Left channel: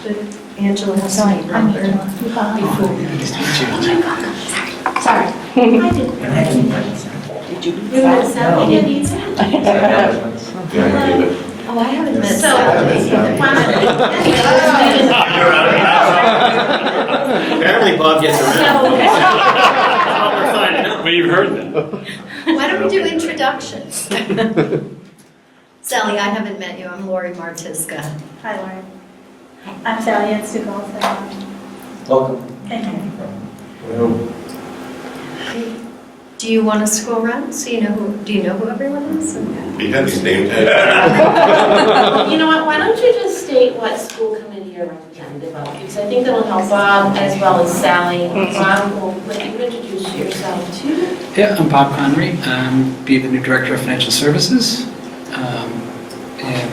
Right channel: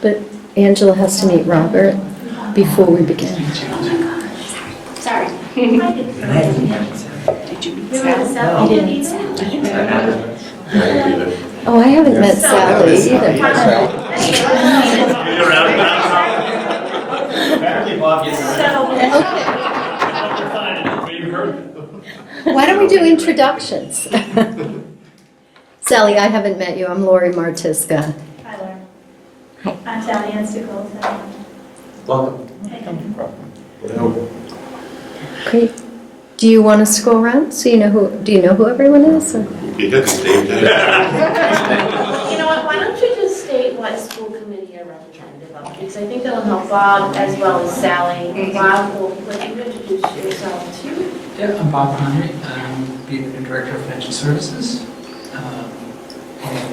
But Angela has to meet Robert before we begin. Sorry. I did. Did you meet Sally? You didn't meet Sally? Oh, I haven't met Sally either. Apparently Bob gets around. We've heard that. Why don't we do introductions? Sally, I haven't met you. I'm Lori Martiska. Hi, Lauren. I'm Sally Ansticle. Welcome. Great. Do you want to scroll around so you know who? Do you know who everyone is? Or? You have to state that. Well, you know what, why don't you just state what school committee you're representative of? Because I think that'll help Bob as well as Sally. Bob, will let you introduce yourself too. Yeah, I'm Bob Connery. Be the new Director of Financial Services.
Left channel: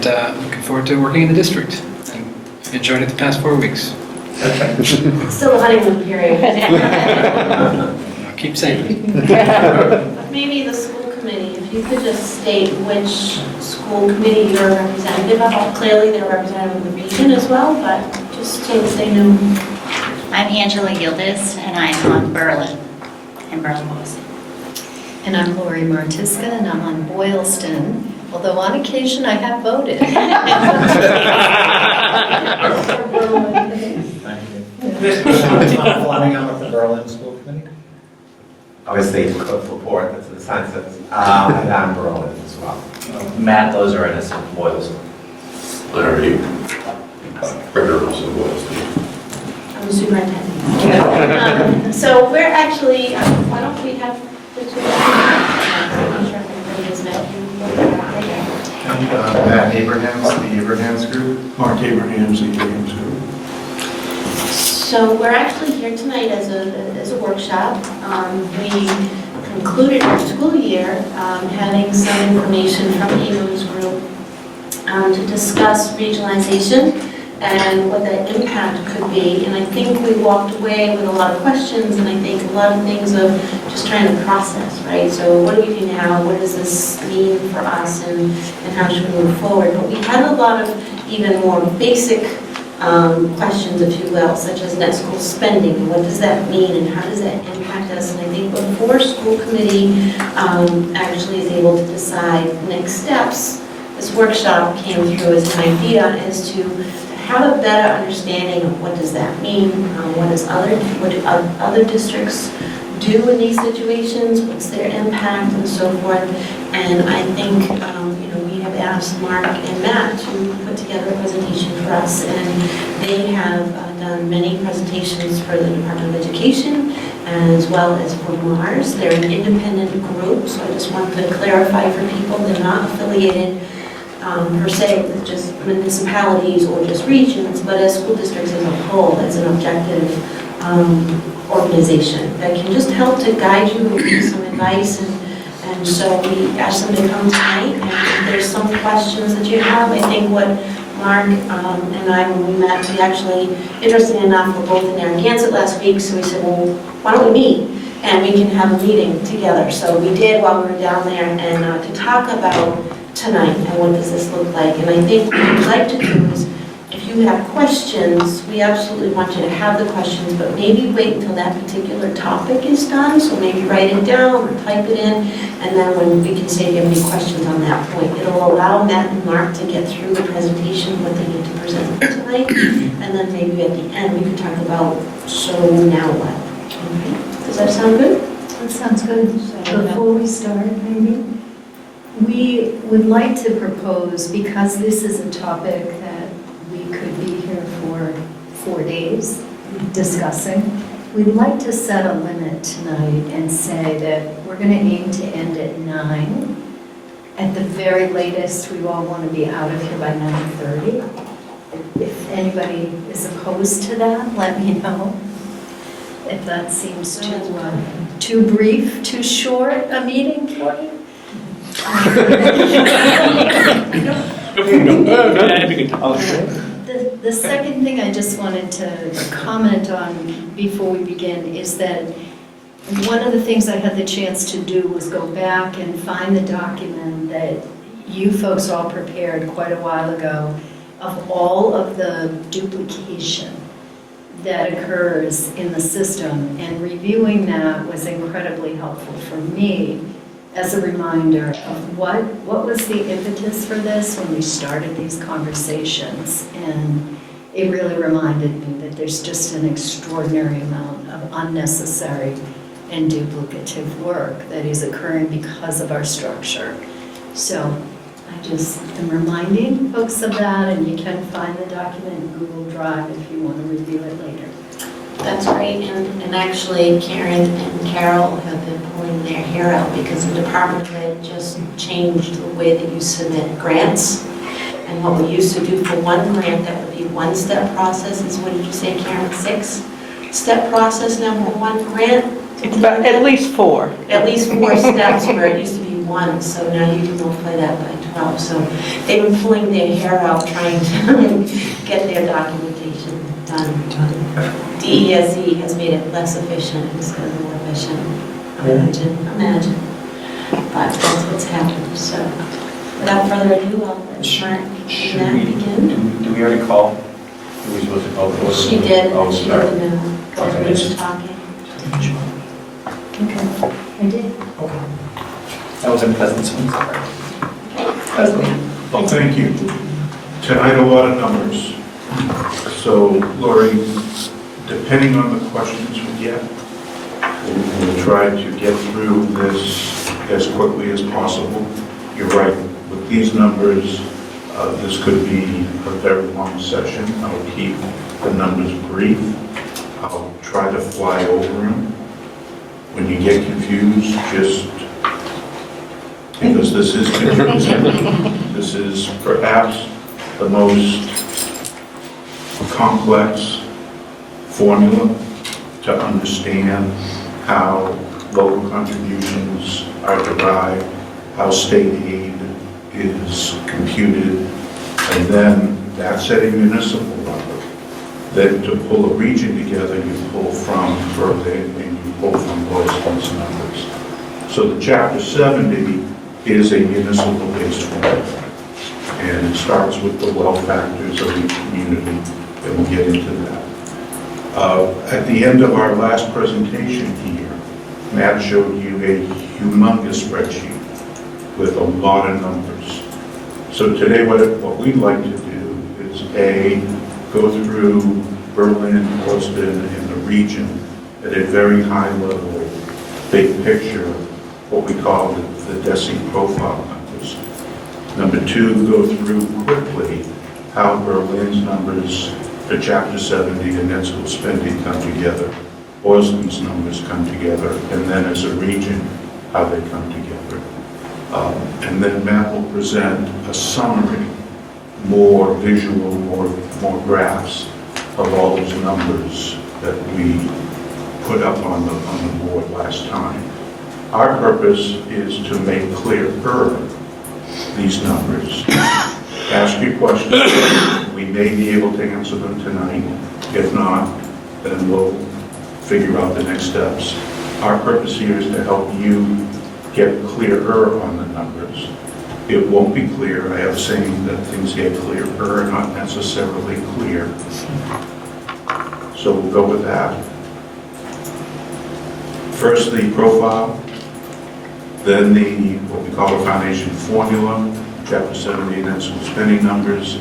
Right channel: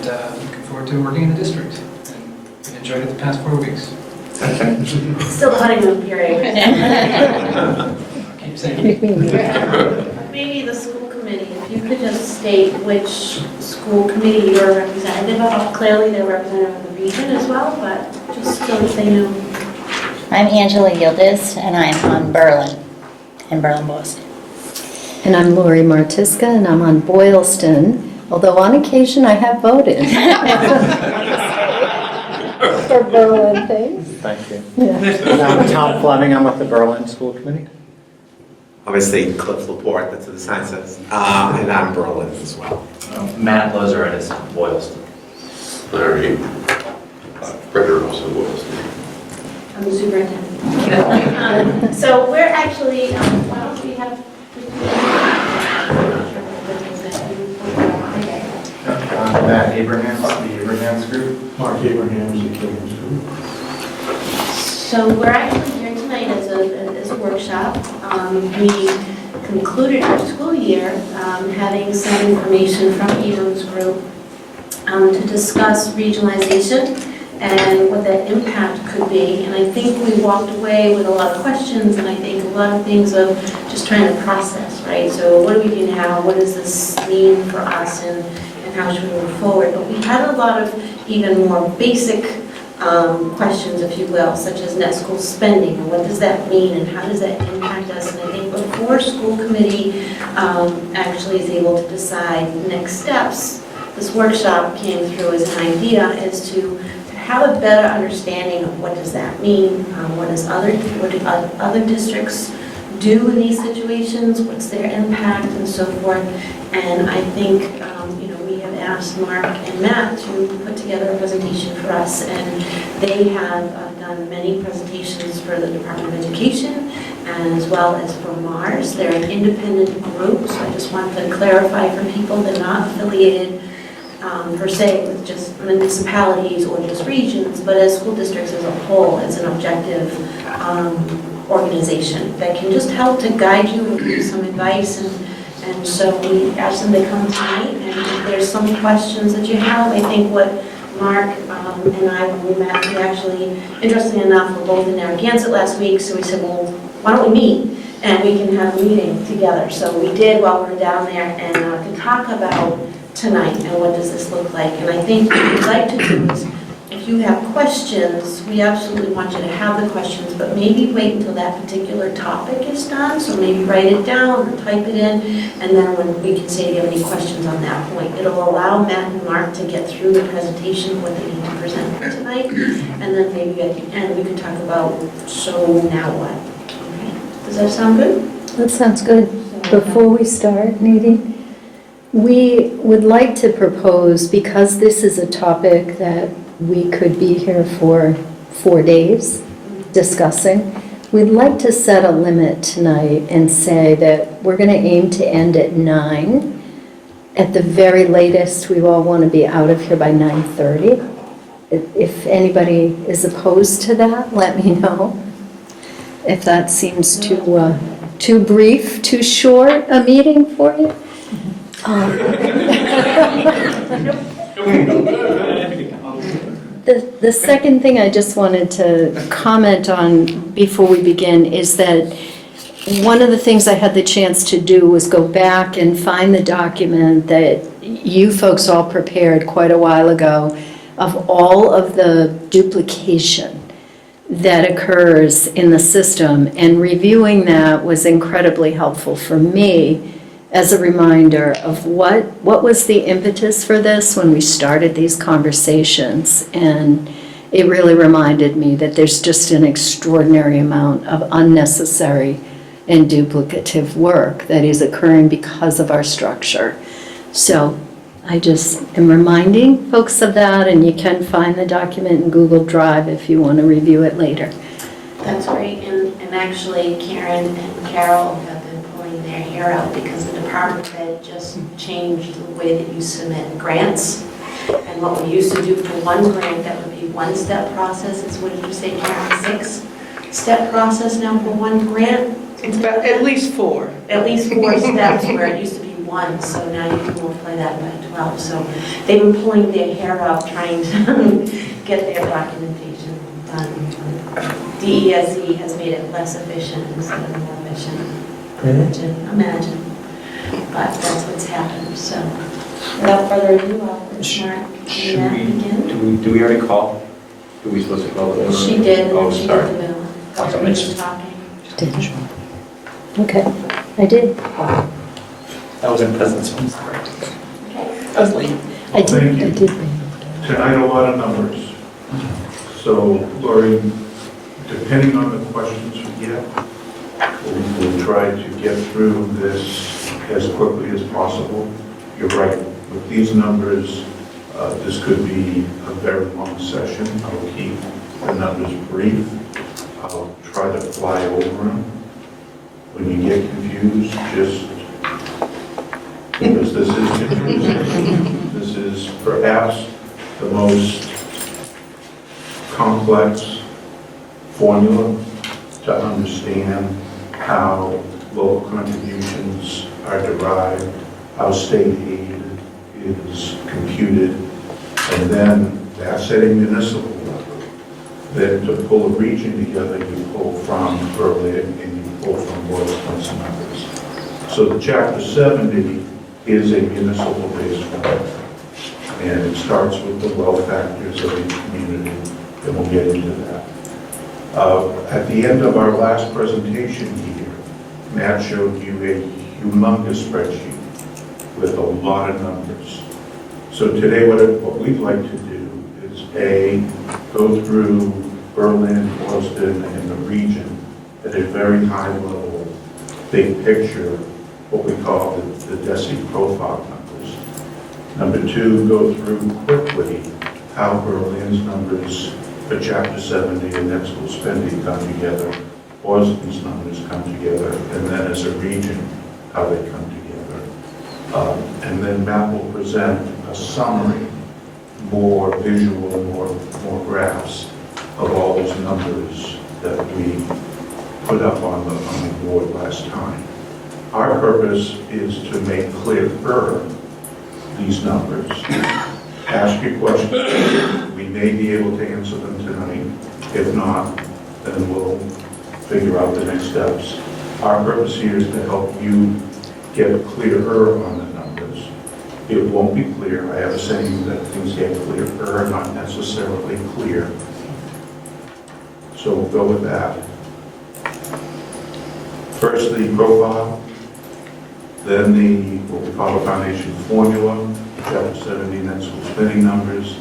Looking forward to working in the district. And I've enjoyed it the past 4 weeks. Still the honeymoon period. I'll keep saying it. But maybe the school committee, if you could just state which school committee you're a representative of. Clearly they're representative of the region as well, but just so that they know. I'm Angela Yildiz, and I'm on Berlin, in Berlin-Boylston. And I'm Lori Martiska, and I'm on Boylston. Although on occasion I have voted. For Berlin things. Thank you. Yeah. I'm Tom Fleming, I'm with the Berlin School Committee. Obviously, Cliff Laporte, that's what the sign says, and I'm Berlin as well. Matt Lozer and it's Boylston. Larry, Frederick Russell Wilson. I'm the superintendent. So we're actually, why don't we have the two? I'm not sure if everybody is that. Matt Abrahams, the Abrahams Group. Mark Abrahams, the Abrahams Group. So we're actually here tonight as a workshop. We concluded our school year having some information from Evo's group to discuss regionalization and what that impact could be. And I think we walked away with a lot of questions, and I think a lot of things of just trying to process, right? So what do we do now? What does this mean for us, and how should we move forward? But we had a lot of even more basic questions, if you will, such as net school spending, and what does that mean, and how does that impact us? And I think before school committee actually is able to decide next steps, this workshop came through as an idea as to have a better understanding of what does that mean, what do other districts do in these situations, what's their impact, and so forth. And I think we have asked Mark and Matt to put together a presentation for us, and they have done many presentations for the Department of Education as well as for Mars. They're an independent group, so I just want to clarify for people they're not affiliated per se with just municipalities or just regions, but as school districts as a whole, as an objective organization that can just help to guide you and give some advice. And so we asked them to come tonight, and if there's some questions that you have, I think what Mark and I, when we met, we actually, interesting enough, we're both in Narragansett last week, so we said, well, why don't we meet? And we can have a meeting together. So we did while we were down there, and to talk about tonight and what does this look like. And I think what we'd like to do is, if you have questions, we absolutely want you to have the questions, but maybe wait until that particular topic is done. So maybe write it down or type it in, and then when we can say, do you have any questions on that point? It'll allow Matt and Mark to get through the presentation, what they need to present tonight, and then maybe at the end we could talk about, so now what? Okay. Does that sound good? That sounds good. Before we start, maybe, we would like to propose, because this is a topic that we could be here for 4 days discussing, we'd like to set a limit tonight and say that we're going to aim to end at 9. At the very latest, we all want to be out of here by 9:30. If anybody is opposed to that, let me know. If that seems too brief, too short a meeting for you. The second thing I just wanted to comment on before we begin is that one of the things I had the chance to do was go back and find the document that you folks all prepared quite a while ago of all of the duplication that occurs in the system, and reviewing that was incredibly helpful for me as a reminder of what was the impetus for this when we started these conversations. And it really reminded me that there's just an extraordinary amount of unnecessary and duplicative work that is occurring because of our structure. So I just am reminding folks of that, and you can find the document in Google Drive if you want to review it later. That's great, and actually Karen and Carol have been pulling their hair out because the department had just changed the way that you submit grants. And what we used to do for one grant, that would be one-step process, is what did you say, Karen, 6-step process now for one grant? But at least 4. At least 4 steps where it used to be 1, so now you can multiply that by 12. So they've been pulling their hair out trying to get their documentation done. DESE has made it less efficient instead of more efficient. Imagine. But that's what's happened, so without further ado, I'll let Mark and Matt begin. Do we already call? Were we supposed to call the order? She did, and Oh, then she sorry. did the bill. Go ahead, we were talking. Okay, I did. That was in Pleasanton, sorry. Well, thank I you. did. Tonight, a lot of numbers. So, Lori, depending on the questions we get, we'll try to get through this as quickly as possible. You're right, with these numbers, this could be a very long session. I'll keep the numbers brief. I'll try to fly over them. When you get confused, just, because this is confusing, this is perhaps the most complex formula to understand how local contributions are derived, how state aid is computed, and then that's at a municipal level. Then to pull a region together, you pull from Berlin and you pull from Boylston's numbers. So the Chapter 70 is a municipal-based formula, and it starts with the well factors of each community, and we'll get into that. At the end of our last presentation here, Matt showed you a humongous spreadsheet with a lot of numbers. So today what we'd like to do is go through Berlin, Boylston, and the region at a very high level, big picture, what we call the DESE profile numbers. Number 2, go through quickly how Berlin's numbers for Chapter 70 and net school spending come together, Boylston's numbers come together, and then as a region, how they come together. And then Matt will present a summary, more visual, more graphs of all those numbers that we put up on the board last time. Our purpose is to make clearer these numbers. Ask your questions. We may be able to answer them tonight. If not, then we'll figure out the next steps. Our purpose here is to help you get clearer on the numbers. It won't be clear. I have a saying that things get clearer, not necessarily clear. So we'll go with that. First, the profile, then what we call a foundation formula, Chapter 70 net school spending numbers,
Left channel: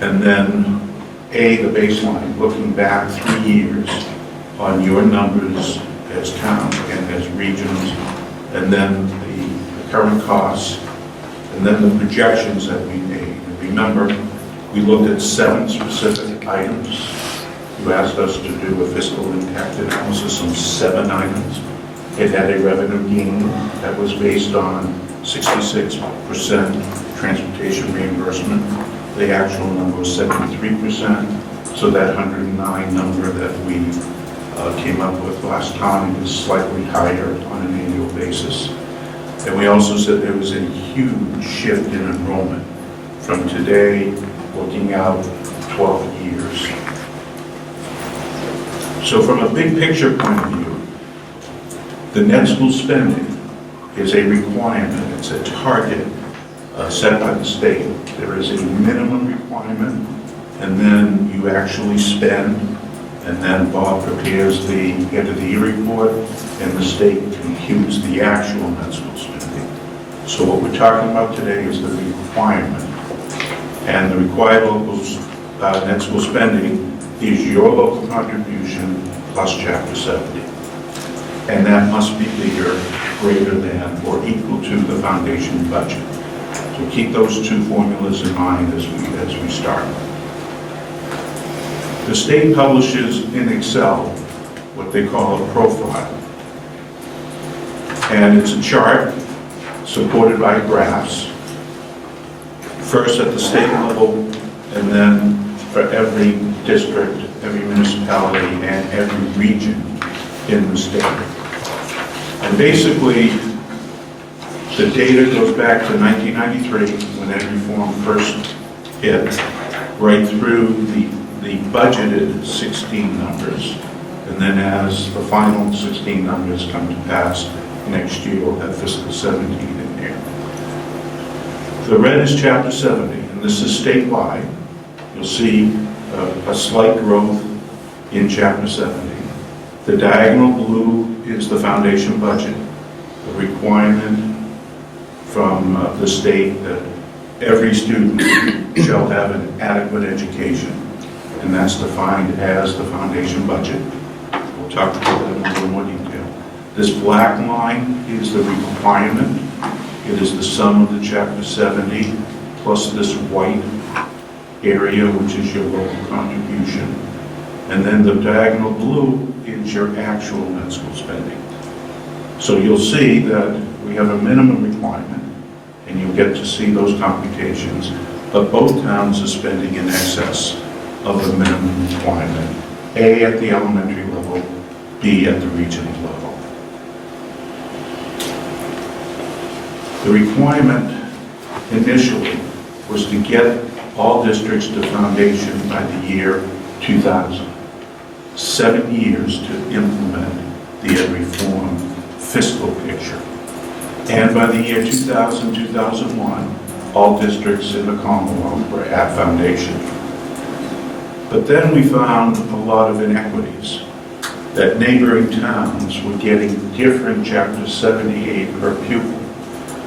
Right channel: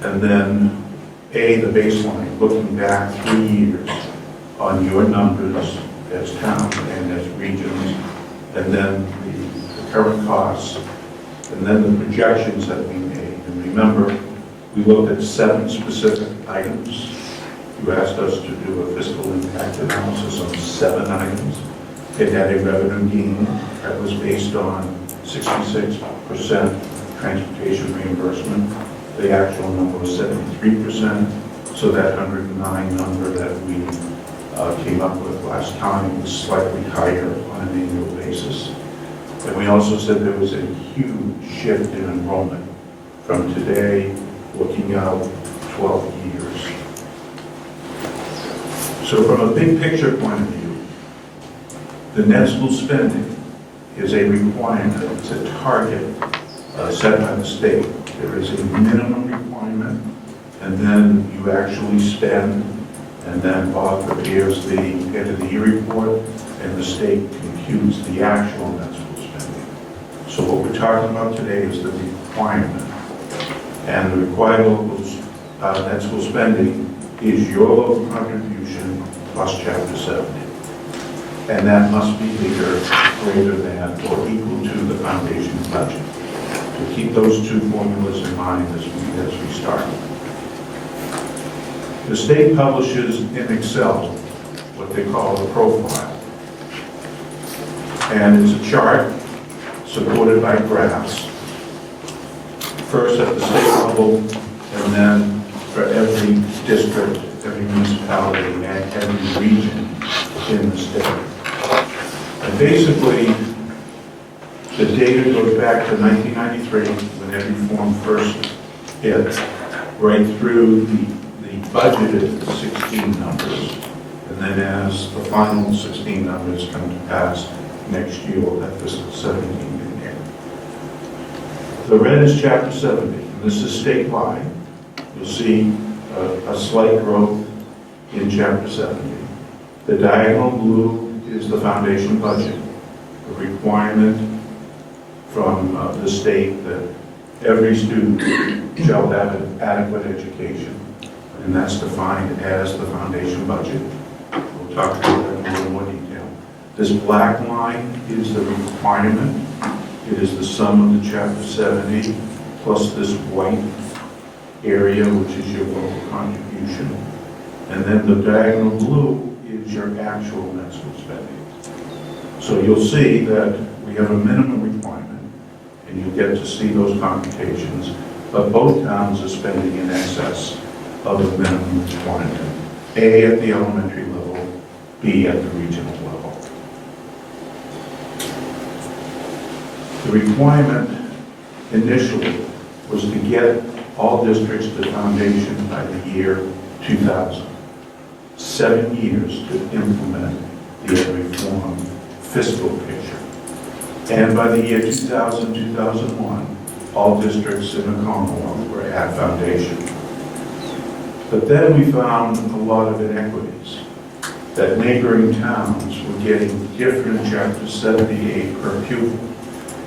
and then the baseline, looking back 3 years on your numbers as towns and as regions, and then the current costs, and then the projections that we made. And remember, we looked at 7 specific items. You asked us to do a fiscal impact analysis on 7 items. It had a revenue gain that was based on 66% transportation reimbursement. The actual number was 73%, so that 109 number that we came up with last time was slightly higher on an annual basis. And we also said there was a huge shift in enrollment from today looking out 12 years. So from a big picture point of view, the net school spending is a requirement, it's a target set by the state. There is a minimum requirement requirement, and then you actually spend, and then Bob prepares the end of the year report, and the state computes the actual net school spending. So what we're talking about today is the requirement. And the required local net school spending is your local contribution plus Chapter 70. And that must be bigger, greater than, or equal to the foundation budget. So keep those two formulas in mind as we start. The state publishes in Excel what they call a profile. And it's a chart supported by graphs, first at the state level, and then for every district, every municipality, and every region in the state. And basically, the data goes back to 1993, when ed reform first hit, right through the budgeted 16 numbers, and then as the final 16 numbers come to pass next year, we'll have fiscal 17 in here. The red is Chapter 70, and this is statewide. You'll see a slight growth in Chapter 70. The diagonal blue is the foundation budget, a requirement from the state that every student shall have an adequate education, and that's defined as the foundation budget. We'll talk about that in a little more detail. This black line is the requirement. It is the sum of the Chapter 70 plus this white area, which is your local contribution. And then the diagonal blue is your actual net school spending. So you'll see that we have a minimum requirement, and you'll get to see those computations, but both towns are spending in excess of the minimum requirement, A at the elementary level, B at the regional level. The requirement initially was to get all districts to foundation by the year 2000. 7 years to implement the ed reform fiscal picture. And by the year 2000, 2001, all districts in the Commonwealth were at foundation. But then we found a lot of inequities, that neighboring towns were getting different Chapter 70 aid per pupil,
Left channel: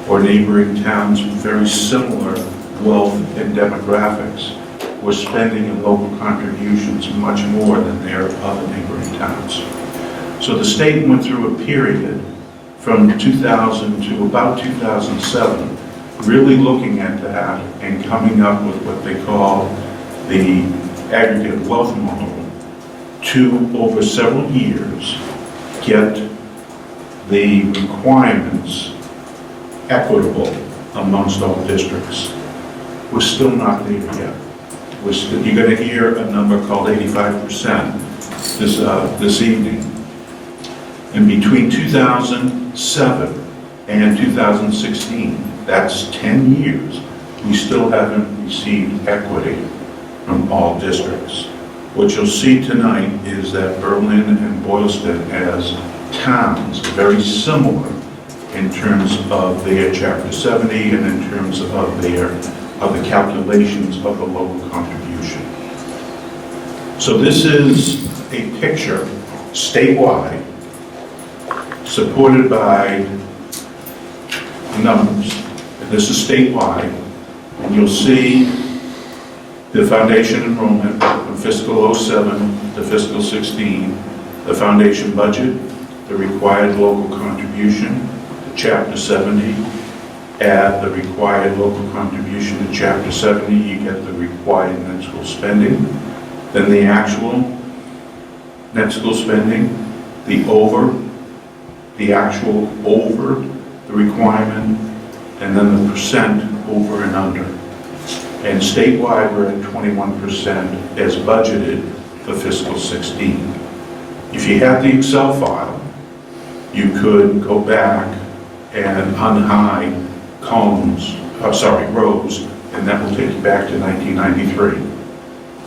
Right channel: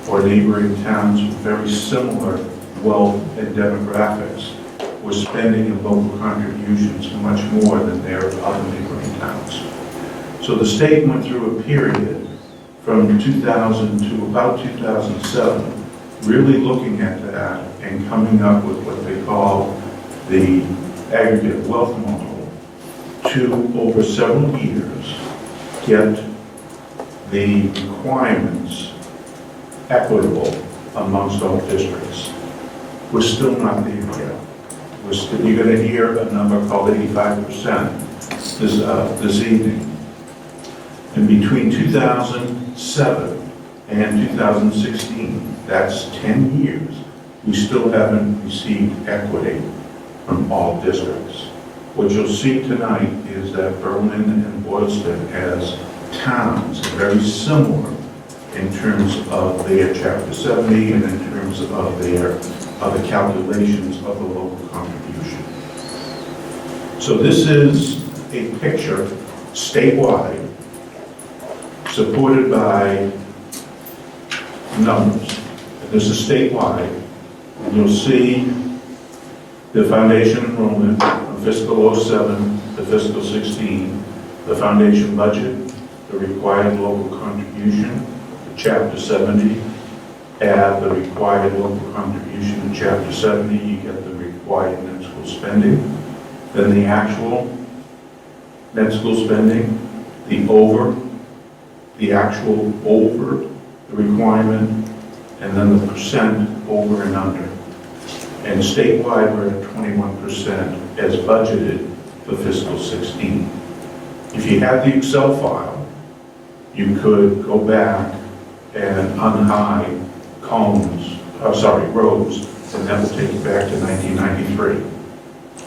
or neighboring towns with very similar wealth and demographics were spending in local contributions much more than their other neighboring towns. So the state went through a period from 2000 to about 2007, really looking at that and coming up with what they call the aggregate wealth model to, over several years, get the requirements equitable amongst all districts. We're still not there yet. You're going to hear a number called 85% this evening. And between 2007 and 2016, that's 10 years, we still haven't received equity from all districts. What you'll see tonight is that Berlin and Boylston, as towns, are very similar in terms of their Chapter 70 and in terms of the calculations of the local contribution. So this is a picture statewide, supported by numbers. And this is statewide, and you'll see the foundation enrollment from fiscal 07 to fiscal 16, the foundation budget, the required local contribution, the Chapter 70, add the required local contribution to Chapter 70, you get the required net school spending. Then the actual net school spending, the actual over the requirement, and then the percent over and under. And statewide, we're at 21% as budgeted for fiscal 16. If you had the Excel file, you could go back and unhide rows, and that will take you back to 1993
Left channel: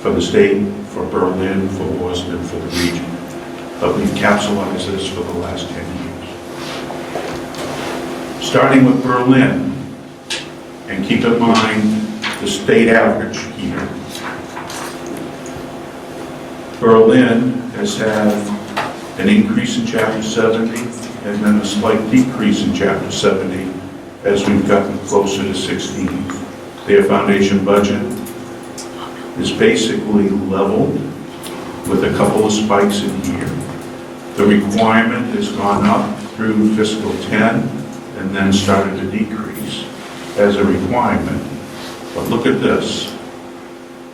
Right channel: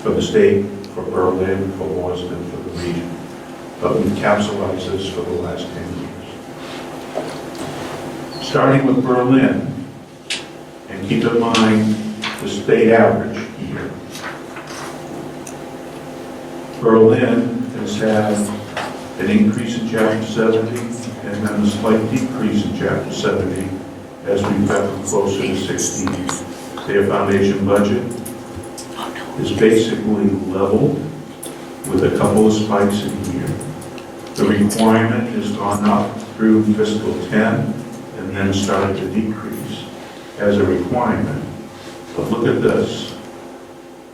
for the state, for Berlin, for Boylston, for the region. But we've capsulized this for the last 10 years. Starting with Berlin, and keep in mind the state average here, Berlin has had an increase in Chapter 70 and then a slight decrease in Chapter 70 as we've gotten closer to 16. Their foundation budget is basically leveled with a couple of spikes in here. The requirement has gone up through fiscal 10 and then started to decrease as a requirement. But look at this.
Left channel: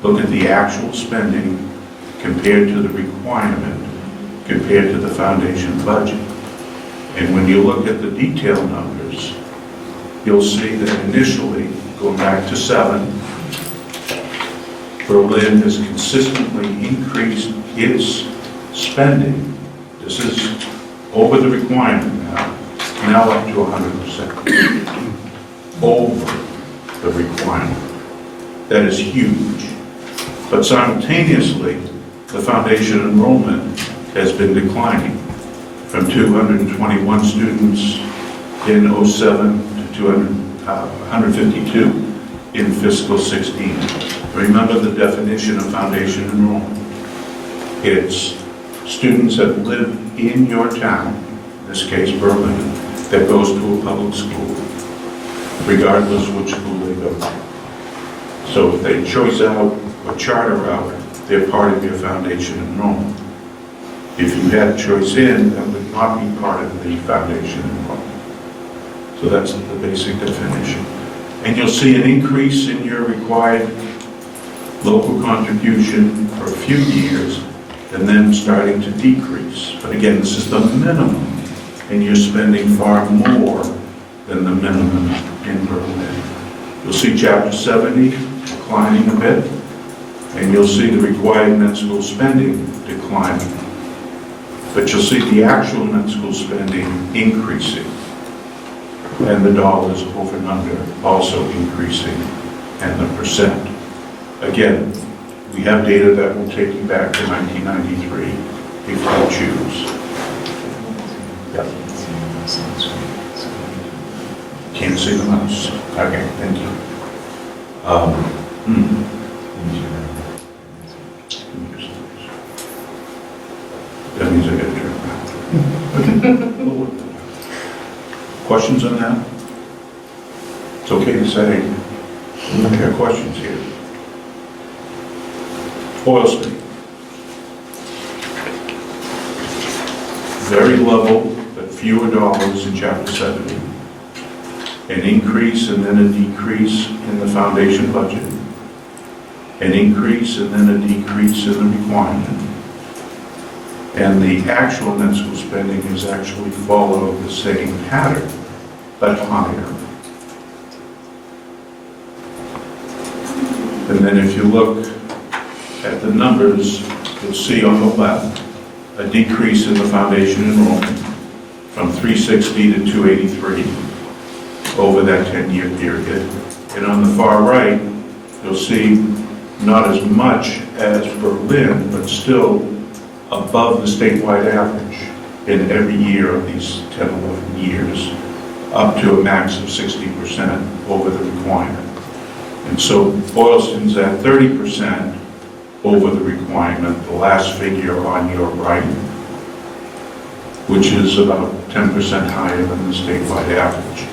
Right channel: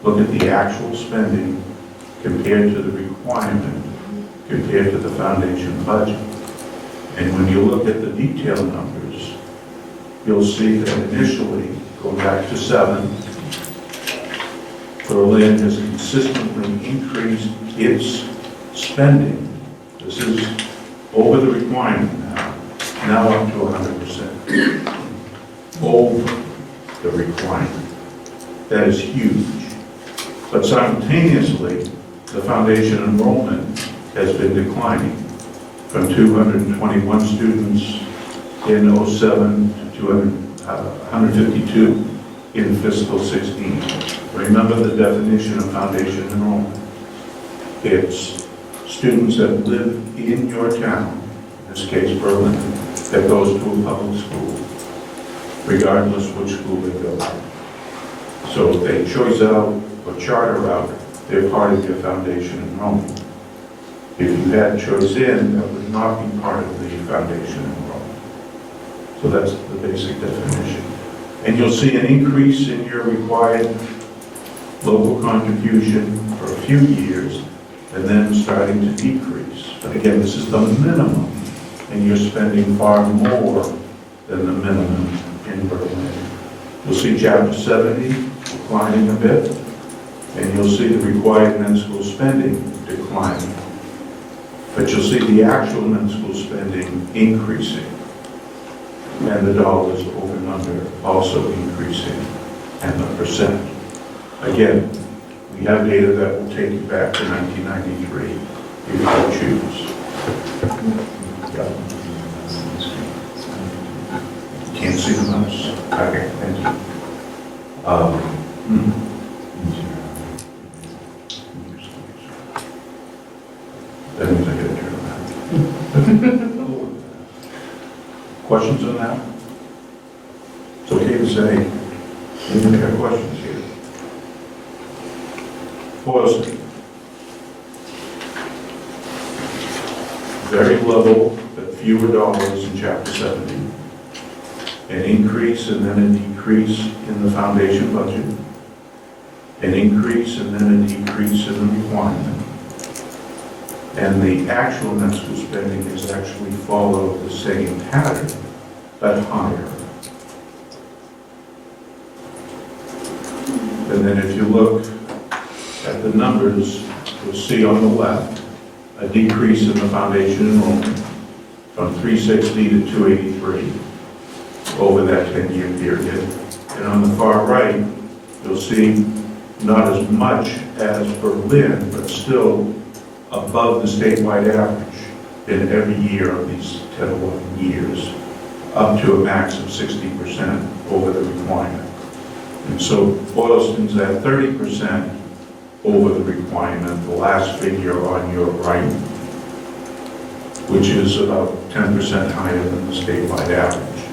Look at the actual spending compared to the requirement, compared to the foundation budget. And when you look at the detailed numbers, you'll see that initially, going back to 7, Berlin has consistently increased its spending. This is over the requirement now up to 100%. Over the requirement. That is huge. But simultaneously, the foundation enrollment has been declining from 221 students in 07 to 152 in fiscal 16. Remember the definition of foundation enrollment. It's students that live in your town, in this case Berlin, that goes to a public school, regardless which school they go to. So if they choice out or charter out, they're part of your foundation enrollment. If you had choice in, that would not be part of the foundation enrollment. So that's the basic definition. And you'll see an increase in your required local contribution for a few years, and then starting to decrease. But again, this is the minimum, and you're spending far more than the minimum in Berlin. You'll see Chapter 70 declining a bit, and you'll see the required med school spending declining. But you'll see the actual med school spending increasing, and the dollars over number also increasing, and the percent. Again, we have data that will take you back to 1993 if you choose. Can't see the mouse. Okay, thank you. That means I got to turn around. Okay. Questions on that? It's okay to say, we have questions here. Boylston. Very level, but fewer dollars in Chapter 70. An increase and then a decrease in the foundation budget. An increase and then a decrease in the requirement. And the actual net school spending has actually followed the same pattern, but higher. And then if you look at the numbers, you'll see on the left a decrease in the foundation enrollment from 360 to 283 over that 10-year period. And on the far right, you'll see not as much as Berlin, but still above the statewide average in every year of these 10, 11 years, up to a max of 60% over the requirement. And so Boylston's at 30% over the requirement, the last figure on your right, which is about 10% higher than the statewide average,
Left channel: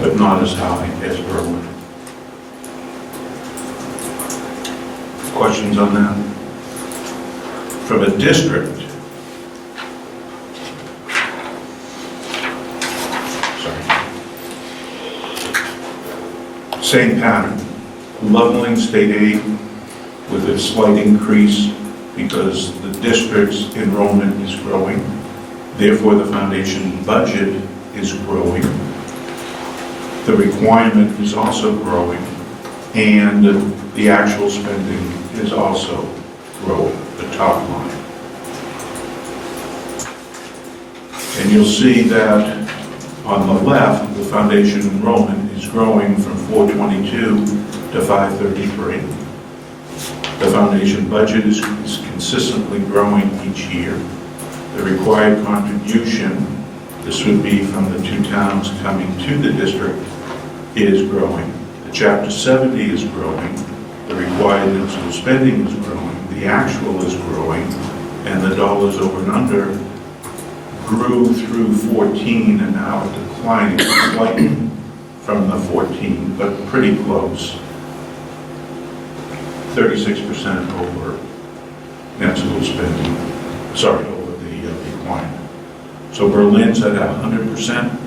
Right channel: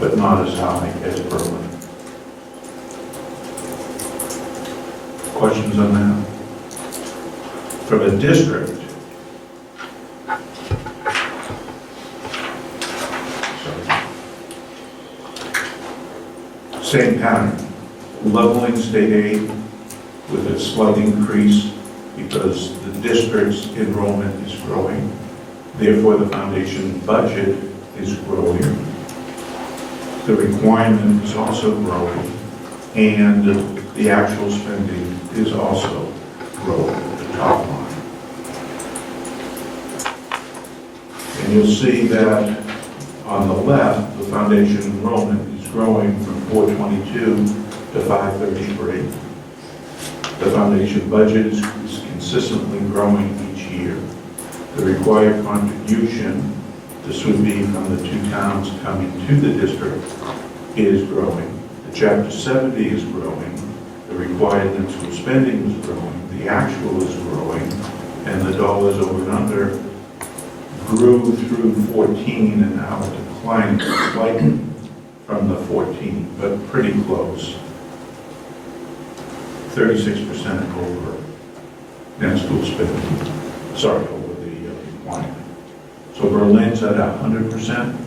but not as high as Berlin. Questions on that? From a district, same pattern, leveling state aid with a slight increase because the district's enrollment is growing. Therefore, the foundation budget is growing. The requirement is also growing, and the actual spending is also growing, the top line. And you'll see that on the left, the foundation enrollment is growing from 422 to 533. The foundation budget is consistently growing each year. The required contribution, this would be from the two towns coming to the district, is growing. The Chapter 70 is growing. The required municipal spending is growing. the actual is growing, and the dollars over and under grew through 14 and now are declining slightly from the 14, but pretty close. 36% over net school spending, sorry, over the decline. So Berlin's at 100%,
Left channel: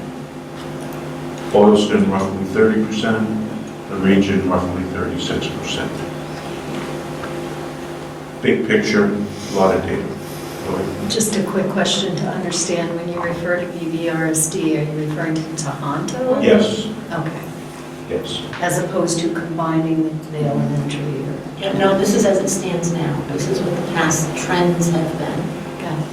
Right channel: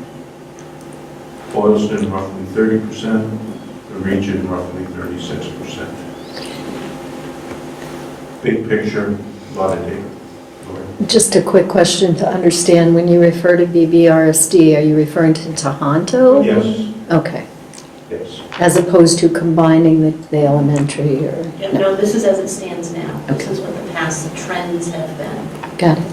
Boylston roughly 30%, the region roughly 36%. Big picture, a lot of data. Go ahead. Just a quick question to understand, when you refer to BBRSD, are you referring to Tohoto? Yes, Okay, yes. as opposed to combining the elementary or? No, this is as it stands now. This is what the past trends have been. Got it.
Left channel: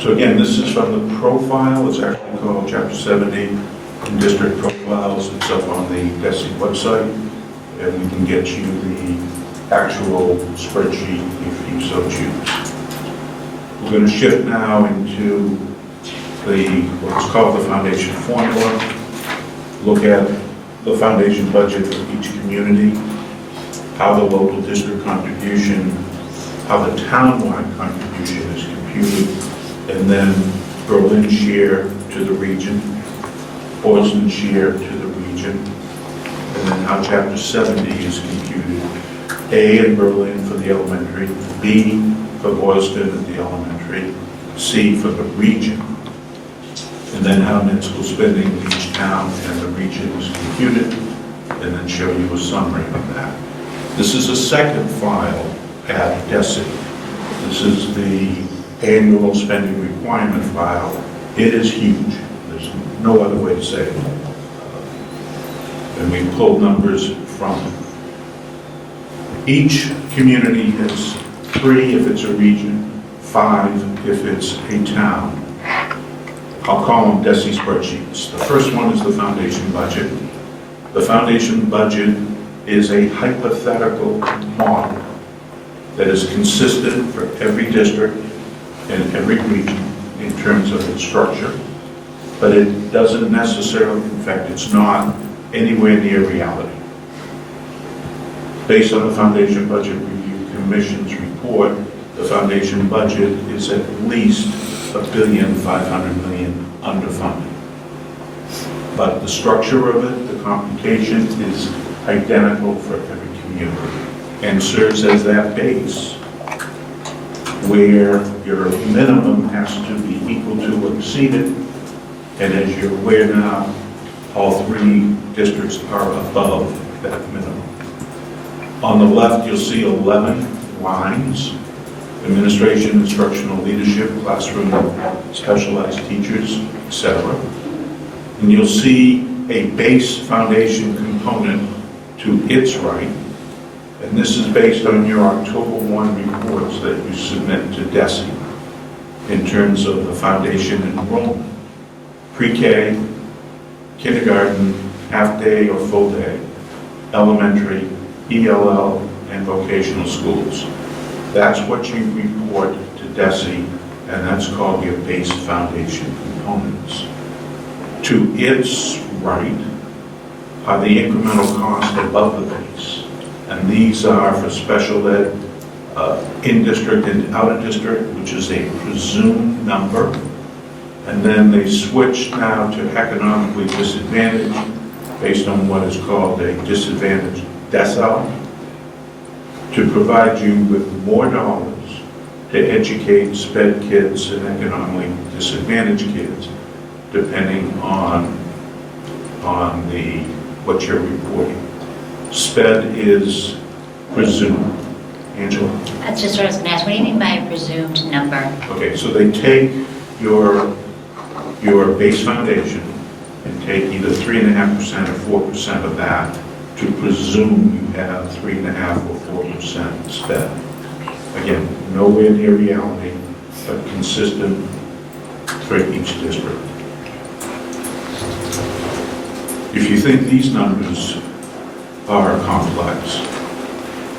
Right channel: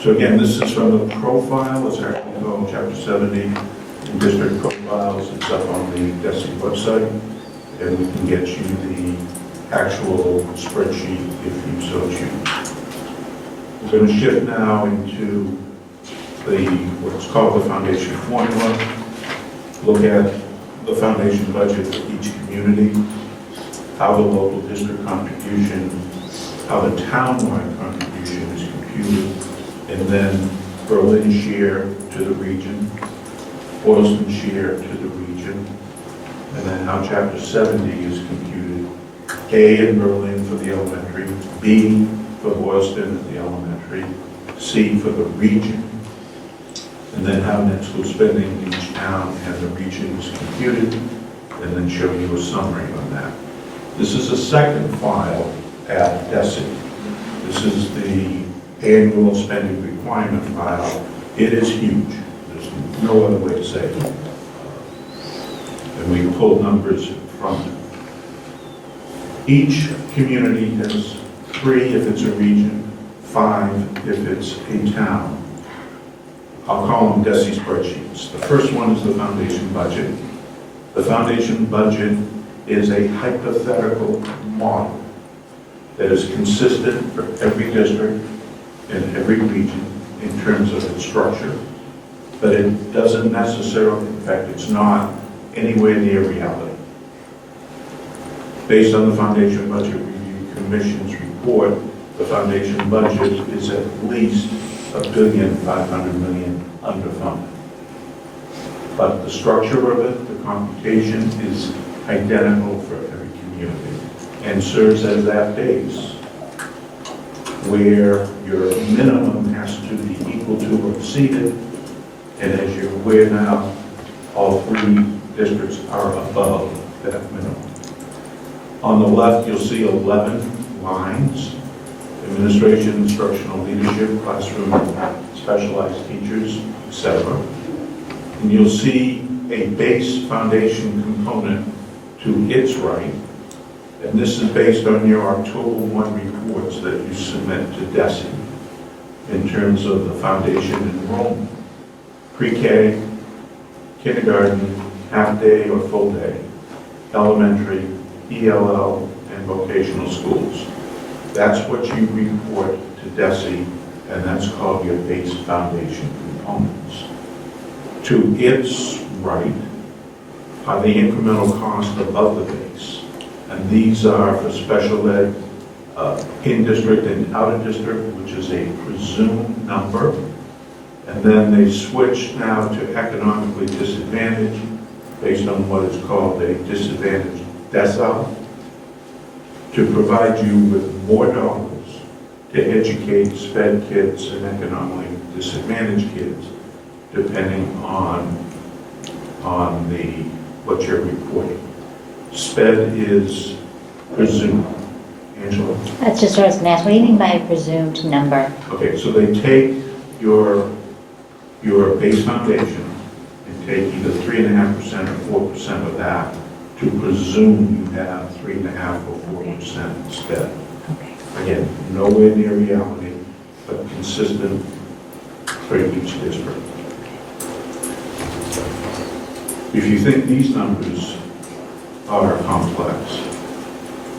So again, this is from the profile, it's actually called Chapter 70 in District Profiles. It's up on the DESI website, and we can get you the actual spreadsheet if you so choose. We're going to shift now into what's called the foundation formula. Look at the foundation budget for each community, how the local district contribution, how the town-wide contribution is computed, and then Berlin share to the region, Boylston share to the region, and then how Chapter 70 is computed. A in Berlin for the elementary, B for Boylston at the elementary, C for the region, and then how net school spending in each town and the region is computed, and then show you a summary on that. This is a second file at DESI. This is the annual spending requirement file. It is huge. There's no other way to say it. And we pulled numbers from each community has 3 if it's a region, 5 if it's a town. I'll call them DESI spreadsheets. The first one is the foundation budget. The foundation budget is a hypothetical model that is consistent for every district and every region in terms of its structure, but it doesn't necessarily, in fact, it's not anywhere near reality. Based on the Foundation Budget Review Commission's report, the foundation budget is at least $1.5 billion underfunded. But the structure of it, the computation, is identical for every community and serves as that base where your minimum has to be equal to or exceeded, and as you're aware now, all 3 districts are above that minimum. On the left, you'll see 11 lines: administration, instructional leadership, classroom, specialized teachers, etc. And you'll see a base foundation component to its right, and this is based on your October 1 reports that you submit to DESI in terms of the foundation enrollment. Pre-K, kindergarten, half-day or full-day, elementary, ELL, and vocational schools. That's what you report to DESI, and that's called your base foundation components. To its right are the incremental costs above the base, and these are for special ed, in-district and out-of-district, which is a presumed number, and then they switch now to economically disadvantaged based on what is called a disadvantaged decile, to provide you with more dollars to educate SPED kids and economically disadvantaged kids, depending on what you're reporting. SPED is presumed. Angela? That's just what I was going to ask. What do you mean by a presumed number? Okay, so they take your base foundation and take either 3.5% or 4% of that to presume you have 3.5% or 4% sped. Again, nowhere near reality, but consistent for each district. If you think these numbers are complex,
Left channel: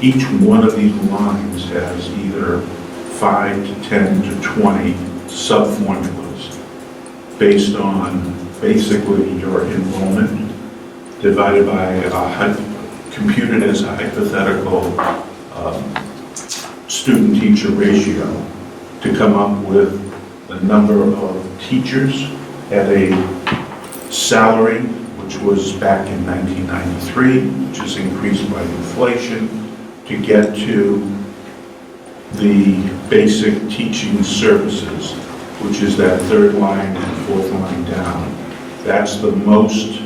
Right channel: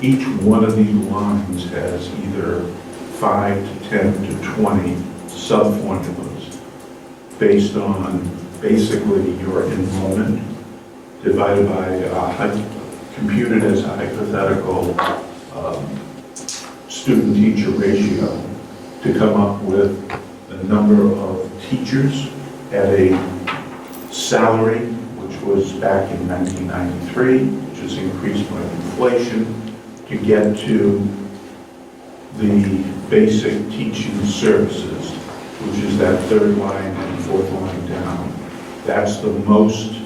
each one of these lines has either 5 to 10 to 20 sub-formulas based on basically your enrollment divided by computed as a hypothetical student-teacher ratio to come up with the number of teachers at a salary, which was back in 1993, which is increased by inflation, to get to the basic teaching services, which is that third line and fourth line down. That's the most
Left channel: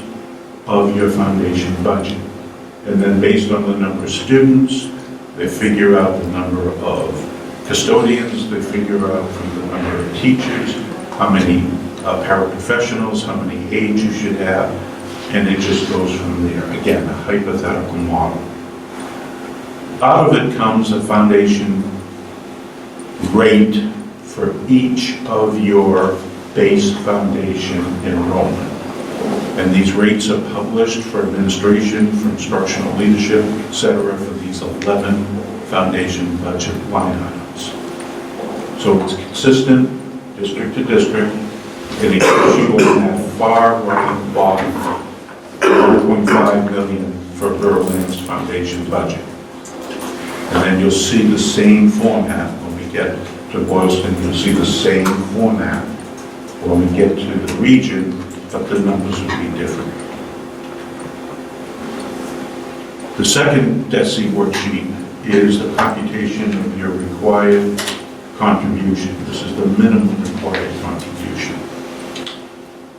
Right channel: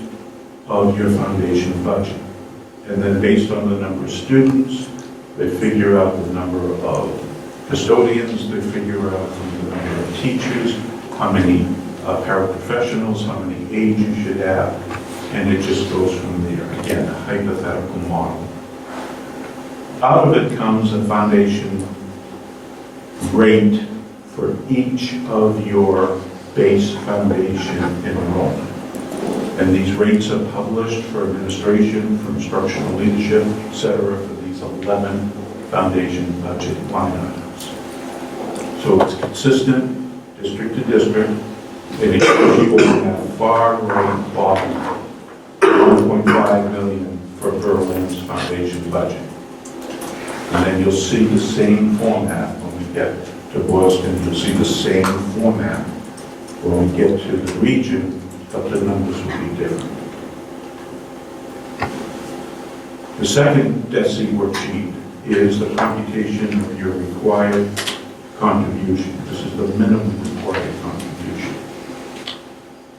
of your foundation budget. And then based on the number of students, they figure out the number of custodians, they figure out from the number of teachers, how many paraprofessionals, how many aides you should have, and it just goes from there. Again, a hypothetical model. Out of it comes a foundation rate for each of your base foundation enrollment. And these rates are published for administration, for instructional leadership, et cetera, for these 11 foundation budget line items. So it's consistent, district to district, and it shows you on that far right bottom, 1.5 million for Berlin's foundation budget. And then you'll see the same format when we get to Boylston. You'll see the same format when we get to the region, but the numbers will be different. The second DESI worksheet is the computation of your required contribution. This is the minimum required contribution.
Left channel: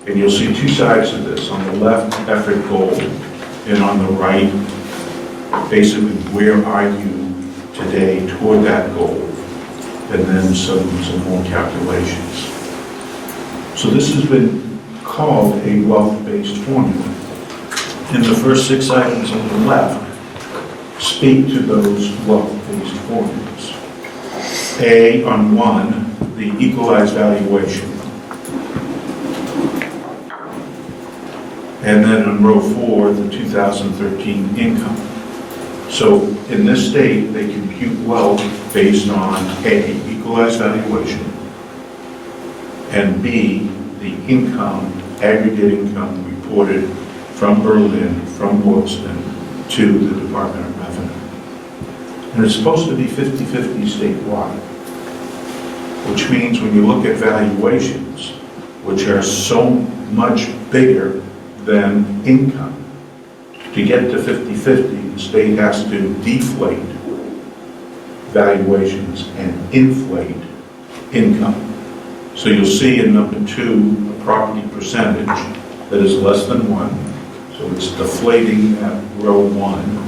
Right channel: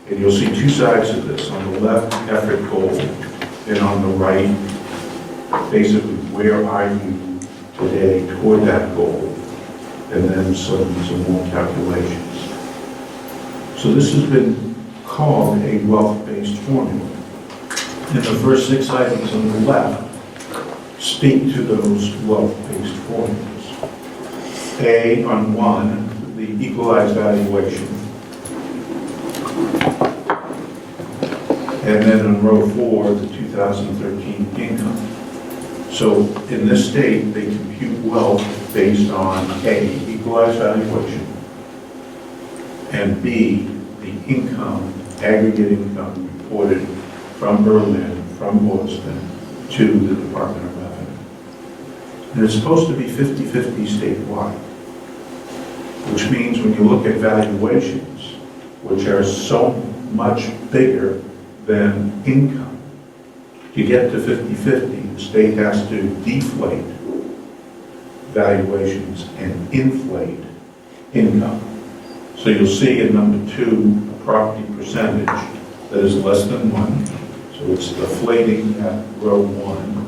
And you'll see two sides of this. On the left, effort goal, and on the right, basically where are you today toward that goal, and then some more calculations. So this has been called a wealth-based formula. And the first 6 items on the left speak to those wealth-based formulas. A, on 1, the equalized valuation. And then in row 4, the 2013 income. So in this state, they compute wealth based on A, equalized valuation, and B, the income, aggregate income reported from Berlin, from Boylston, to the Department of Revenue. And it's supposed to be 50-50 statewide, which means when you look at valuations, which are so much bigger than income, to get to 50-50, the state has to deflate valuations and inflate income. So you'll see in number 2, a property percentage that is less than 1. So it's deflating at row 1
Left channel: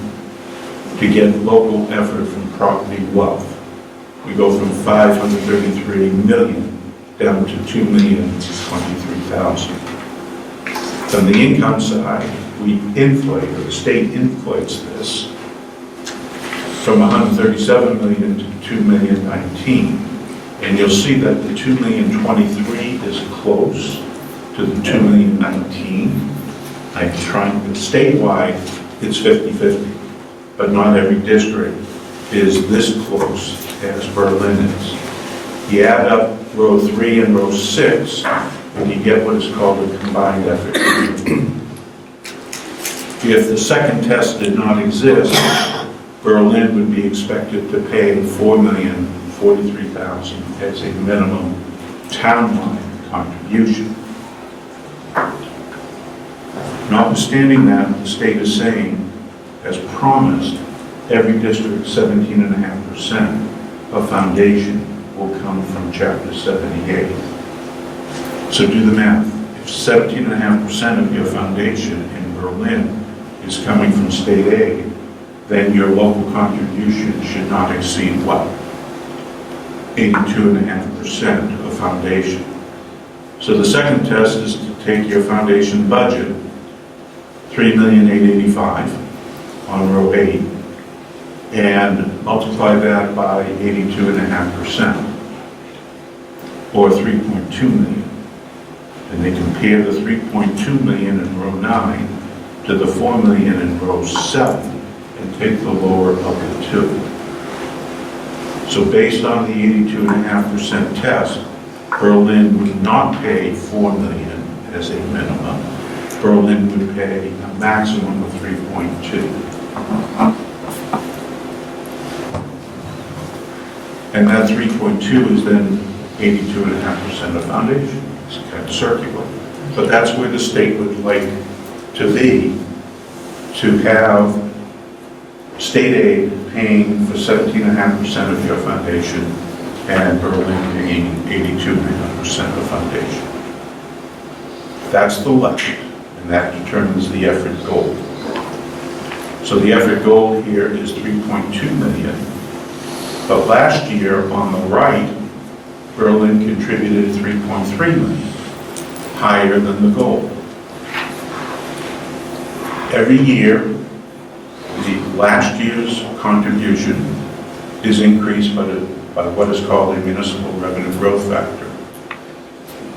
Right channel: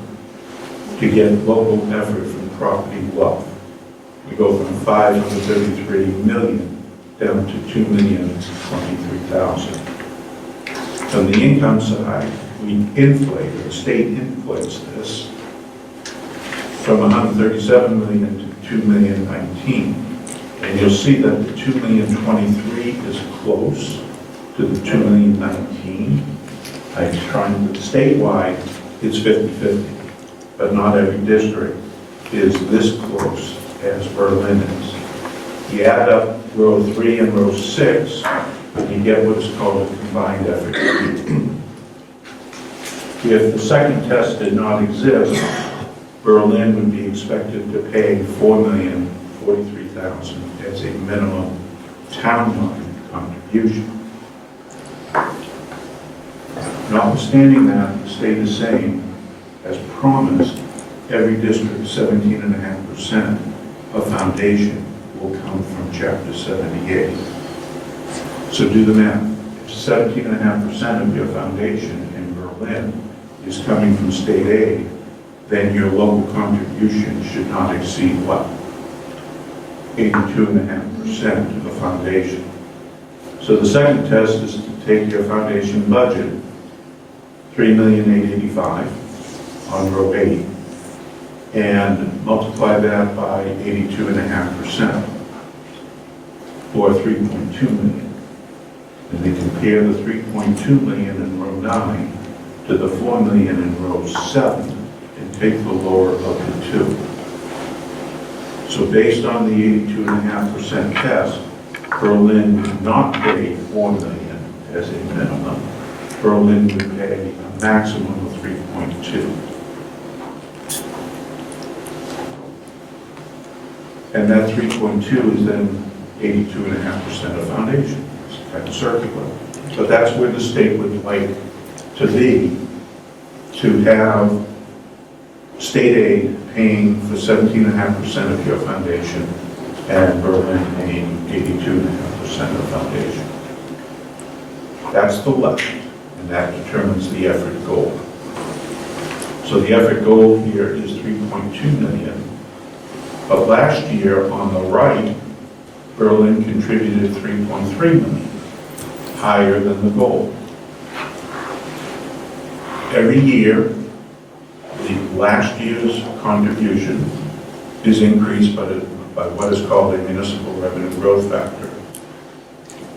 to get local effort from property wealth. We go from 533 million down to 2,023,000. On the income side, we inflate, or the state inflates this from 137 million to 2,019,000. And you'll see that the 2,023,000 is close to the 2,019,000. I'm trying, but statewide, it's 50-50. But not every district is this close as Berlin is. You add up row 3 and row 6, and you get what is called a combined effort. If the second test did not exist, Berlin would be expected to pay $4,043,000 as a minimum townwide contribution. Notwithstanding that, the state is saying, as promised, every district 17.5% of foundation will come from Chapter 78. So do the math. If 17.5% of your foundation in Berlin is coming from state aid, then your local contribution should not exceed what? 82.5% of the foundation. So the second test is to take your foundation budget, $3,885,000 on row 8, and multiply that by 82.5%, or 3.2 million. And they compare the 3.2 million in row 9 to the 4 million in row 7, and pick the lower of the two. So based on the 82.5% test, Berlin would not pay 4 million as a minimum. Berlin would pay a maximum of 3.2. And that 3.2 is then 82.5% of foundation. It's kind of circular. But that's where the state would like to be, to have state aid paying for 17.5% of your foundation and Berlin paying 82.5% of the foundation. That's the left, and that determines the effort goal. So the effort goal here is 3.2 million. But last year, on the right, Berlin contributed 3.3 million, higher than the goal. Every year, the last year's contribution is increased by what is called a municipal revenue growth factor,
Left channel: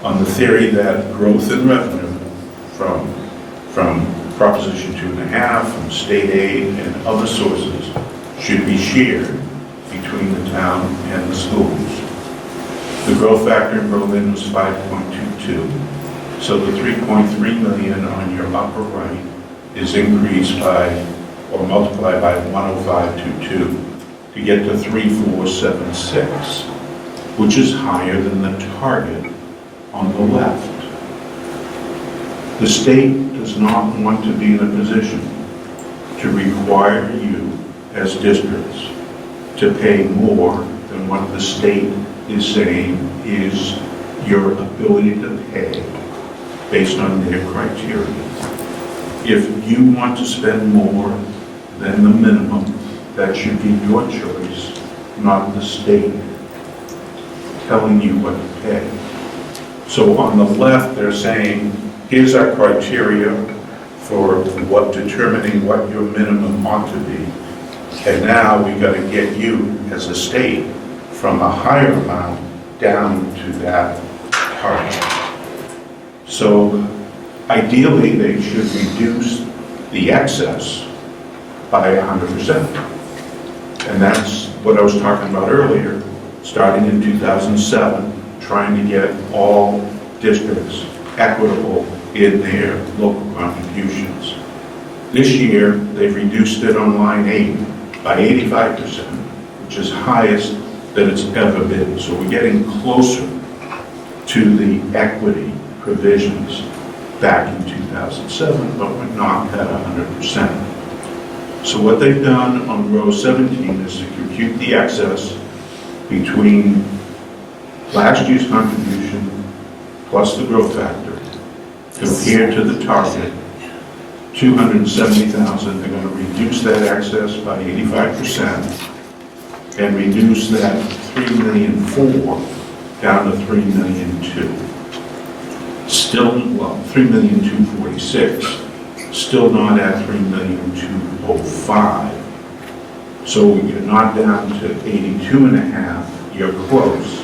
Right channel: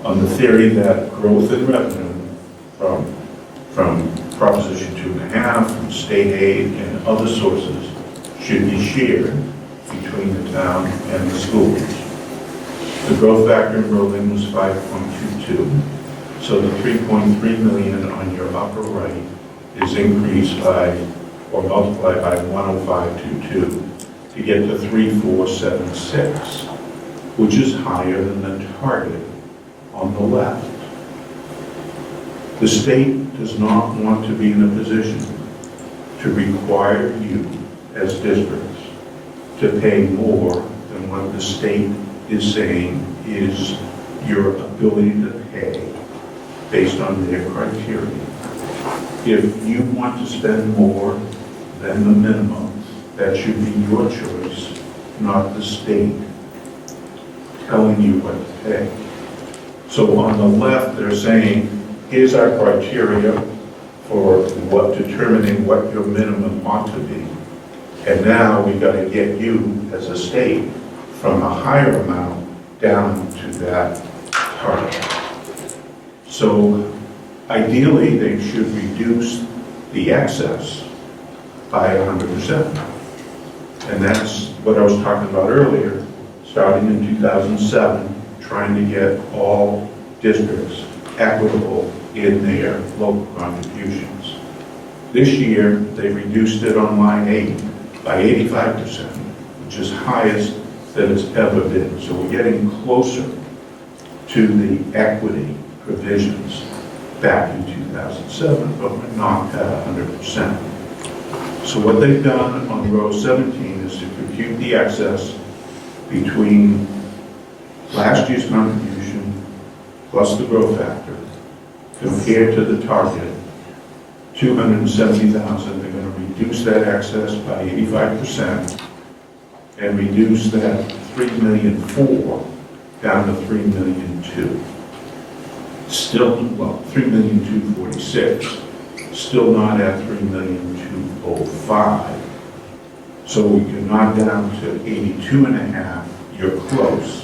on the theory that growth in revenue from Proposition 2.5, from state aid and other sources should be shared between the town and the schools. The growth factor in Berlin was 5.22, so the 3.3 million on your upper right is increased by, or multiplied by 10522 to get to 3476, which is higher than the target on the left. The state does not want to be in a position to require you as districts to pay more than what the state is saying is your ability to pay based on their criteria. If you want to spend more than the minimum, that should be your choice, not the state telling you what to pay. So on the left, they're saying, here's our criteria for determining what your minimum ought to be. And now we got to get you as a state from a higher amount down to that target. So ideally, they should reduce the excess by 100%. And that's what I was talking about earlier, starting in 2007, trying to get all districts equitable in their local contributions. This year, they've reduced it on line 8 by 85%, which is highest that it's ever been. So we're getting closer to the equity provisions back in 2007, but we're not at 100%. So what they've done on row 17 is to compute the excess between last year's contribution plus the growth factor compared to the target, 270,000. They're going to reduce that excess by 85% and reduce that 3,000,004 down to 3,000,002. Still, well, 3,246. Still not at 3,205. So you're not down to 82.5. You're close.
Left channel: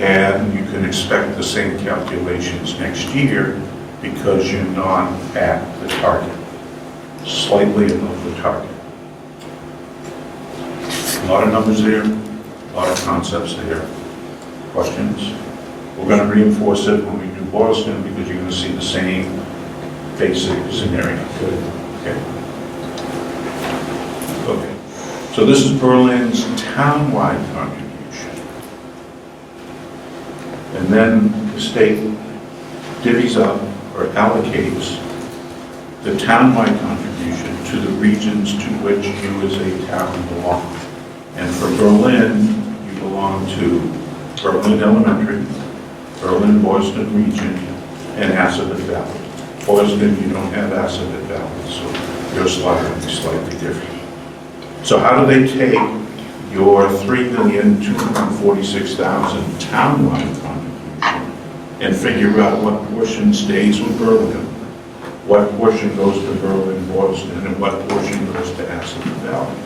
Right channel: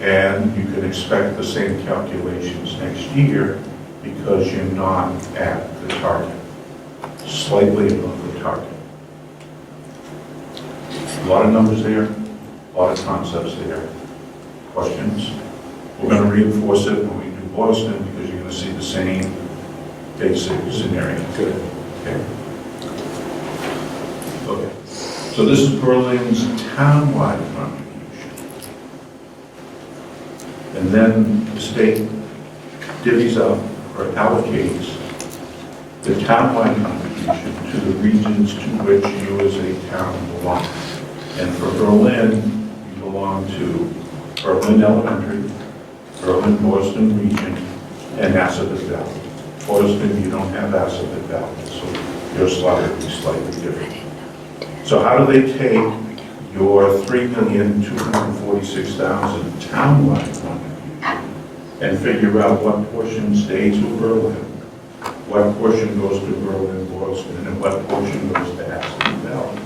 And you can expect the same calculations next year because you're not at the target, slightly above the target. A lot of numbers there, a lot of concepts there. Questions? We're going to reinforce it when we do Boylston because you're going to see the same basic scenario. Good. Okay. Okay. So this is Berlin's townwide contribution. And then the state divvies up or allocates the townwide contribution to the regions to which you as a town belong. And for Berlin, you belong to Berlin Elementary, Berlin Boylston region, and Assabet Valley. Boylston, you don't have Assabet Valley, so your slide will be slightly different. So how do they take your 3,246,000 townwide contribution and figure out what portion stays with Berlin, what portion goes to Berlin, Boylston, and what portion goes to Assabet Valley?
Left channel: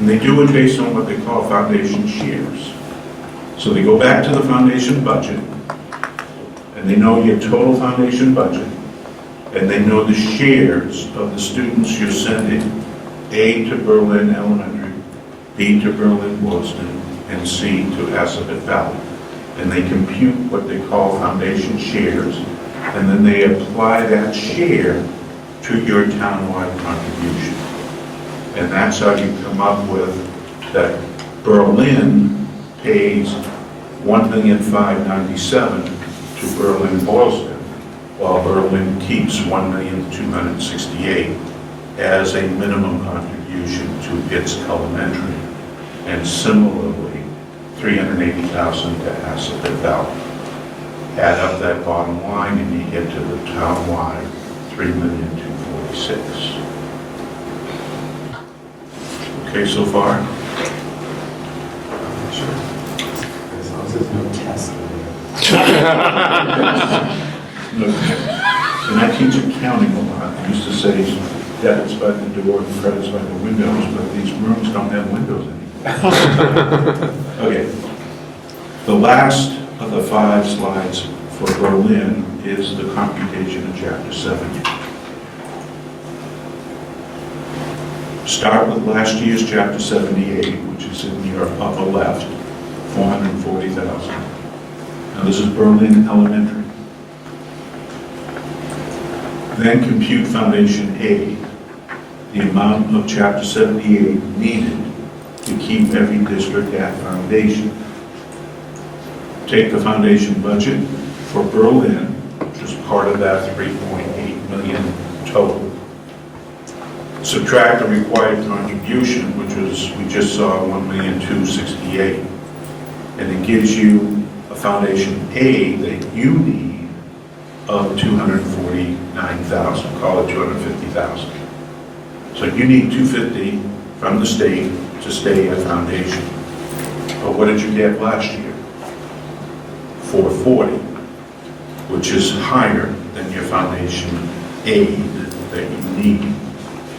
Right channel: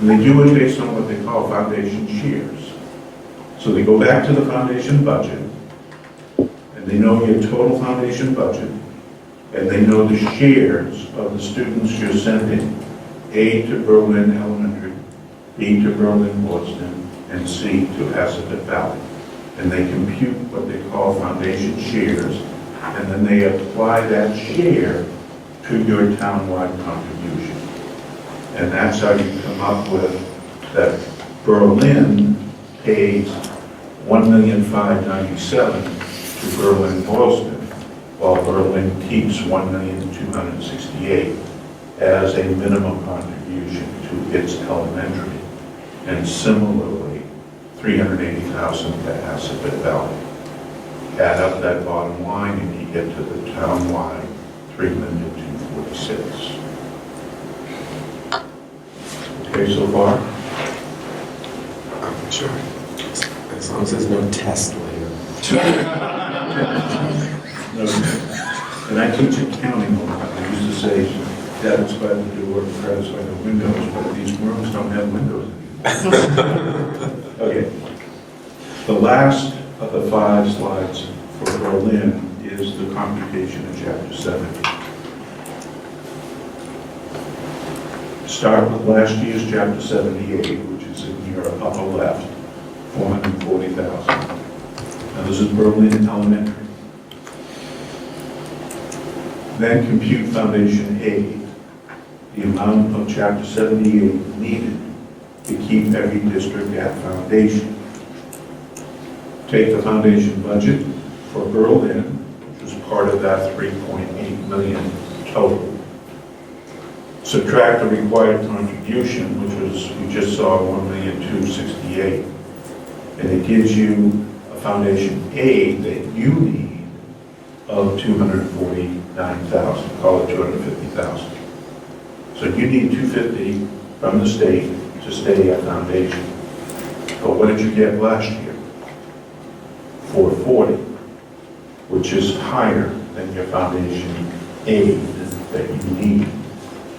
And they do it based on what they call foundation shares. So they go back to the foundation budget, and they know your total foundation budget, and they know the shares of the students you're sending, A to Berlin Elementary, B to Berlin Boylston, and C to Assabet Valley. And they compute what they call foundation shares, and then they apply that share to your townwide contribution. And that's how you come up with that Berlin pays $1,597,000 to Berlin Boylston, while Berlin keeps $1,268,000 as a minimum contribution to its elementary, and similarly $380,000 to Assabet Valley. Add up that bottom line and you get to the town-wide $3,246,000. Okay, so far? Sure. As long as there's no test. No, and I teach accounting a lot. I used to say debits by the door and credits by the windows, but these rooms don't have windows anymore. Okay. The last of the 5 slides for Berlin is the computation in Chapter 70. Start with last year's Chapter 78, which is in your upper left, $440,000. Now this is Berlin Elementary. Then compute Foundation A, the amount of Chapter 78 needed to keep every district at foundation. Take the foundation budget for Berlin, which was part of that 3.8 million total. Subtract the required contribution, which was, we just saw, 1,268,000, and it gives you a foundation A that you need of 249,000, call it 250,000. So you need 250 from the state to stay at foundation. But what did you get last year? 440, which is higher than your foundation aid that you need.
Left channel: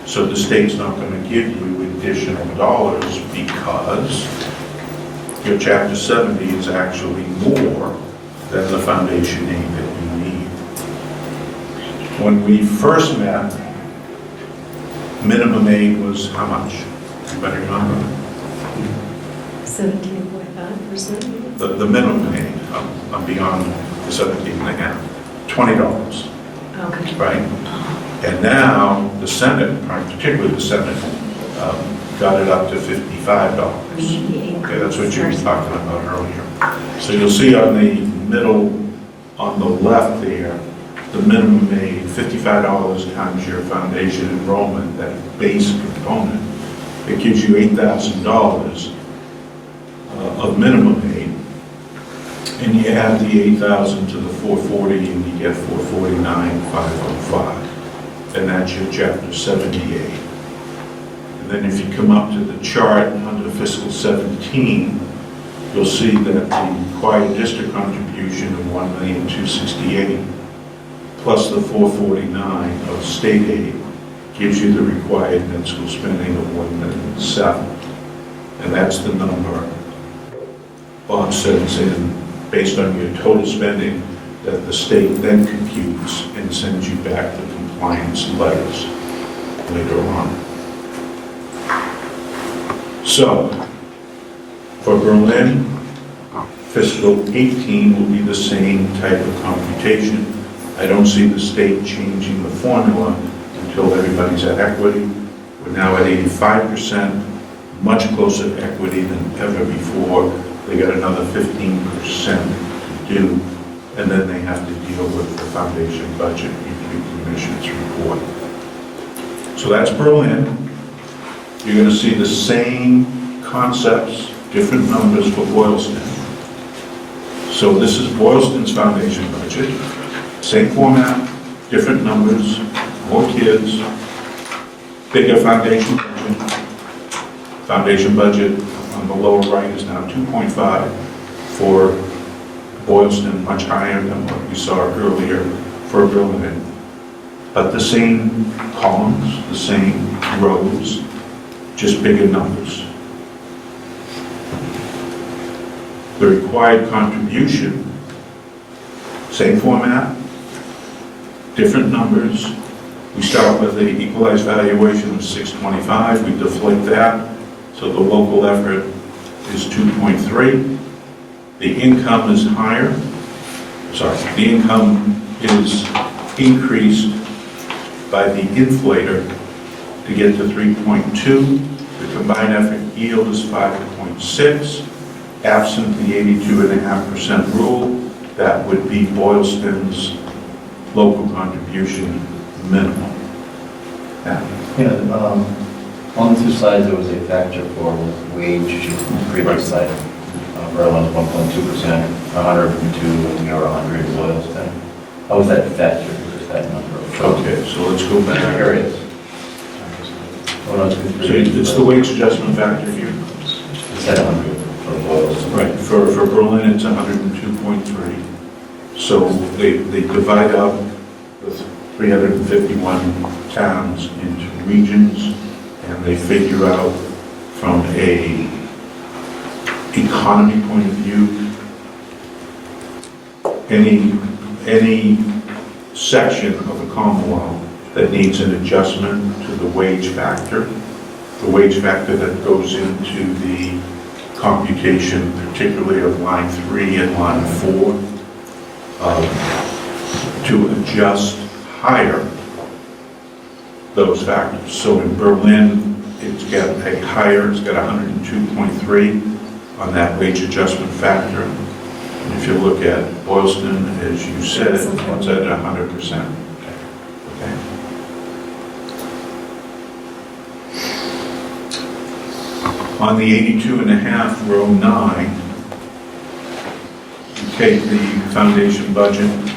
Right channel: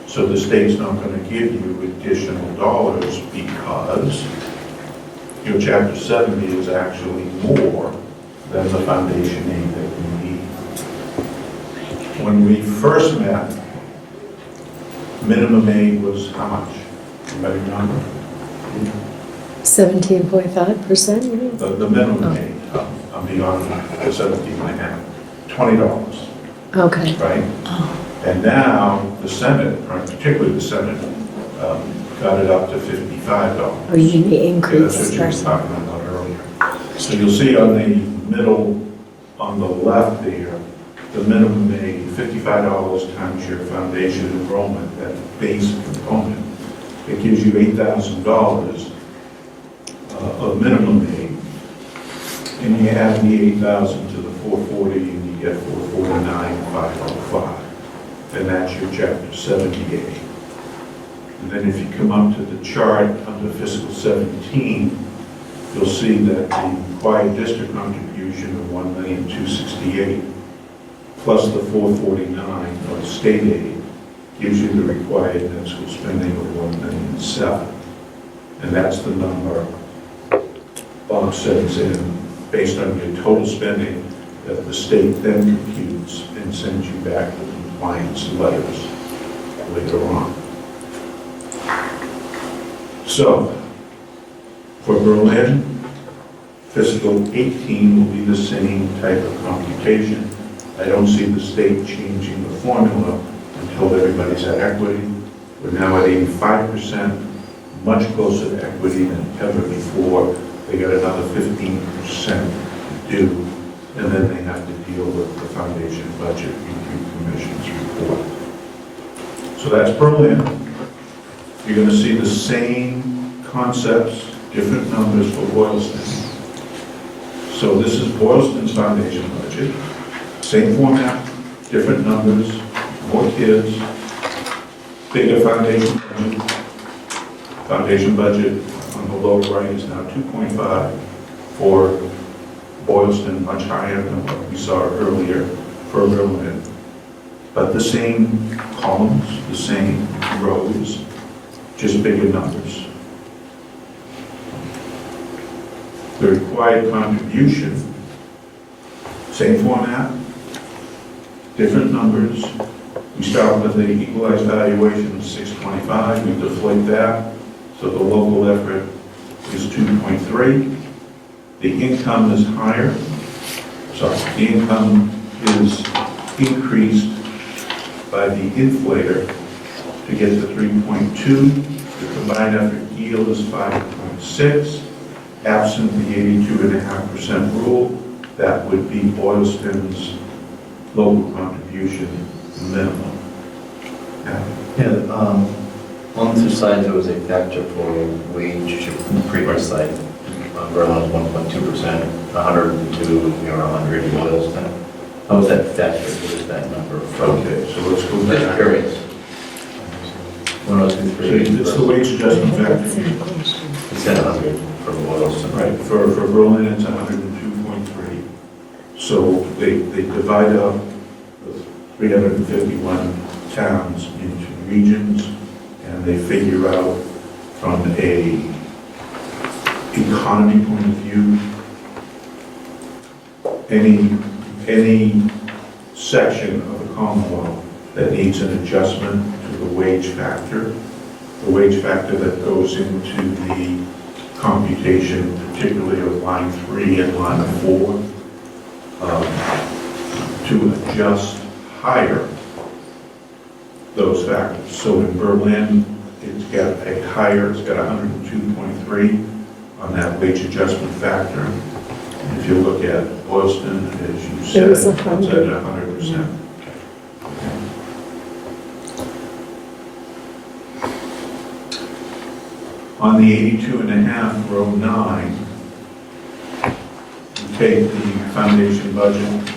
So the state's not going to give you additional dollars because your Chapter 70 is actually more than the foundation aid that you need. When we first met, minimum aid was how much? Better remember? 17.5%? The minimum aid, I'm beyond the 17.5, $20, Okay. right? And now the Senate, particularly the Senate, got it up to $55. Or you need Yeah, increase. that's what you were talking about earlier. So you'll see on the middle, on the left there, the minimum aid, $55 times your foundation enrollment, that base component, it gives you $8,000 of minimum aid. And you add the 8,000 to the 440 and you get 449,505. And that's your Chapter 78. And then if you come up to the chart under fiscal 17, you'll see that the required district contribution of 1,268,000 plus the 449 of state aid gives you the required net school spending of 1,007,000. And that's the number Bob sends in based on your total spending that the state then computes and sends you back the compliance letters later on. So, for Berlin, fiscal 18 will be the same type of computation. I don't see the state changing the formula until everybody's at equity. We're now at 85%, much closer to equity than ever before. They got another 15% to do, and then they have to deal with the Foundation Budget Review Commission's report. So that's Berlin. You're going to see the same concepts, different numbers for Boylston. So this is Boylston's foundation budget. Same format, different numbers, more kids, bigger foundation budget. Foundation budget on the lower right is now 2.5 for Boylston, much higher than what we saw earlier for Berlin. But the same columns, the same rows, just bigger numbers. The required contribution, same format, different numbers. We start with the equalized valuation of 625, we deflate that, so the local effort is 2.3. The income is higher, the income is increased by the inflator to get to 3.2. The combined effort yield is 5.6. Absent the 82.5% rule, that would be Boylston's local contribution minimum. On the two sides, there was a factor for wage, pretty much side. Berlin's 1.2%, 102, or 100 in Boylston. How was that factor? What is that number? Okay, so let's go Just back. curious. So it's the wage adjustment factor here. It's at 100 for Boylston. Right, for Berlin, it's 102.3. So they divide up the 351 towns into regions, and they figure out from a economy point of view, any section of the Commonwealth that needs an adjustment to the wage factor that goes into the computation, particularly of line 3 and line 4, to adjust higher those factors. So in Berlin, it's got 102.3 on that wage adjustment factor. And if you look at Boylston, as you said, it's at 100%. Okay. On the 82.5, row 9, you take the foundation budget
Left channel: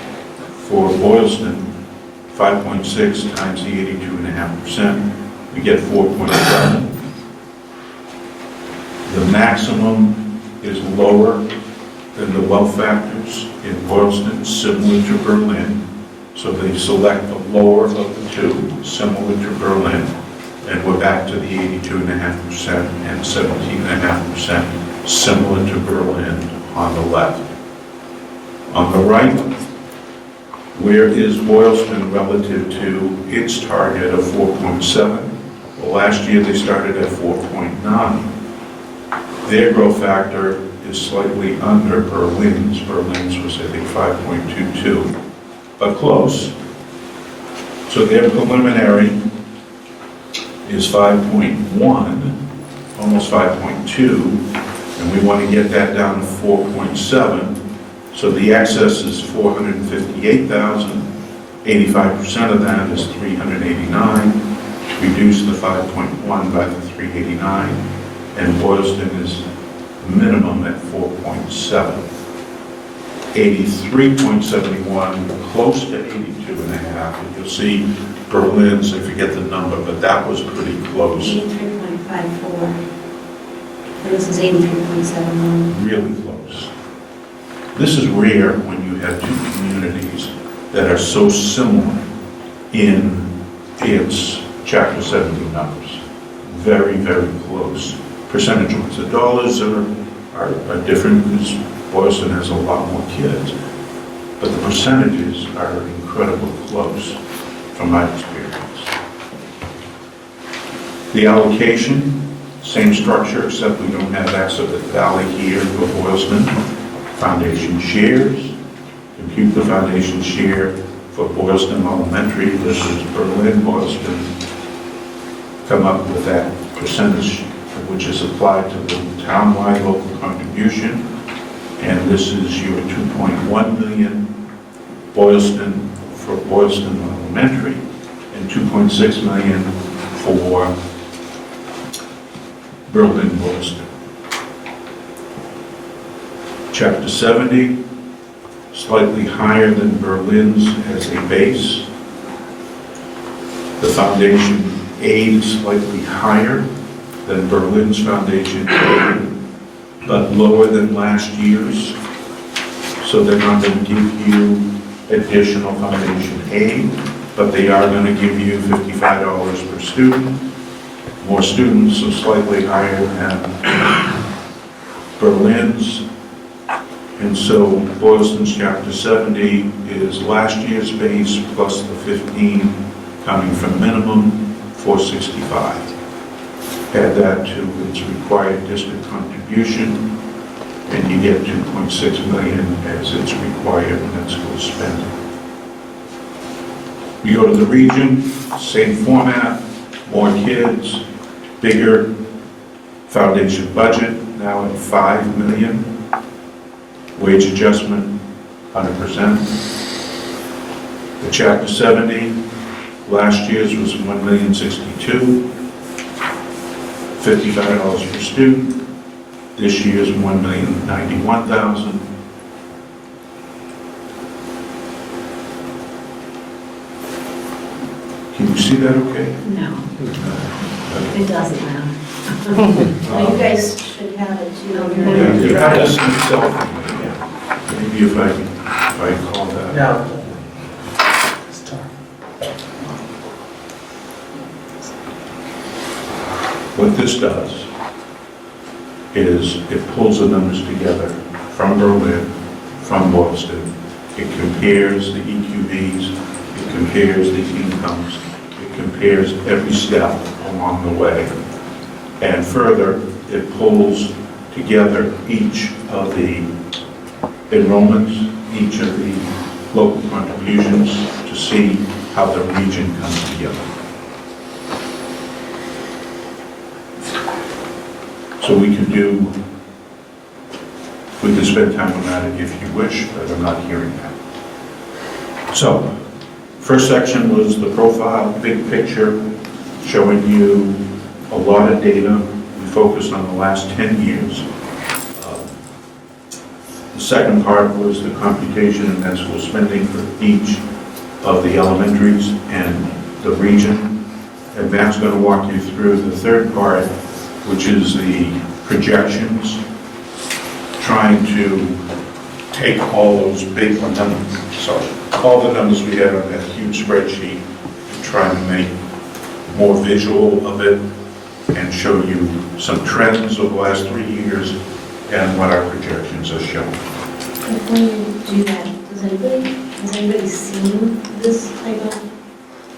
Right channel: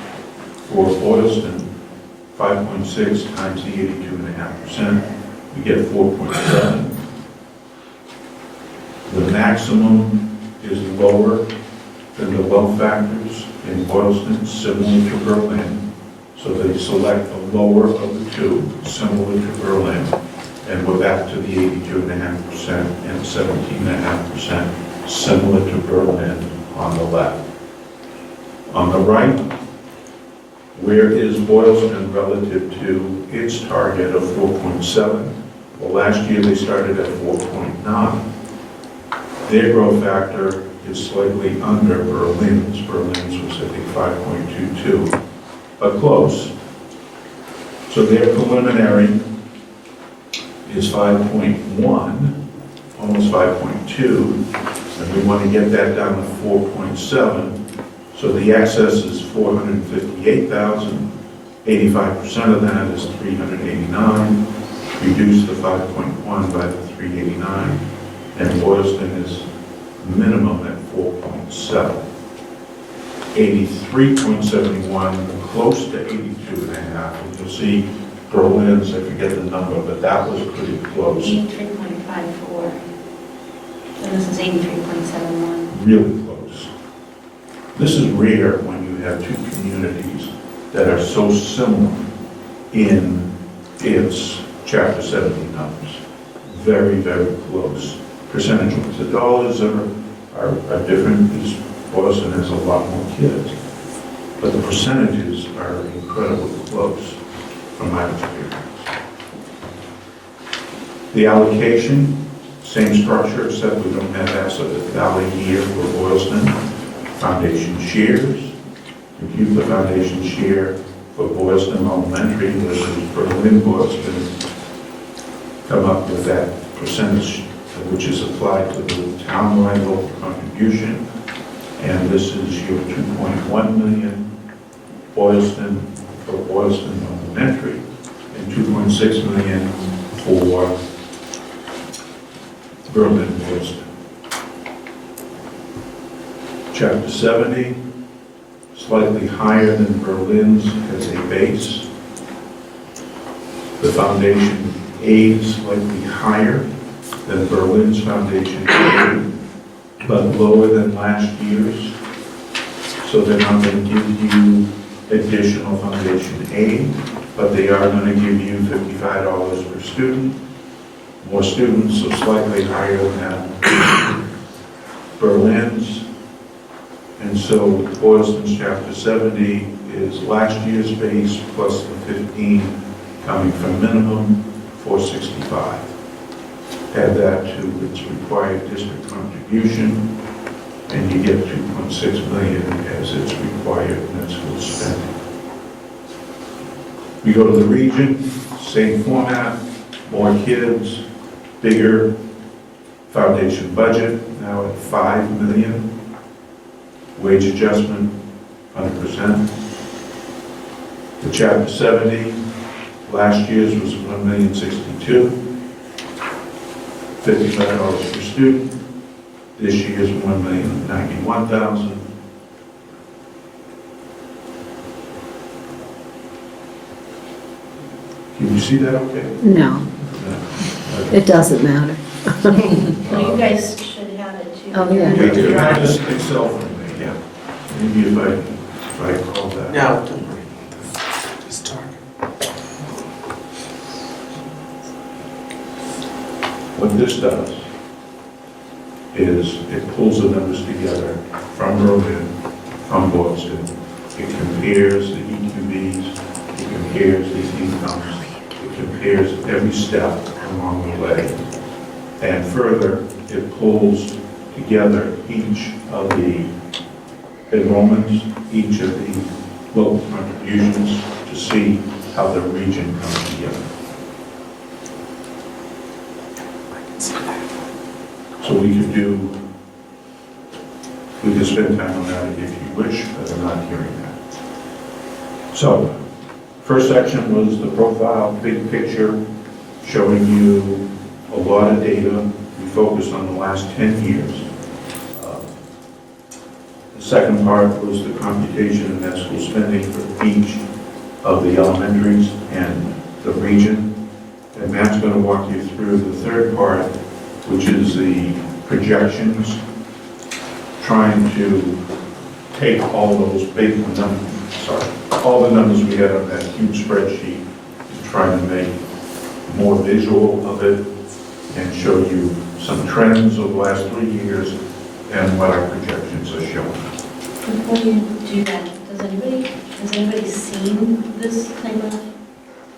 for Boylston, 5.6 times the 82.5%, we get 4.7. The maximum is lower than the low factors in Boylston, similar to Berlin. So they select the lower of the two, similar to Berlin, and we're back to the 82.5% and 17.5%, similar to Berlin on the left. On the right, where is Boylston relative to its target of 4.7? Well, last year they started at 4.9. Their growth factor is slightly under Berlin's. Berlin's was, I think, 5.22, but close. So their preliminary is 5.1, almost 5.2, and we want to get that down to 4.7. So the excess is 458,000. 85% of that is 389. Reduce the 5.1 by the 389, and Boylston is minimum at 4.7. 83.71, close to 82.5. And you'll see Berlin's, I forget the number, but that was pretty close. 83.54. And this is 83.71. Really close. This is rare when you have two communities that are so similar in its Chapter 70 numbers. Very, very close. Percentage-wise, the dollars are different because Boylston has a lot more kids, but the percentages are incredibly close from my experience. The allocation, same structure, except we don't have Asset Valley here for Boylston. Foundation shares, compute the foundation share for Boylston Elementary versus Berlin. Boylston come up with that percentage which is applied to the townwide local contribution, and this is your 2.1 million Boylston for Boylston Elementary and 2.6 million for Berlin Boylston. Chapter 70, slightly higher than Berlin's as a base. The foundation aid is slightly higher than Berlin's foundation aid, but lower than last year's. So they're not going to give you additional foundation aid, but they are going to give you $55 per student. More students, so slightly higher than Berlin's. And so Boylston's Chapter 70 is last year's base plus the 15 coming from minimum, 465. Add that to its required district contribution, and you get 2.6 million as its required net school spending. You go to the region, same format, more kids, bigger foundation budget, now at 5 million. Wage adjustment, 100%. The Chapter 70, last year's was $1,062,000, $55 per student. This year's $1,091,000. Can you see that okay? No, it doesn't matter. So you guys should have it too. Oh, yeah. Yeah, you can just Excel from it, yeah. Maybe if I call that. Yeah. What this does is it pulls the numbers together from Berlin, from Boylston. It compares the EQVs, it compares the incomes, it compares every step along the way. And further, it pulls together each of the enrollments, each of the local contributions to see how the region comes together. So we could spend time on that if you wish, but I'm not hearing that. So, first section was the profile, big picture, showing you a lot of data. We focused on the last 10 years. The second part was the computation and net school spending for each of the elementaries and the region. And Matt's going to walk you through the third part, which is the projections, trying to take all those big numbers, all the numbers we had on that huge spreadsheet, and trying to make more visual of it and show you some trends over the last 3 years and what our projections are showing. Before you do that, has anybody seen this type of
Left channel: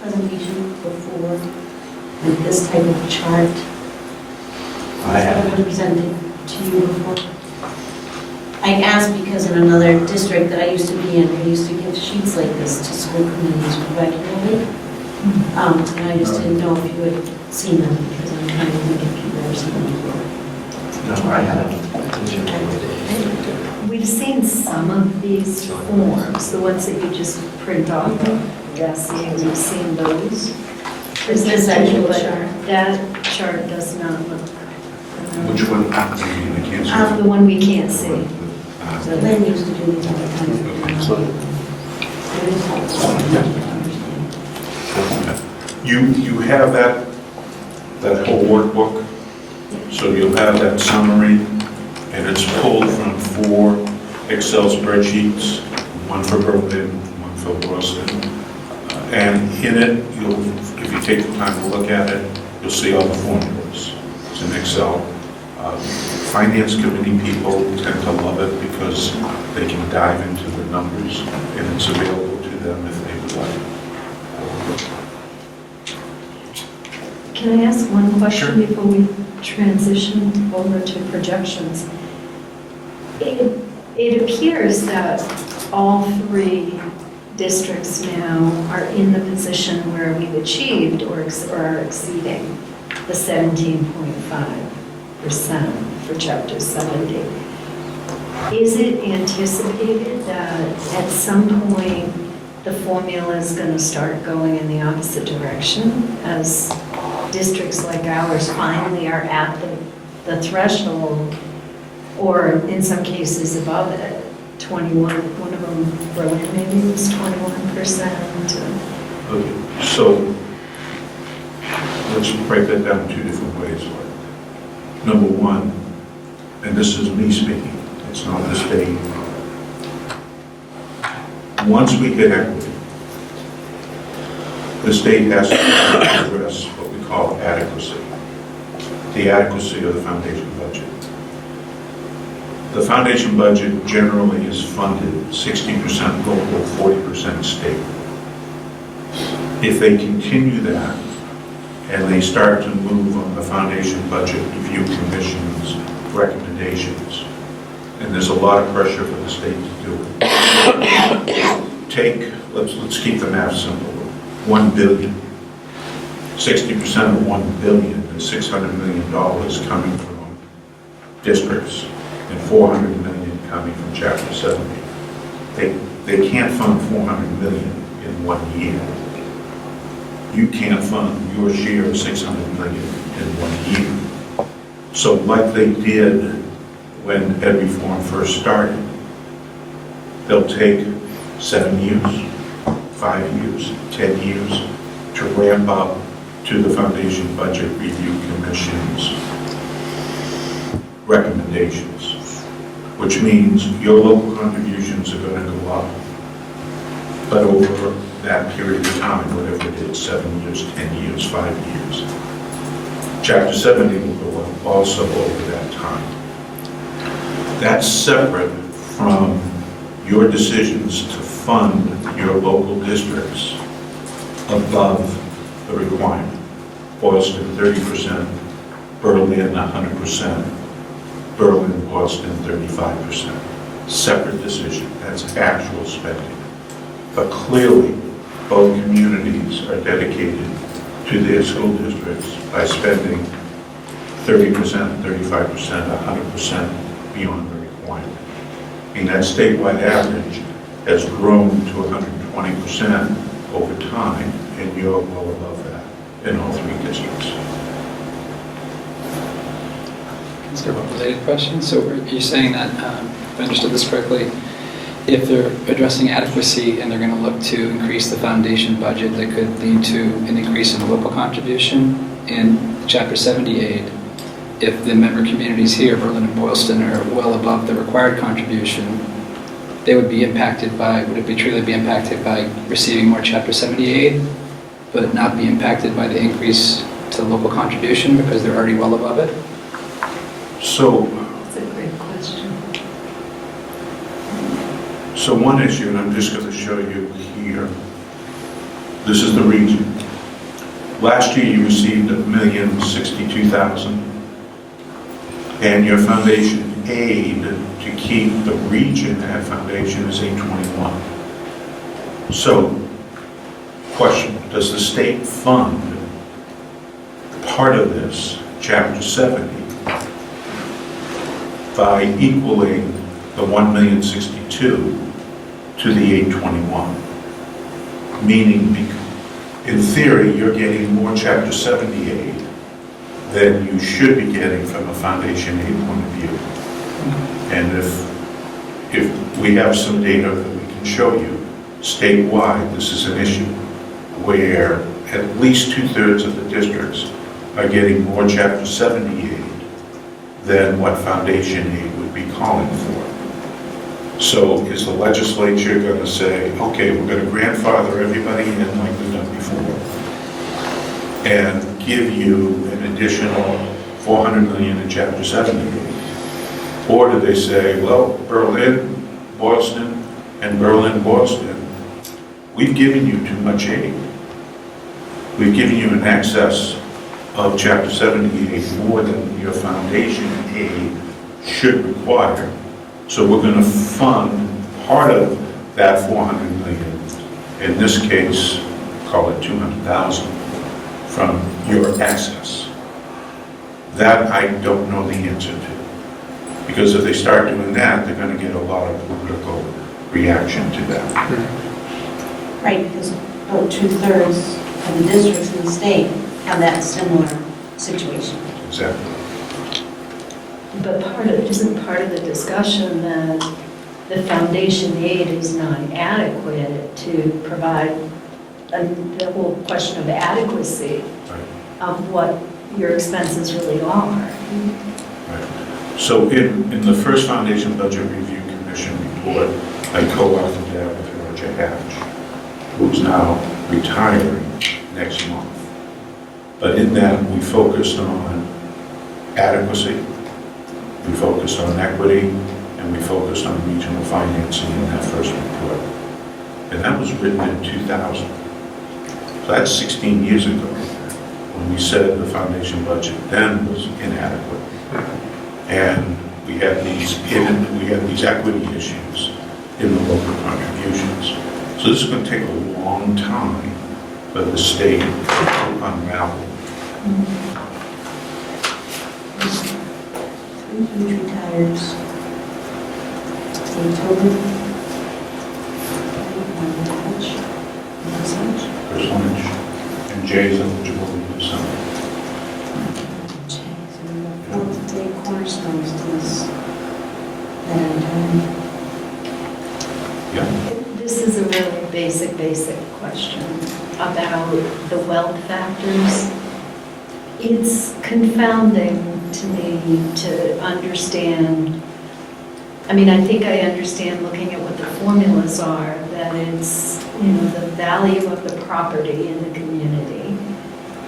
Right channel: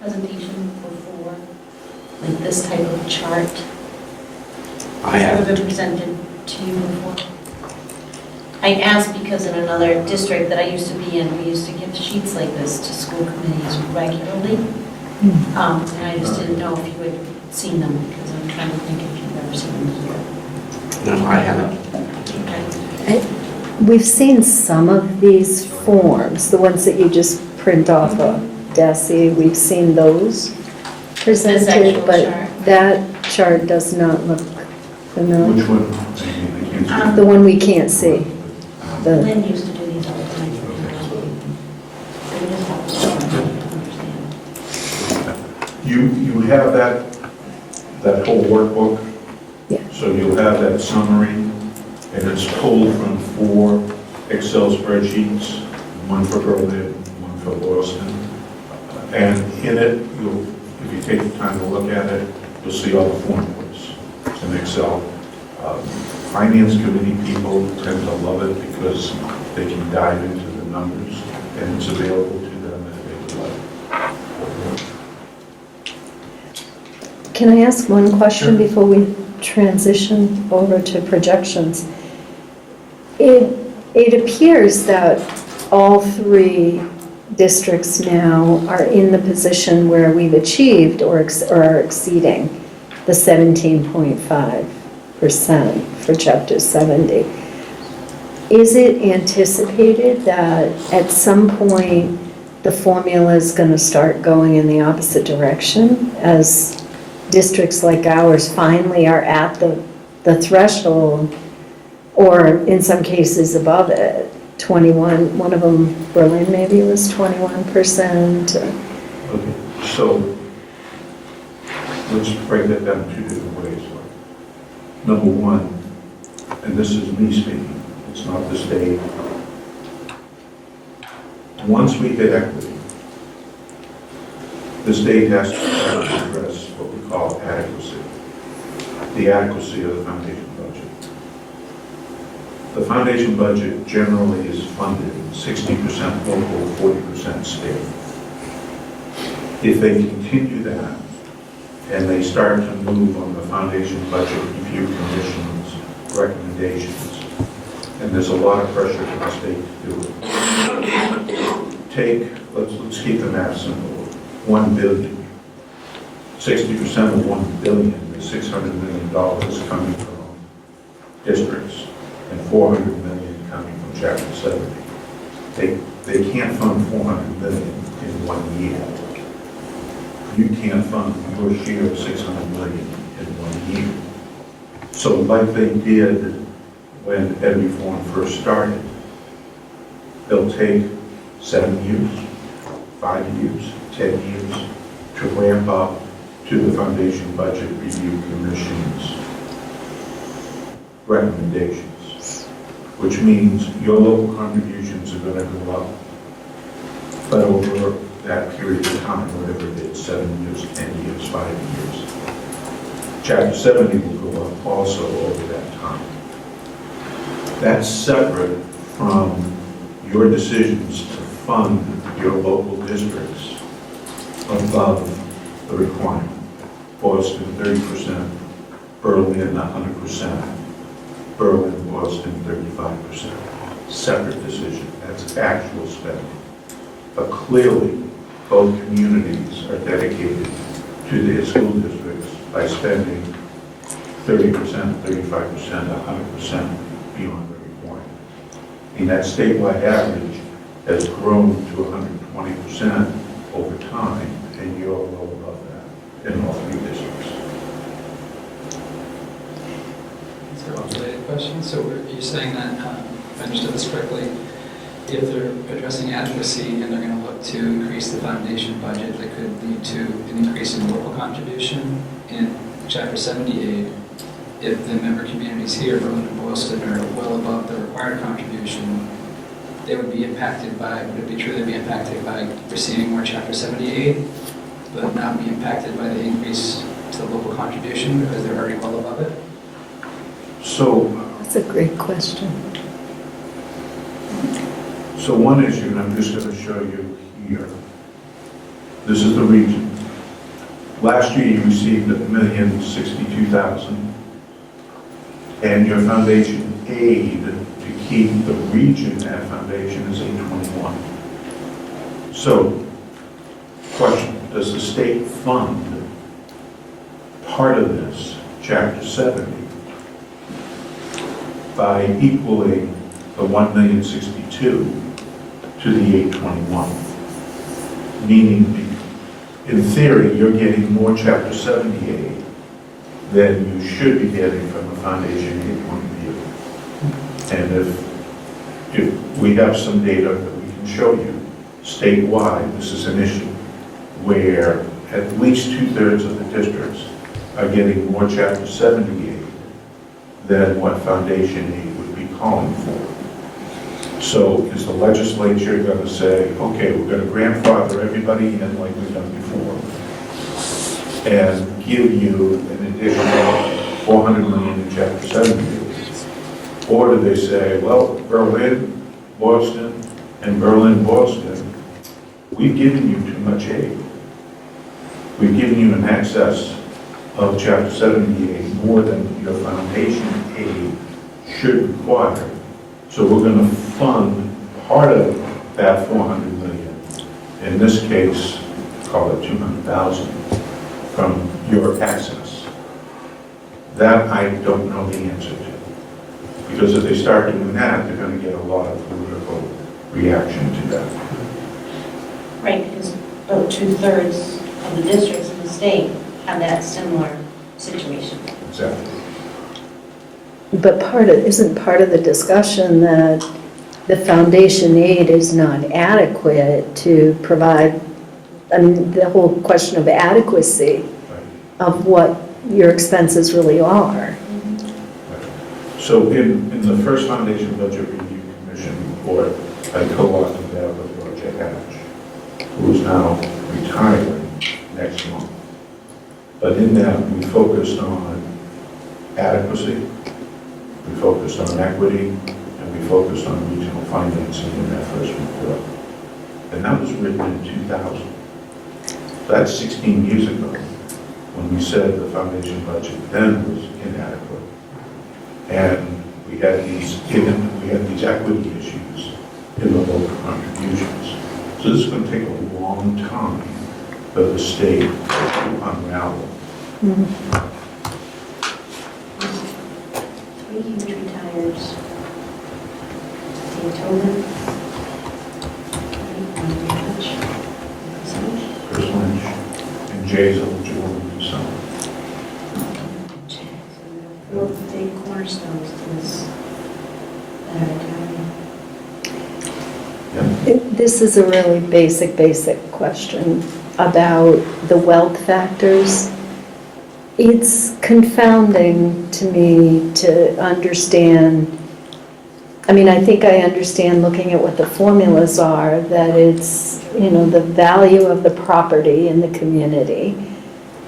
presentation before? Like this type of chart? I have. Has it been presented to you before? I asked because in another district that I used to be in, we used to give sheets like this to school committees regularly. And I just didn't know if you had seen them, because I'm trying to think if you've ever seen them before. No, I haven't. We've seen some of these forms, the ones that you just print off of DESI, we've seen those presented, actual but chart. that chart does not look familiar. Which one? I can't see. The one we can't see. The- Lynn used to do these all the time. You have that whole workbook? Yeah. So you'll have that summary, and it's pulled from 4 Excel spreadsheets, one for Berlin, one for Boylston. And in it, if you take the time to look at it, you'll see all the formulas. It's in Excel. Finance committee people tend to love it because they can dive into the numbers, and it's available to them if they would like. Can I ask one question before we transition over to projections? It appears that all 3 districts now are in the position where we've achieved or are exceeding the 17.5% for Chapter 70. Is it anticipated that at some point the formula is going to start going in the opposite direction as districts like ours finally are at the threshold, or in some cases above it? 21, one of them, Berlin maybe, was 21%. Okay, so let's break that down 2 different ways. Number one, and this is me speaking, it's not the state. Once we hit equity, the state has to address what we call adequacy, the adequacy of the foundation budget. The foundation budget generally is funded 60% local, 40% state. If they continue that, and they start to move on the foundation budget review commission's recommendations, and there's a lot of pressure from the state to do it. Let's keep the math simple, $1 billion. 60% of 1 billion is $600 million coming from districts and 400 million coming from Chapter 70. They can't fund 400 million in 1 year. You can't fund your share of 600 million in 1 year. So like they did when ed reform first started, they'll take 7 years, 5 years, 10 years to ramp up to the Foundation Budget Review Commission's recommendations, which means your local contributions are going to go up, but over that period of time, whatever it is, 7 years, 10 years, 5 years. Chapter 70 will go up also over that time. That's separate from your decisions to fund your local districts above the requirement. Boylston 30%, Berlin 100%, Berlin, Boylston 35%. Separate decision, that's actual spending. But clearly, both communities are dedicated to their school districts by spending 30%, 35%, 100% beyond the requirement. I mean, that statewide average has grown to 120% over time, and you're well above that in all 3 districts. Is there a related question? So you're saying that, if I understood this correctly, if they're addressing adequacy and they're going to look to increase the foundation budget, that could lead to an increase in local contribution in Chapter 78. If the member communities here, Berlin and Boylston, are well above the required contribution, they would be impacted by, would it be true they'd be impacted by receiving more Chapter 78, but not be impacted by the increase to the local contribution because they're already well above it? So, That's a great question. so one issue, and I'm just going to show you here, this is the region. Last year you received $1,062,000, and your foundation aid to keep the region at foundation is $821. So, question, does the state fund part of this, Chapter 70, by equaling the $1,062,000 to the $821? Meaning, in theory, you're getting more Chapter 78 than you should be getting from a foundation aid point of view. And if we have some data that we can show you, statewide, this is an issue where at least 2/3 of the districts are getting more Chapter 70 aid than what foundation aid would be calling for. So is the legislature going to say, okay, we're going to grandfather everybody in like we've done before and give you an additional $400 million in Chapter 70 aid? Or do they say, well, Berlin, Boylston, and Berlin, Boylston, we've given you too much aid. We've given you an excess of Chapter 70 aid more than your foundation aid should require. So we're going to fund part of that $400 million, in this case, call it $200,000, from your excess. That I don't know the answer to. Because if they start doing that, they're going to get a lot of political reaction to that. Right, because about 2/3 of the districts in the state have that similar situation. Exactly. But isn't part of the discussion that the foundation aid is not adequate to provide, I mean, the whole question of adequacy Right. of what your expenses really are. Right. So in the first Foundation Budget Review Commission report, I co-authored that with Roger Hatch, who is now retiring next month. But in that, we focused on adequacy, we focused on equity, and we focused on regional financing in that first report. And that was written in 2000. So that's 16 years ago, when we said the foundation budget then was inadequate. And we had these equity issues in the local contributions. So this is going to take a long time for the state to unravel. Three huge retires. October. Percentage. And Jay's eligible to do something. Fourth day cornerstones to this. That This is a really basic question about the wealth factors. It's confounding to me to understand. I mean, I think I understand looking at what the formulas are, that it's, the value of the property in the community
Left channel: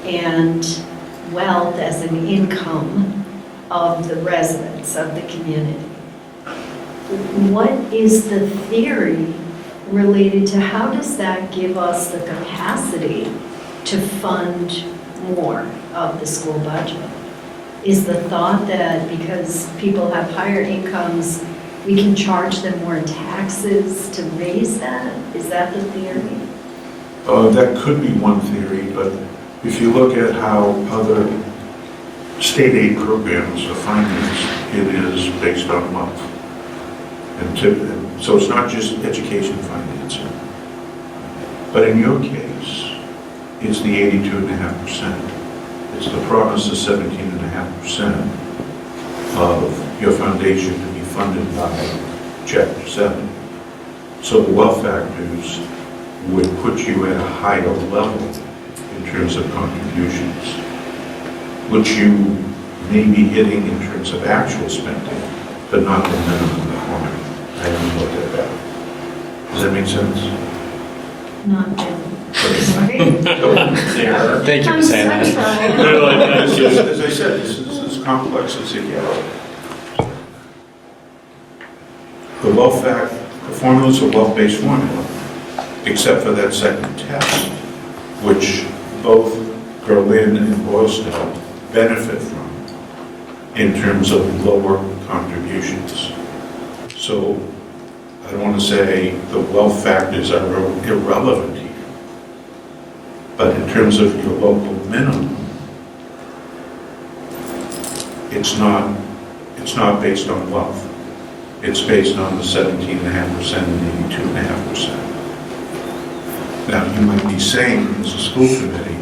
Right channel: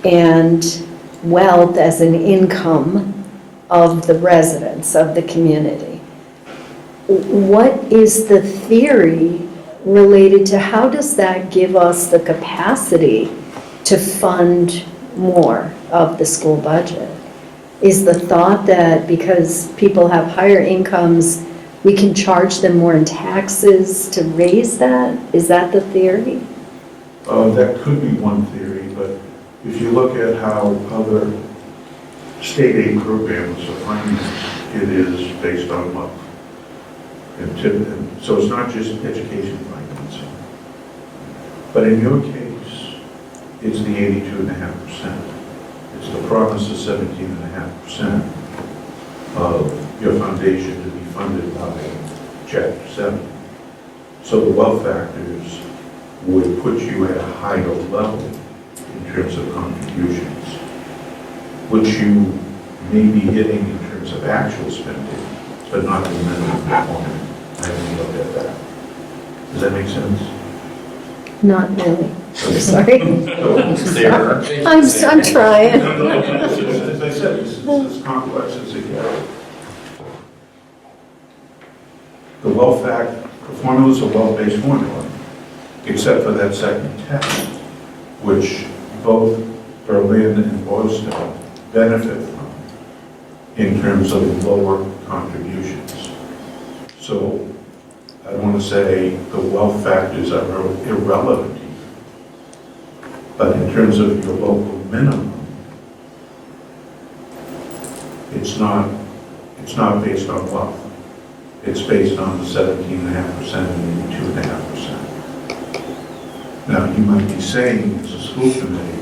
and wealth as an income of the residents of the community. What is the theory related to how does that give us the capacity to fund more of the school budget? Is the thought that because people have higher incomes, we can charge them more in taxes to raise that? Is that the theory? That could be one theory, but if you look at how other state aid programs are financed, it is based on wealth. And so it's not just education financing. But in your case, it's the 82.5%. It's the promise of 17.5% of your foundation to be funded by Chapter 7. So the wealth factors would put you at a higher level in terms of contributions, which you may be hitting in terms of actual spending, but not the minimum requirement. I haven't looked at that. Does that make sense? Not really. Sorry. Thank you I'm for saying I'm that. trying. As I said, this is as complex as it gets. The wealth fact, the formula is a wealth-based formula, except for that second test, which both Berlin and Boylston benefit from in terms of lower contributions. So I don't want to say the wealth factors are irrelevant here, but in terms of your local minimum, it's not based on wealth. It's based on the 17.5% and 82.5%. Now, you might be saying, as a school committee,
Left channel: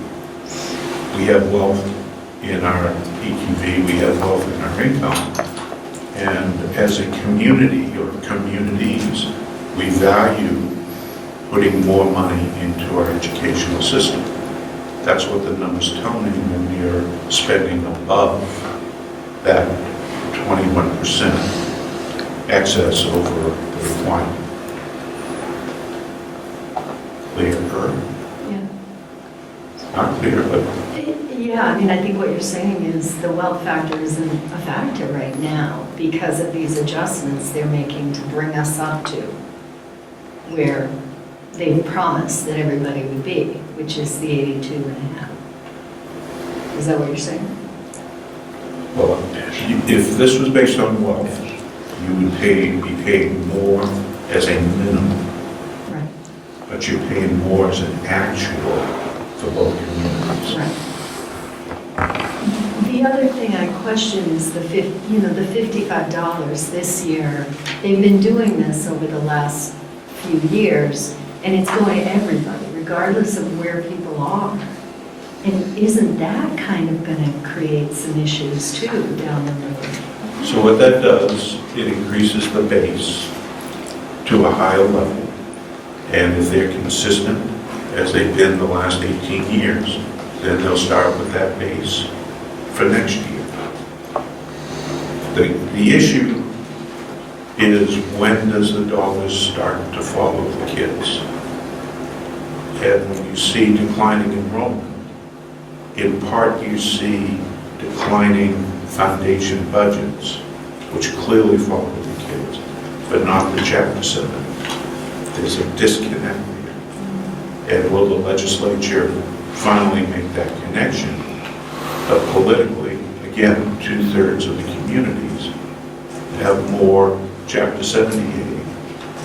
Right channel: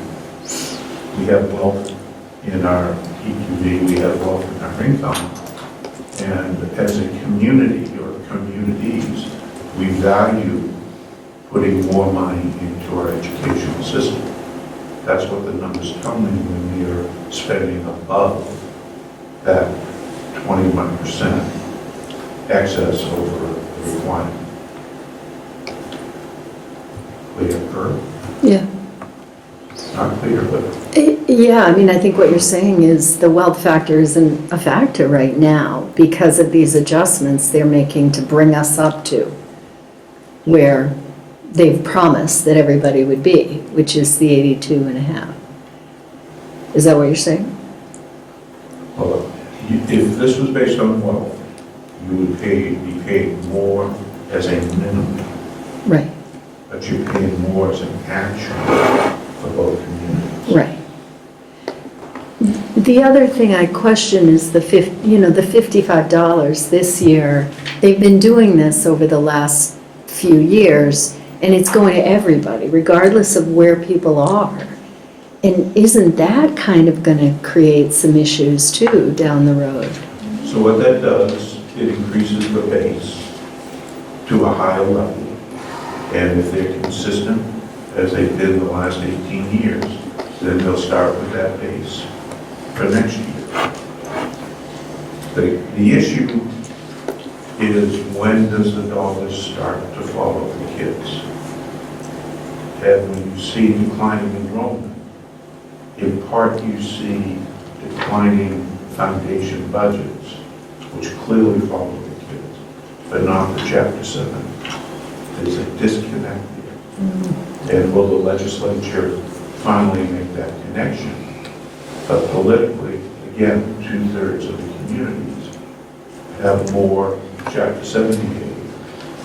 we have wealth in our EQV, we have wealth in our income, and as a community, or communities, we value putting more money into our educational system. That's what the numbers tell me when you're spending above that 21% excess over the requirement. Clear? Yeah. Not clear, but Yeah, I mean, I think what you're saying is the wealth factor isn't a factor right now because of these adjustments they're making to bring us up to where they've promised that everybody would be, which is the 82.5. Is that what you're saying? well, if this was based on wealth, you would be paid more as a minimum, Right, but you're paying more as an actual for both communities. right. The other thing I question is the $55 this year. They've been doing this over the last few years, and it's going to everybody, regardless of where people are. And isn't that kind of going to create some issues too down the road? So what that does, it increases the base to a higher level. And if they're consistent, as they've been the last 18 years, then they'll start with that base for next year. The issue is when does the dollars start to follow the kids? And when you see declining enrollment, in part you see declining foundation budgets, which clearly follow the kids, but not the Chapter 7. There's a disconnect there. And will the legislature finally make that connection? But politically, again, 2/3 of the communities have more Chapter 70 aid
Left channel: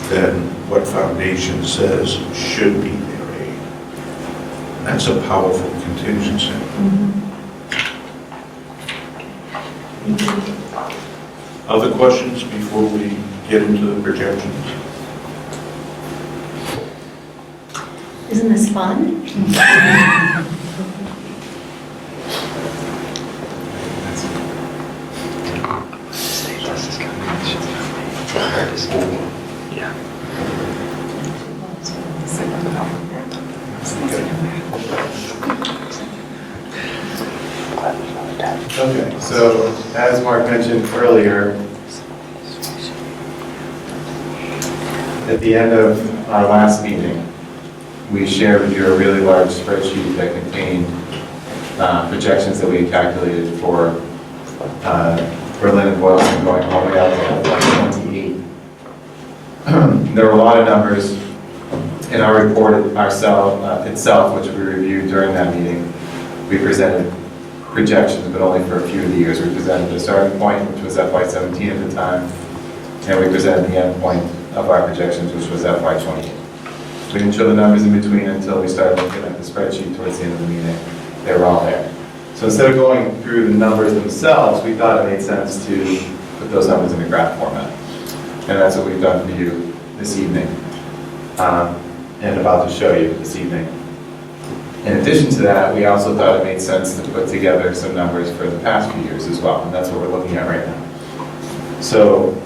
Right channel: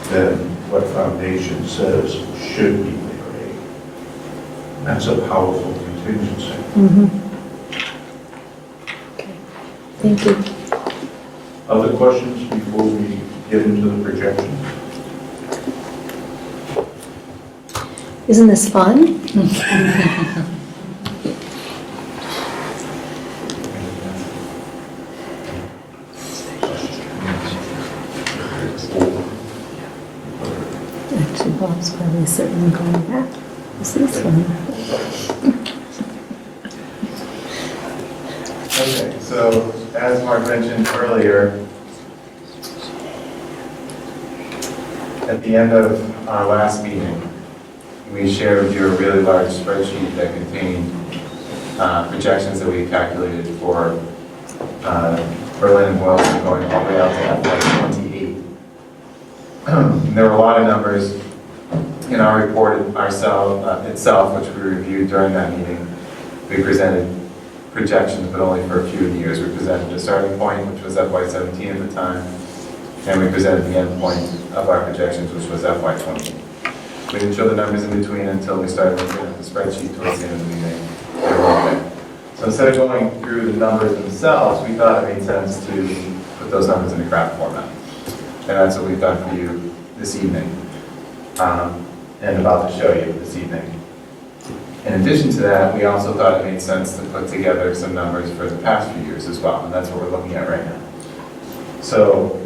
than what foundation says should be their aid. That's a powerful contingency. Okay. Thank you. Other questions before we get into the projections? Isn't this fun? Actually, Bob's probably sitting on that. Okay, so as Mark mentioned earlier, at the end of our last meeting, we shared with you a really large spreadsheet that contained projections that we had calculated for Berlin and Boylston going all the way out to FY28. There were a lot of numbers in our report itself, which we reviewed during that meeting. We presented projections, but only for a few of the years. We presented the starting point, which was FY17 at the time, and we presented the end point of our projections, which was FY20. We didn't show the numbers in between until we started looking at the spreadsheet towards the end of the meeting. They were all there. So instead of going through the numbers themselves, we thought it made sense to put those numbers in a graph format. And that's what we've done for you this evening, and about to show you this evening. In addition to that, we also thought it made sense to put together some numbers for the past few years as well, and that's what we're looking at right now. So,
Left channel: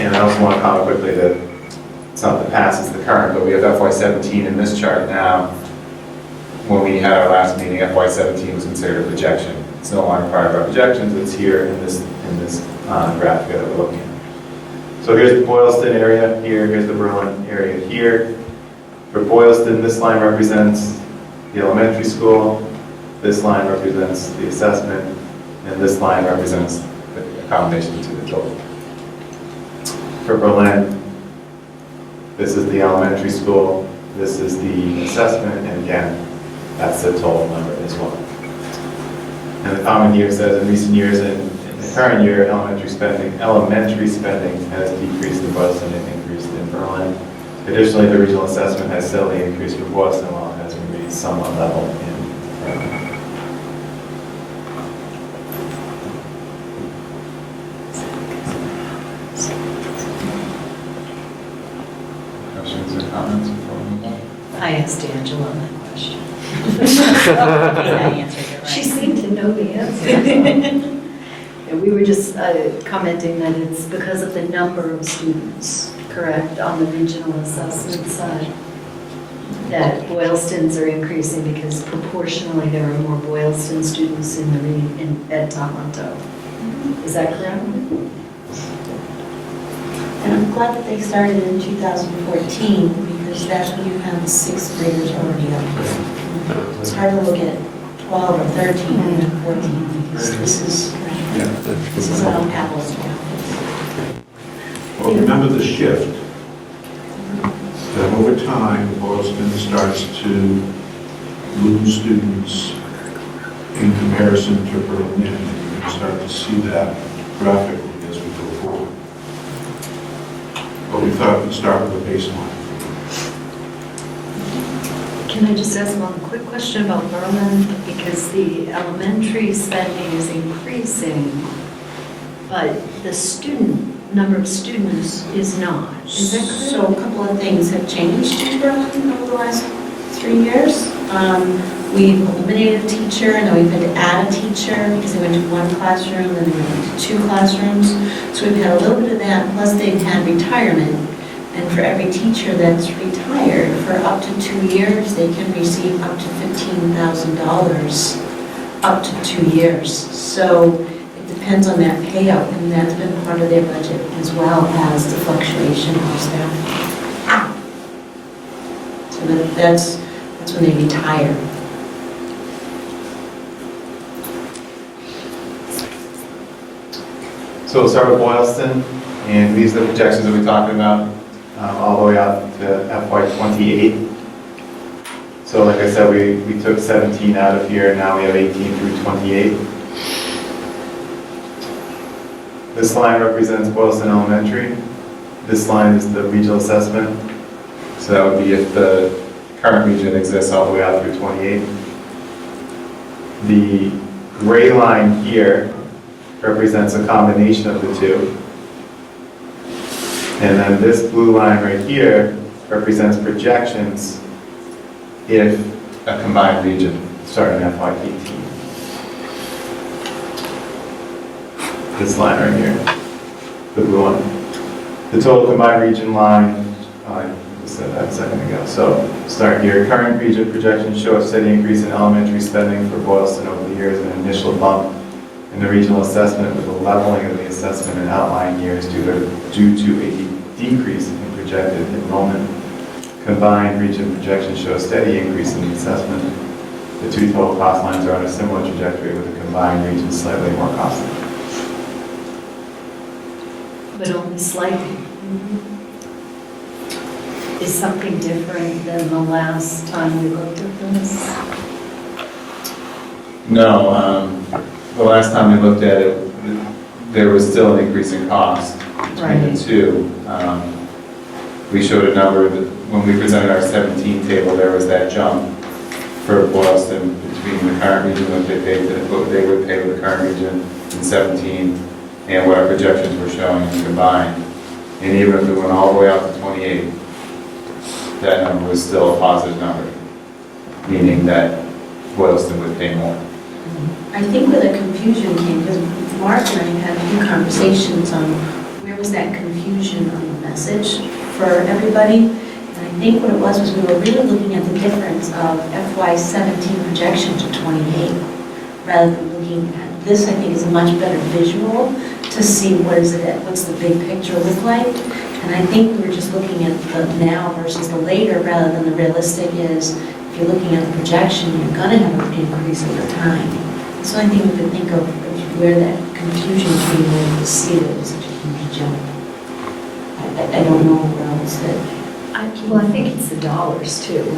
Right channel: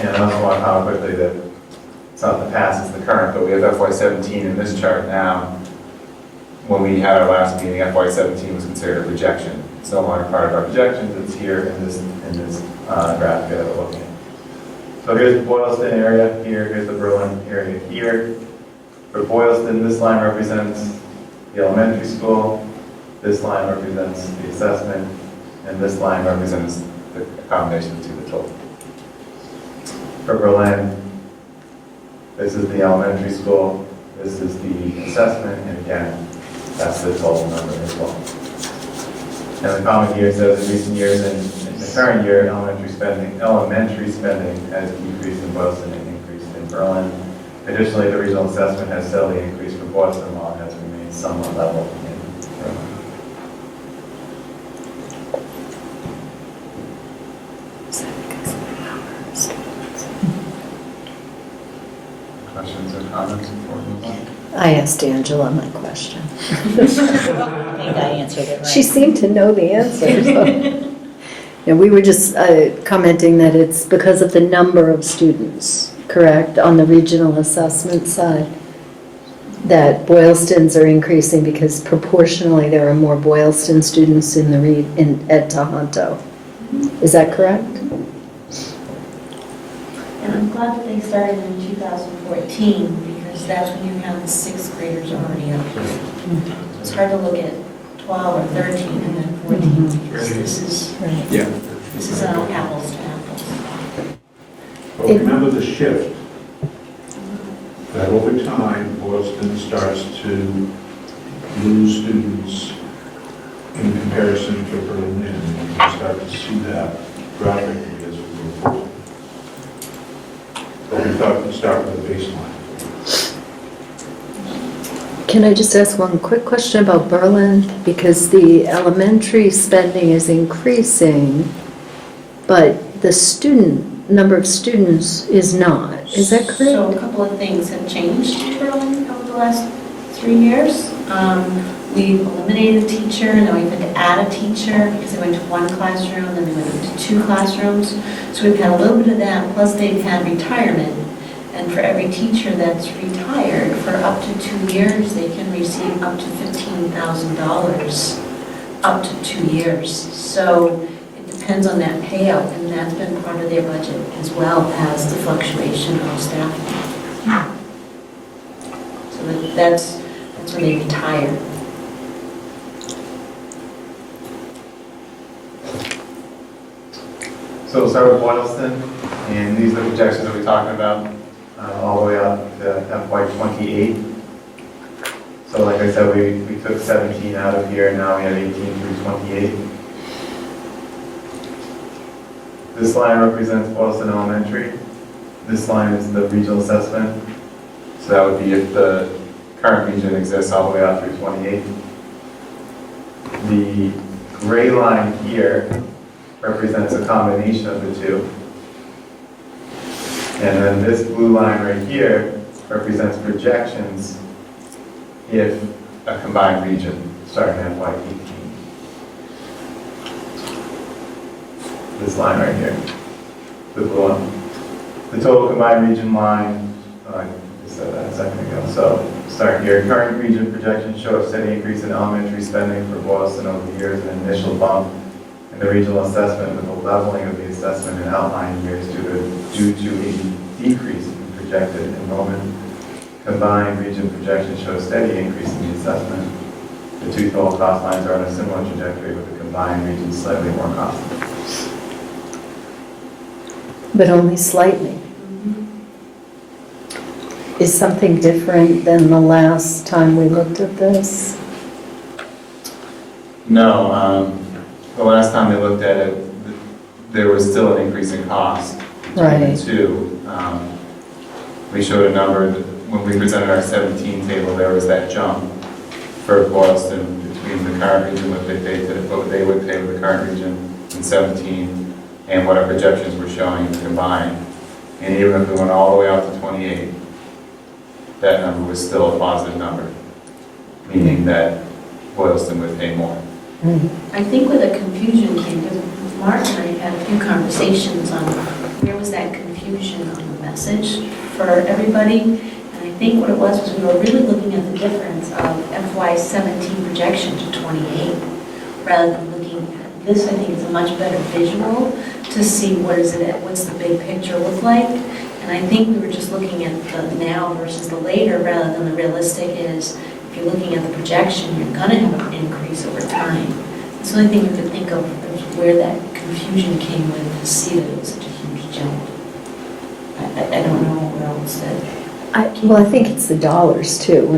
and I also want to comment quickly that it's not the past, it's the current, but we have FY17 in this chart now. When we had our last meeting, FY17 was considered a projection. It's no longer part of our projections, it's here in this graphic that we're looking at. So here's the Boylston area here, here's the Berlin area here. For Boylston, this line represents the elementary school, this line represents the assessment, and this line represents the combination to the total. For Berlin, this is the elementary school, this is the assessment, and again, that's the total number as well. And the comment here says, in recent years, in the current year, elementary spending has decreased in Boylston and increased in Berlin. Additionally, the regional assessment has steadily increased for Boylston, while it has remained somewhat level in Berlin. Questions or comments before we move on? I asked Angela my question. I think I answered it right. She seemed to know the answer. Yeah, we were just commenting that it's because of the number of students, correct, on the regional assessment side, that Boylstons are increasing because proportionally there are more Boylston students in Ed Tohoto. Is that correct? And I'm glad that they started in 2014, because that's when you have the sixth graders already up. It's hard to look at 12 or 13 and 14, because this is on apples to apples. Well, remember the shift, that over time, Boylston starts to lose students in comparison to Berlin, and you can start to see that graphically as we go forward. But we thought we'd start with the baseline. Can I just ask one quick question about Berlin? Because the elementary spending is increasing, but the number of students is not. Is that correct? So a couple of things have changed in Berlin over the last 3 years. We've eliminated a teacher, and then we've had to add a teacher because they went to one classroom, and then they went to 2 classrooms. So we've had a little bit of that, plus they've had retirement. And for every teacher that's retired, for up to 2 years, they can receive up to $15,000 up to 2 years. So it depends on that payout, and that's been part of their budget, as well as the fluctuation of staffing. So that's when they retire. So we'll start with Boylston, and these are the projections that we're talking about, all the way out to FY28. So like I said, we took 17 out of here, now we have 18 through 28. This line represents Boylston Elementary. This line is the regional assessment. So that would be if the current region exists all the way out through 28. The gray line here represents a combination of the two. And then this blue line right here represents projections if a combined region starting in FY18. This line right here, the blue one. The total combined region line, I just said that a second ago. So start here. Current region projections show a steady increase in elementary spending for Boylston over the years, an initial bump in the regional assessment with a leveling of the assessment in outlying years due to a decrease in projected enrollment. Combined region projections show a steady increase in the assessment. The two total cost lines are on a similar trajectory with the combined region slightly more costly. But only slightly. Is something different than the last time we looked at this? No, the last time we looked at it, there was still an increase in cost between the two. We showed a number that when we presented our 17 table, there was that jump for Boylston between the current region, what they would pay with the current region in 17, and what our projections were showing combined. And even if we went all the way out to 28, that number was still a positive number, meaning that Boylston would pay more. I think where the confusion came, because Mark and I had a few conversations on where was that confusion on the message for everybody. And I think what it was we were really looking at the difference of FY17 projection to 28, rather than looking at this. I think is a much better visual to see what's the big picture look like. And I think we were just looking at the now versus the later, rather than the realistic is, if you're looking at the projection, you're going to have an increase over time. That's the only thing we could think of where that confusion came in to see that it was such a huge jump. I don't know where else that... Well, I think it's the dollars too.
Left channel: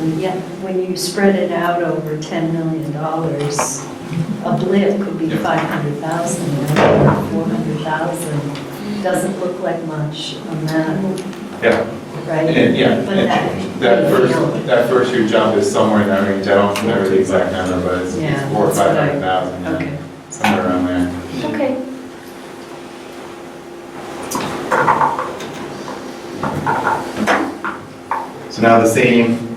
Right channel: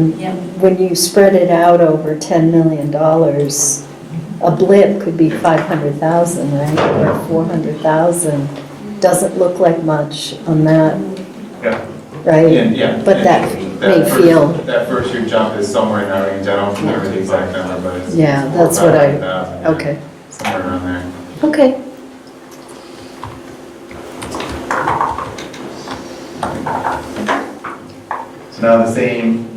When you spread it out over $10 million, a blip could be 500,000, right? Or 400,000. Doesn't look like much on that. Yeah. Right? Yeah. But that may feel... That first year jump is somewhere in that range. I don't remember the exact number, but it's 400,000 or 500,000. Okay. Somewhere around there. Okay. So now the same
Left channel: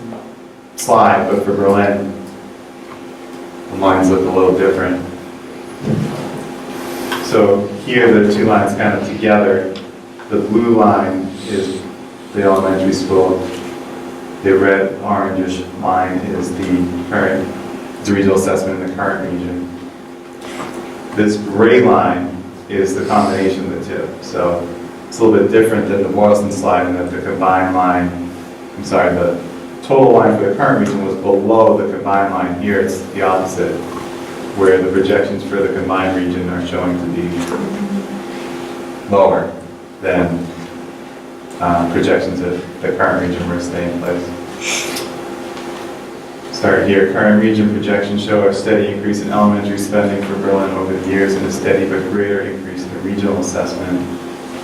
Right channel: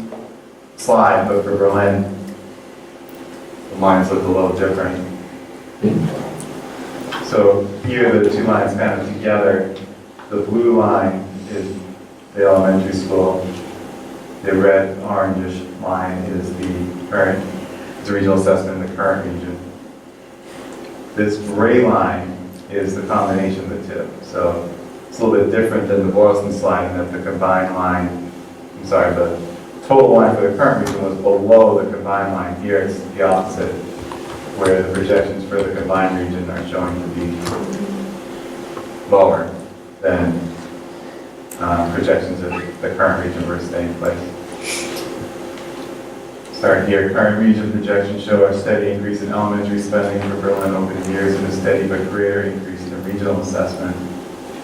slide, but for Berlin, the lines look a little different. So here the two lines kind of together. The blue line is the elementary school. The red orangish line is the regional assessment in the current region. This gray line is the combination of the two. So it's a little bit different than the Boylston slide in that the combined line, the total line for the current region was below the combined line. Here it's the opposite, where the projections for the combined region are showing to be lower than projections of the current region were staying in place. Start here. Current region projections show a steady increase in elementary spending for Berlin over the years and a steady but greater increase in regional assessment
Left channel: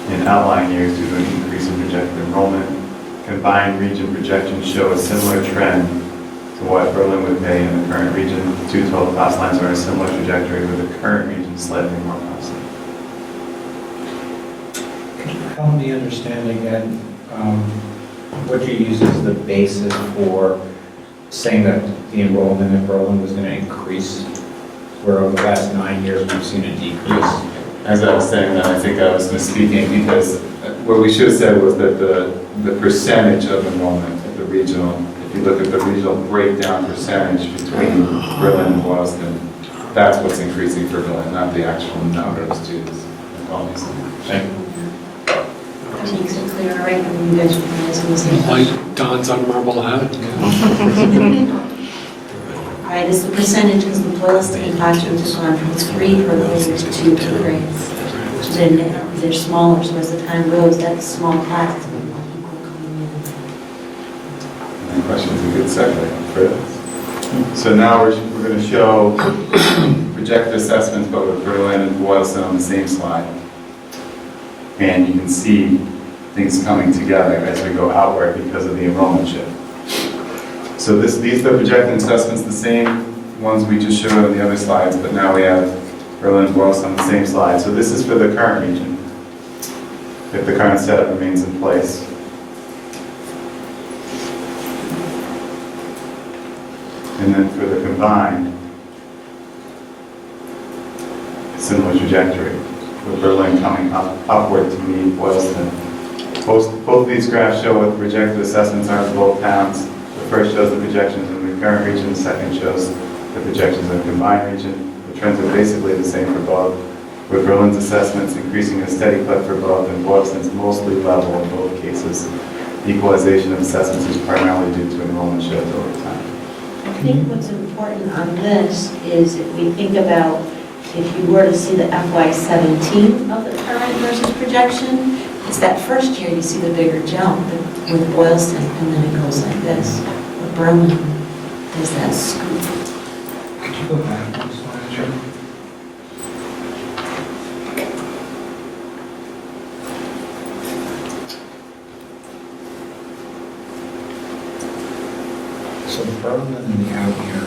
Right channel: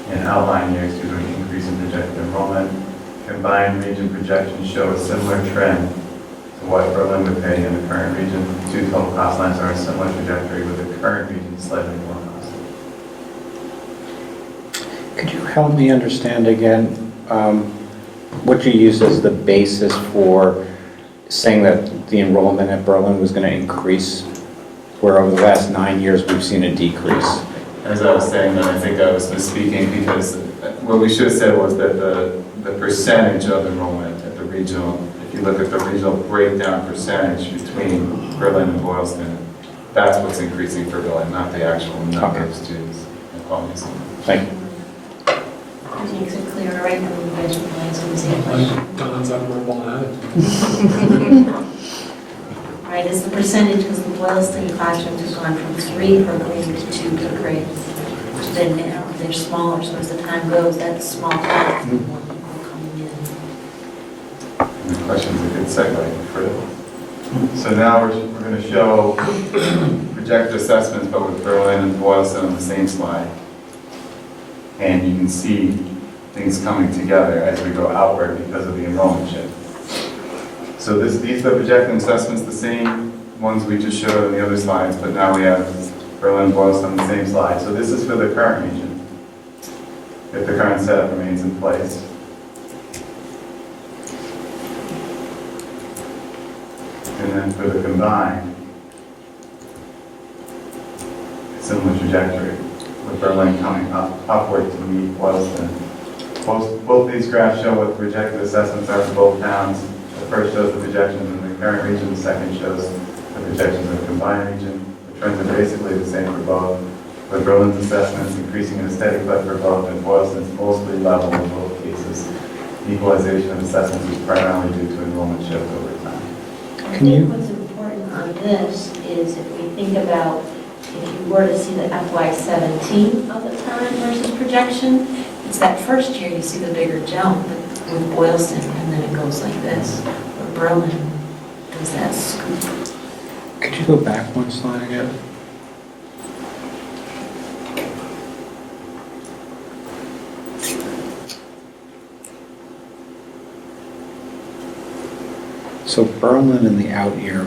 in outlying years due to an increase in projected enrollment. Combined region projections show a similar trend to what Berlin would pay in the current region. The two total cost lines are a similar trajectory with the current region slightly more costly. Could you help me understand again what you used as the basis for saying that the enrollment at Berlin was going to increase, where over the last 9 years we've seen a decrease? As I was saying, I think I was misspeaking because what we should have said was that the percentage of enrollment at the regional, if you look at the regional breakdown percentage between Berlin and Boylston, that's what's increasing for Berlin, not the actual number of students. Thank you. Which makes it clear, right? I mean, you guys realize what I'm saying. Like Don's on marble hat. Right, it's the percentage, because the Boylston classrooms have gone from 3 per grade to 2 per grade. Then now, because they're smaller, so as the time goes, that small class will be more people coming in. And the question's a good segue for this. So now we're going to show projected assessments, but with Berlin and Boylston on the same slide. And you can see things coming together as we go outward because of the enrollment shift. So these are the projected assessments, the same ones we just showed on the other slides, but now we have Berlin and Boylston on the same slide. So this is for the current region, if the current setup remains in place. And then for the combined, similar trajectory, with Berlin coming upward to meet Boylston. Both these graphs show what the projected assessments are for both towns. The first shows the projections in the current region, the second shows the projections in the combined region. The trends are basically the same for both, with Berlin's assessments increasing at a steady clip for both, and Boylston's mostly level in both cases. Equalization of assessments is primarily due to enrollment shift over time. I think what's important on this is if we think about, if you were to see the FY17 of the current versus projection, it's that first year you see the bigger jump with Boylston, and then it goes like this. With Berlin, there's that scoop. Could you go back one slide? Sure. So Berlin in the out year,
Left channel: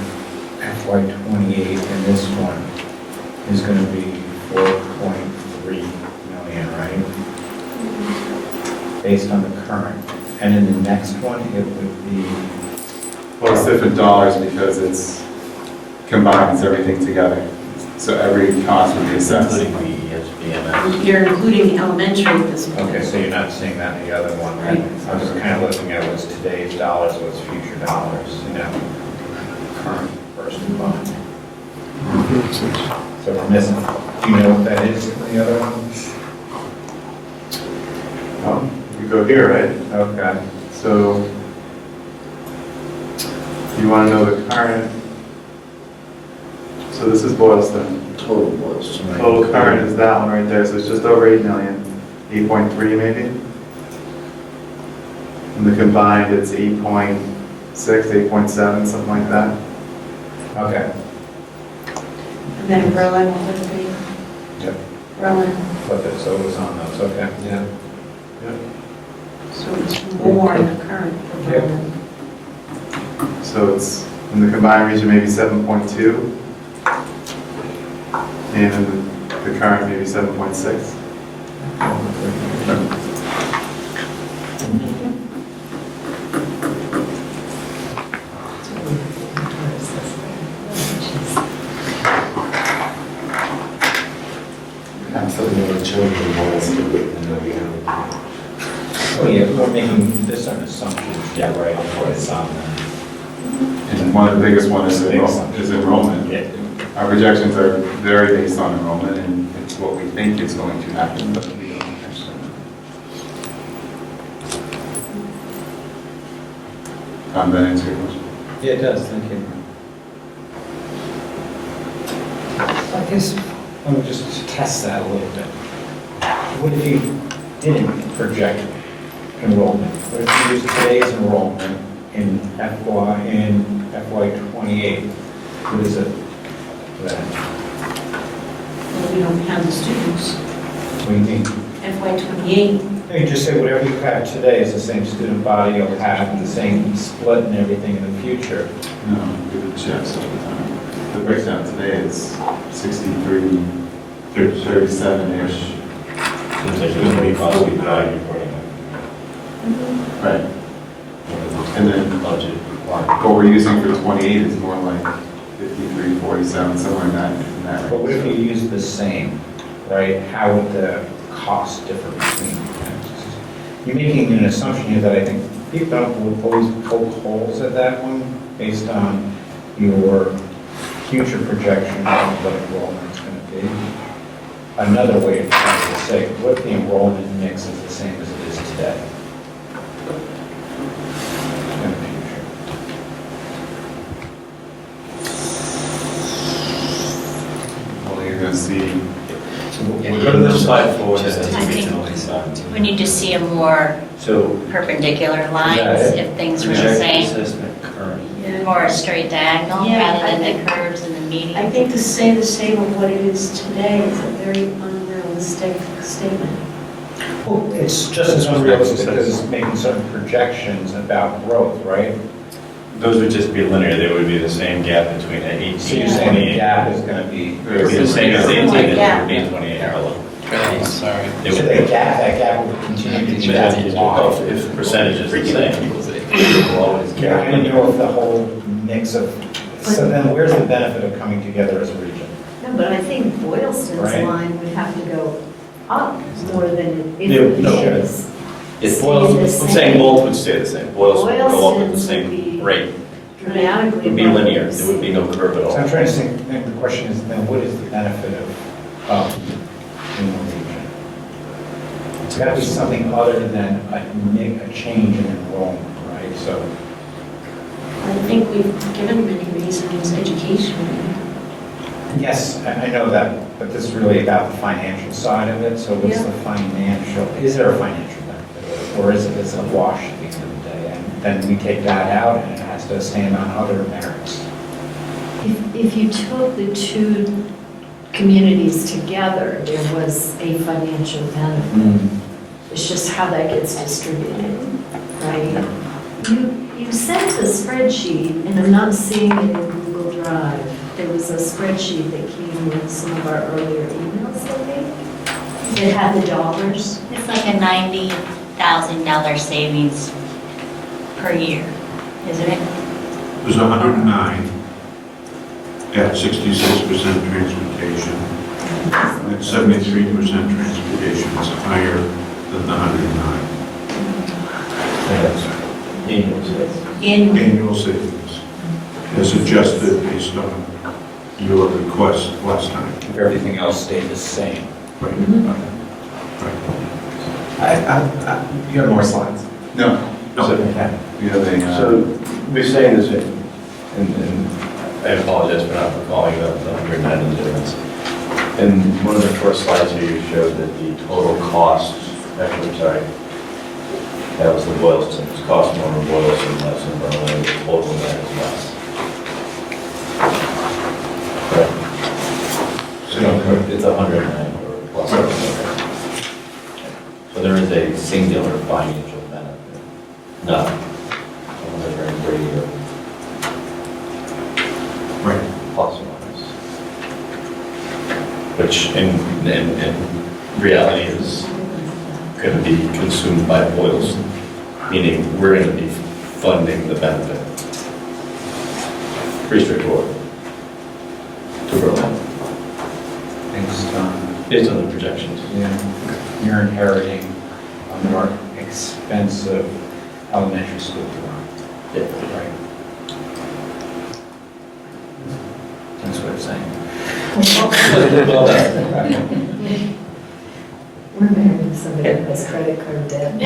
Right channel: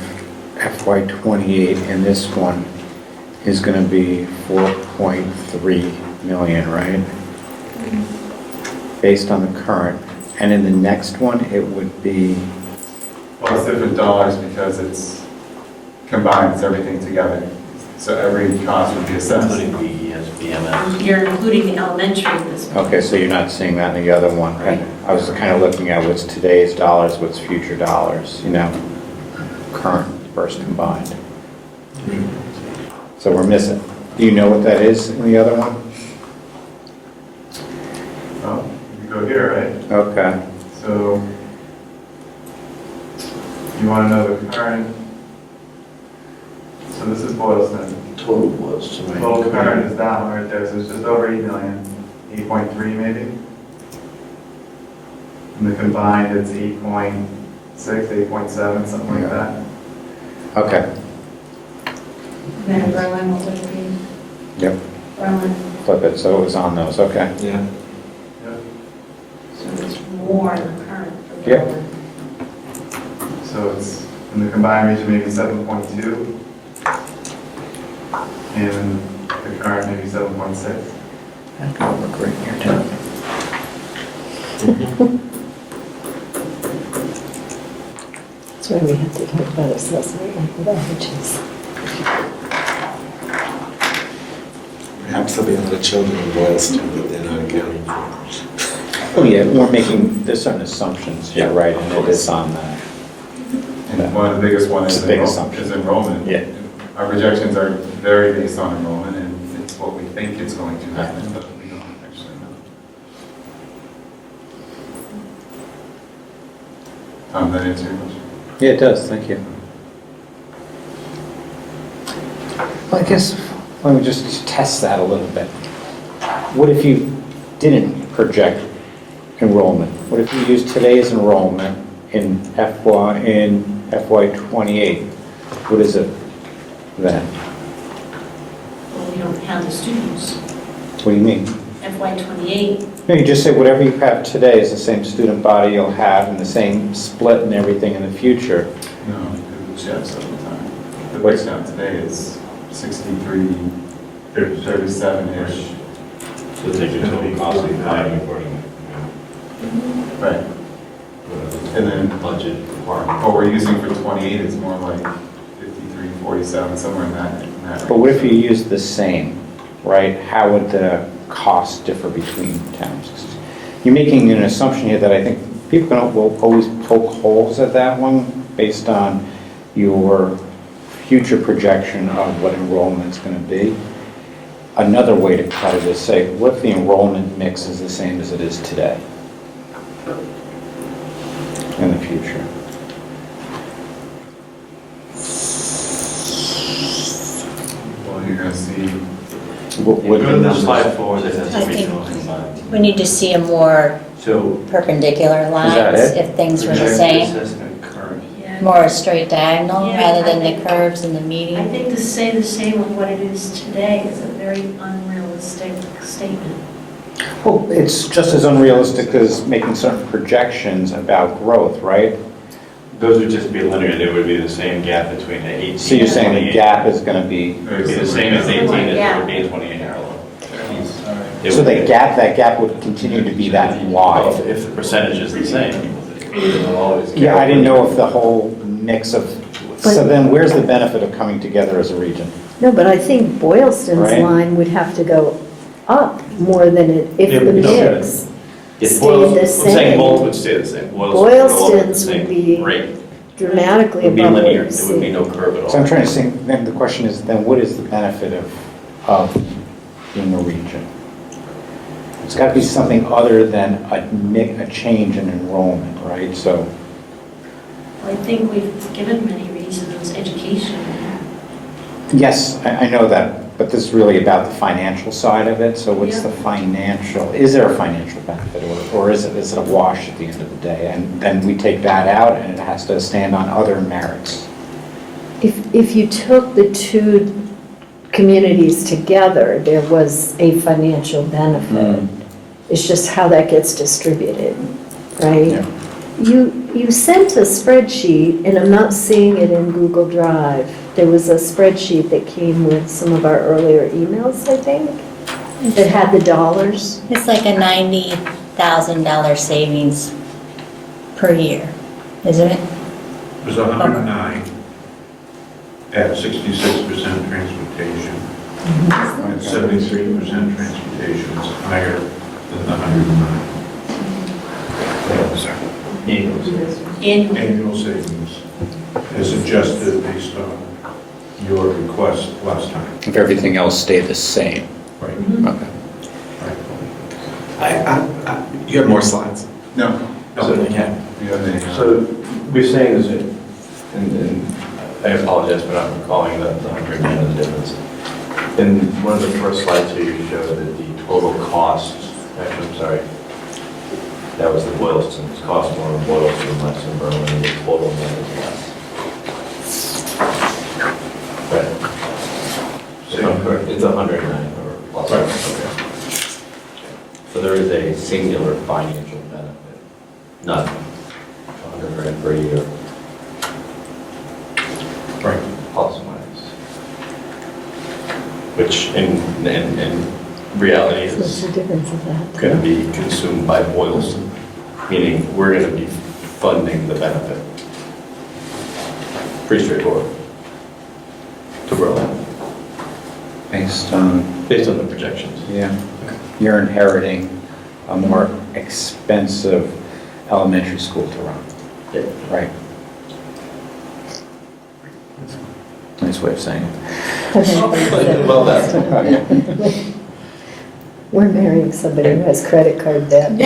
FY28, and this one is going to be 4.3 million, right? Based on the current. And in the next one, it would be, Well, it's different dollars because it's combines everything together. So every cost would be assessed. Including the SBMS. You're including elementary at this point. okay, so you're not seeing that in the other one. Right. I was kind of looking at what's today's dollars, what's future dollars, current versus combined. So we're missing, do you know what that is in the other one? Oh, you go here, right? Okay. So you want to know the current, so this is Boylston. Total was. Total current is that one right there, so it's just over 8 million, 8.3 maybe. And the combined, it's 8.6, 8.7, something like that. Okay. And then in Berlin, what would it be? Yep. Berlin, Flip it, so it was on those, okay. Yeah. so it's more in the current for Yep. Berlin. So it's, in the combined region, maybe 7.2. And in the current, maybe 7.6. That's why we have to talk about accessory advantages. Absolutely no children in Boylston, but they're not accounted for. Oh, yeah, we're making, there's certain assumptions, yeah, right, and it is on that. And one of the biggest one is Big assumption. enrollment. Yeah. Our projections are very based on enrollment, and it's what we think is going to happen, but we don't actually know. Tom, that answer your question? Yeah, it does, thank you. Well, I guess, let me just test that a little bit. What if you didn't project enrollment? What if you used today's enrollment in FY28? What is it then? Well, we don't have the students. What do you mean? FY28, No, you just say whatever you have today is the same student body you'll have and the same split and everything in the future. No, we would checks all the time. The breakdown today is 63, 37-ish. So there's going to be possibly value accordingly. Right. And then Budget requirement. what we're using for 28 is more like 53, 47, somewhere in that range. But what if you use the same, right? How would the cost differ between towns? You're making an assumption here that I think people will always poke holes at that one based on your future projection of what enrollment's going to be. Another way to try to say, what if the enrollment mix is the same as it is today in the future? Well, you're going to see, Put the slide forward. I think we need to see a more So. perpendicular lines it? if things were the projected same. assessment current. yeah. More a straight diagonal Yeah, rather than I the think- curves and the I median. think to say the same of what it is today is a very unrealistic statement. Well, it's just as unrealistic as making certain projections about growth, right? Those would just be linear, they would be the same gap between 18 So you're saying the 28. gap is going to be, It would be the same as 18, it would be 28. Okay, sorry. It so would the be- gap, that gap would continue to be that Well, wide? if the percentage is the same, it will always. Yeah, I didn't know if the whole mix of, so then where's the benefit of coming together as a region? No, but I think Boylston's Right. line would have to go up more than it, if Yeah, the no, mix Yes, stayed Boylston- the I'm saying same. both would stay the same. Boylston would go up at the Boylston's would same be rate. dramatically It would be above linear, what there would be no curve at So I'm all. trying to think, then the question is, then what is the benefit of in the region? It's got to be something other than a change in enrollment, right? So, I think we've given many reasons, education. yes, I know that, but this is really about the financial side of it. So what's Yeah. the financial, is there a financial benefit or is it a wash at the end of the day? And then we take that out and it has to stand on other merits. If you took the two communities together, there was a financial benefit. It's just how that gets distributed, right? You sent a spreadsheet, and I'm not seeing it in Google Drive. There was a spreadsheet that came with some of our earlier emails, I think, that had the dollars. It's like a $90,000 savings per year, isn't it? It was 109 at 66% transportation. At 73% transportation, it's higher than the 109. Annual. Annual savings is adjusted based on your request last time. If everything else stayed the same. Right. Okay. You have more slides? No. No, So, you can. you have a, So we're saying this, and I apologize for not recalling the 110 difference. In one of the first slides here, you showed that the total cost, actually, I'm sorry, that was the Boylston, it's cost more in Boylston, less in Berlin, and the total net is less. Correct? No, correct, it's 109 or plus. Right. Okay. So there is a singular financial benefit, not 100 per year, right. plus or minus. Which in reality What's is the difference of that? going to be consumed by Boylston, meaning we're going to be funding the benefit. Pretty straightforward. To Berlin, Based on the projections. yeah, you're inheriting a more expensive elementary school to run. Yeah. Right. Nice way of saying it. Well done. We're marrying somebody who has credit card debt.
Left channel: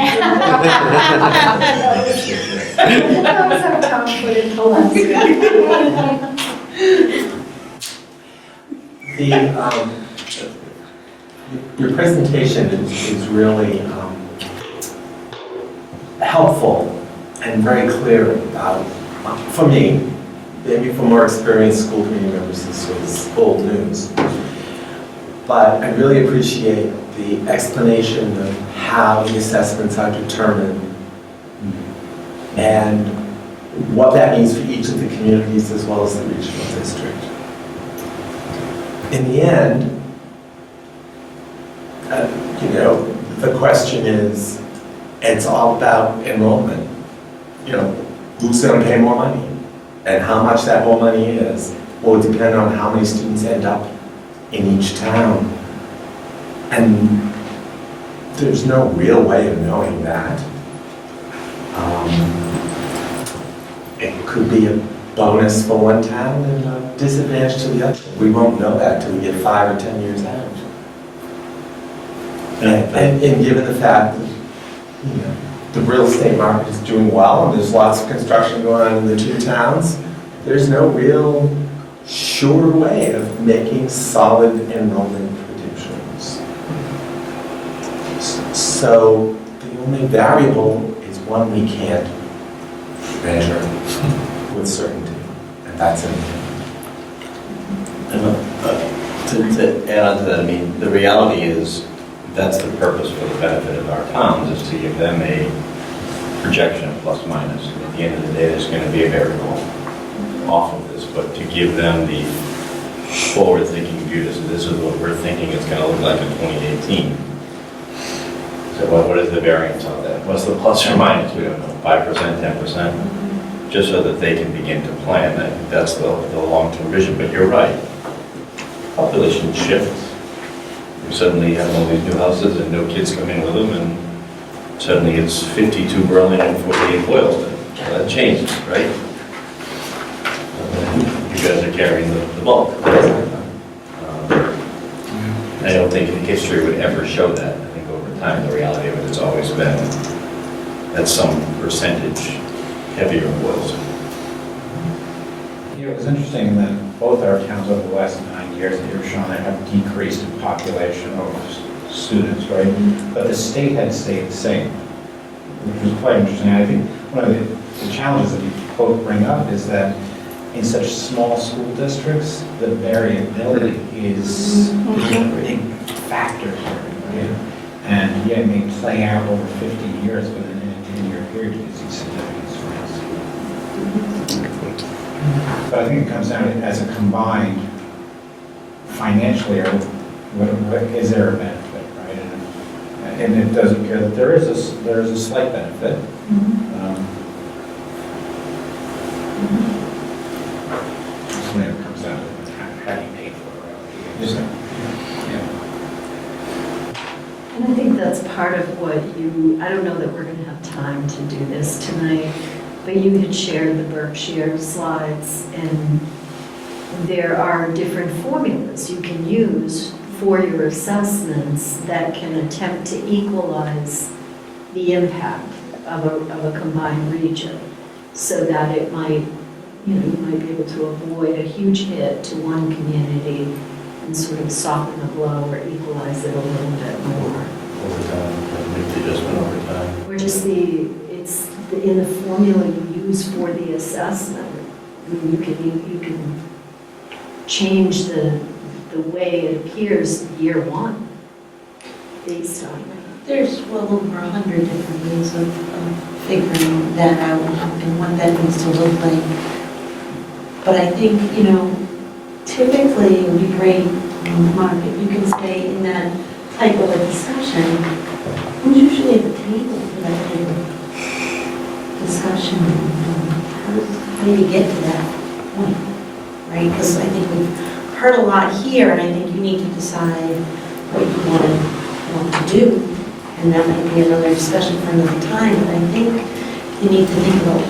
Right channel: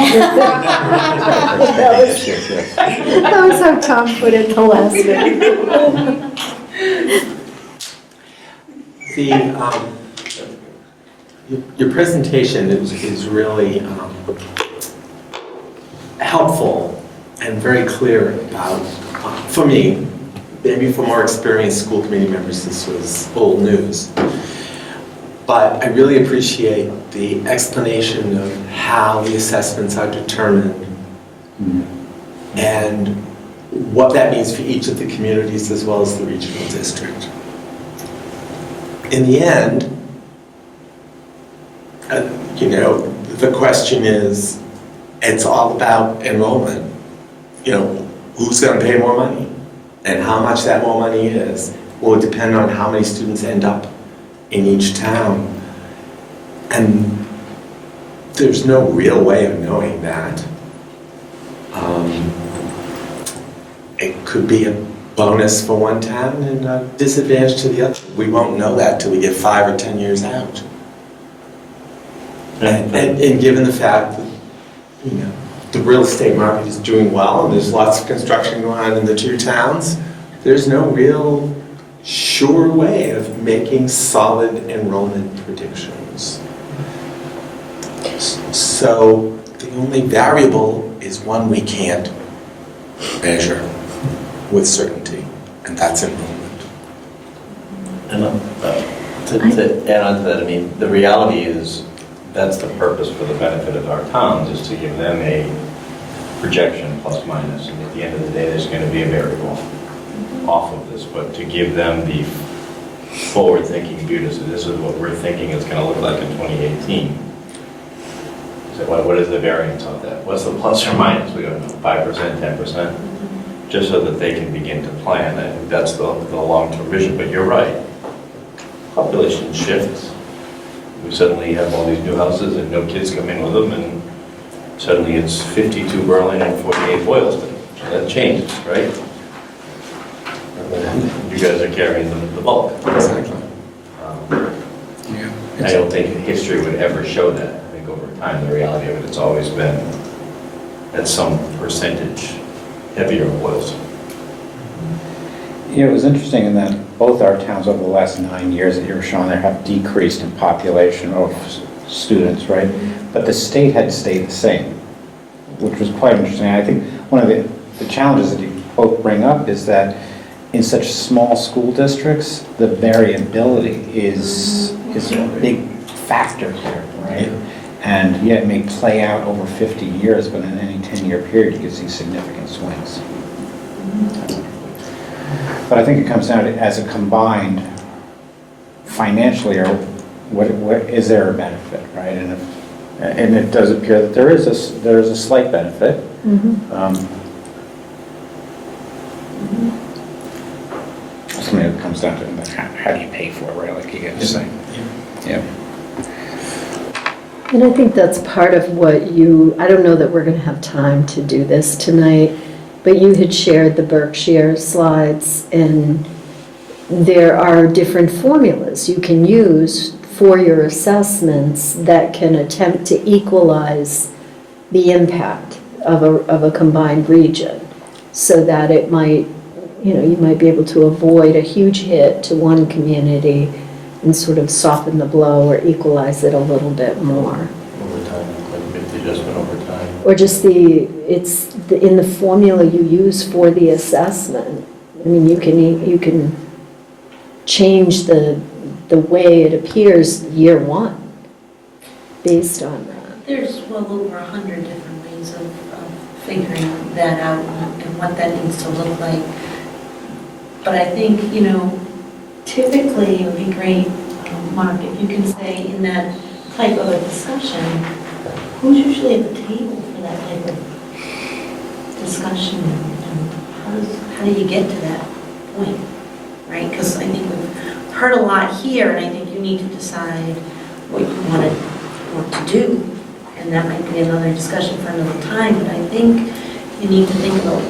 That was how Tom put it the last week. Your presentation is really helpful and very clear about, for me, maybe for more experienced school committee members, this was old news. But I really appreciate the explanation of how the assessments are determined and what that means for each of the communities as well as the regional district. In the end, the question is, it's all about enrollment. Who's going to pay more money? And how much that more money is will depend on how many students end up in each town. And there's no real way of knowing that. It could be a bonus for one town and a disadvantage to the other. We won't know that till we get 5 or 10 years out. And given the fact that, the real estate market is doing well and there's lots of construction going on in the two towns, there's no real sure way of making solid enrollment predictions. So the only variable is one we can't measure with certainty, and that's enrollment. And to add on to that, I mean, the reality is that's the purpose for the benefit of our towns, is to give them a projection plus minus, and at the end of the day, there's going to be a variable off of this, but to give them the forward-thinking view, to say, this is what we're thinking it's going to look like in 2018. So what is the variance of that? What's the plus or minus? We don't know, 5%, 10%? Just so that they can begin to plan. I think that's the long-term vision, but you're right. Population shifts. We suddenly have all these new houses and no kids coming with them, and suddenly it's 52 Berlin and 48 Boylston. So that changes, right? You guys are carrying the bulk. I don't think history would ever show that. I think over time, the reality of it has always been at some percentage heavier Boylston. Yeah, it was interesting in that both our towns over the last 9 years that you were showing there have decreased in population of students, right? But the state had stayed the same, which was quite interesting. I think one of the challenges that you both bring up is that in such small school districts, the variability is a big factor here, right? And yet it may play out over 50 years, but in any 10-year period, you can see significant swings. But I think it comes down to, as a combined, financially, or what is there a benefit, right? And it does appear that there is a slight benefit. Something that comes down to like, how do you pay for it, right? Like you get to say. Yeah. And I think that's part of what I don't know that we're going to have time to do this tonight, but you had shared the Berkshire slides, and there are different formulas you can use for your assessments that can attempt to equalize the impact of a combined region, so that it might, you might be able to avoid a huge hit to one community and sort of soften the blow or equalize it a little bit more. Over time, make the adjustment over time. Or just in the formula you use for the assessment. I mean, you can change the way it appears year one based on that. There's well over 100 different ways of figuring that out and what that needs to look like. But I think, typically it would be great, Mark, if you can say in that type of a discussion, who's usually at the table for that type of discussion? How do you get to that point, right? Because I think we've heard a lot here, and I think you need to decide what you want to do, and that might be another discussion for another time, but I think you need to think about,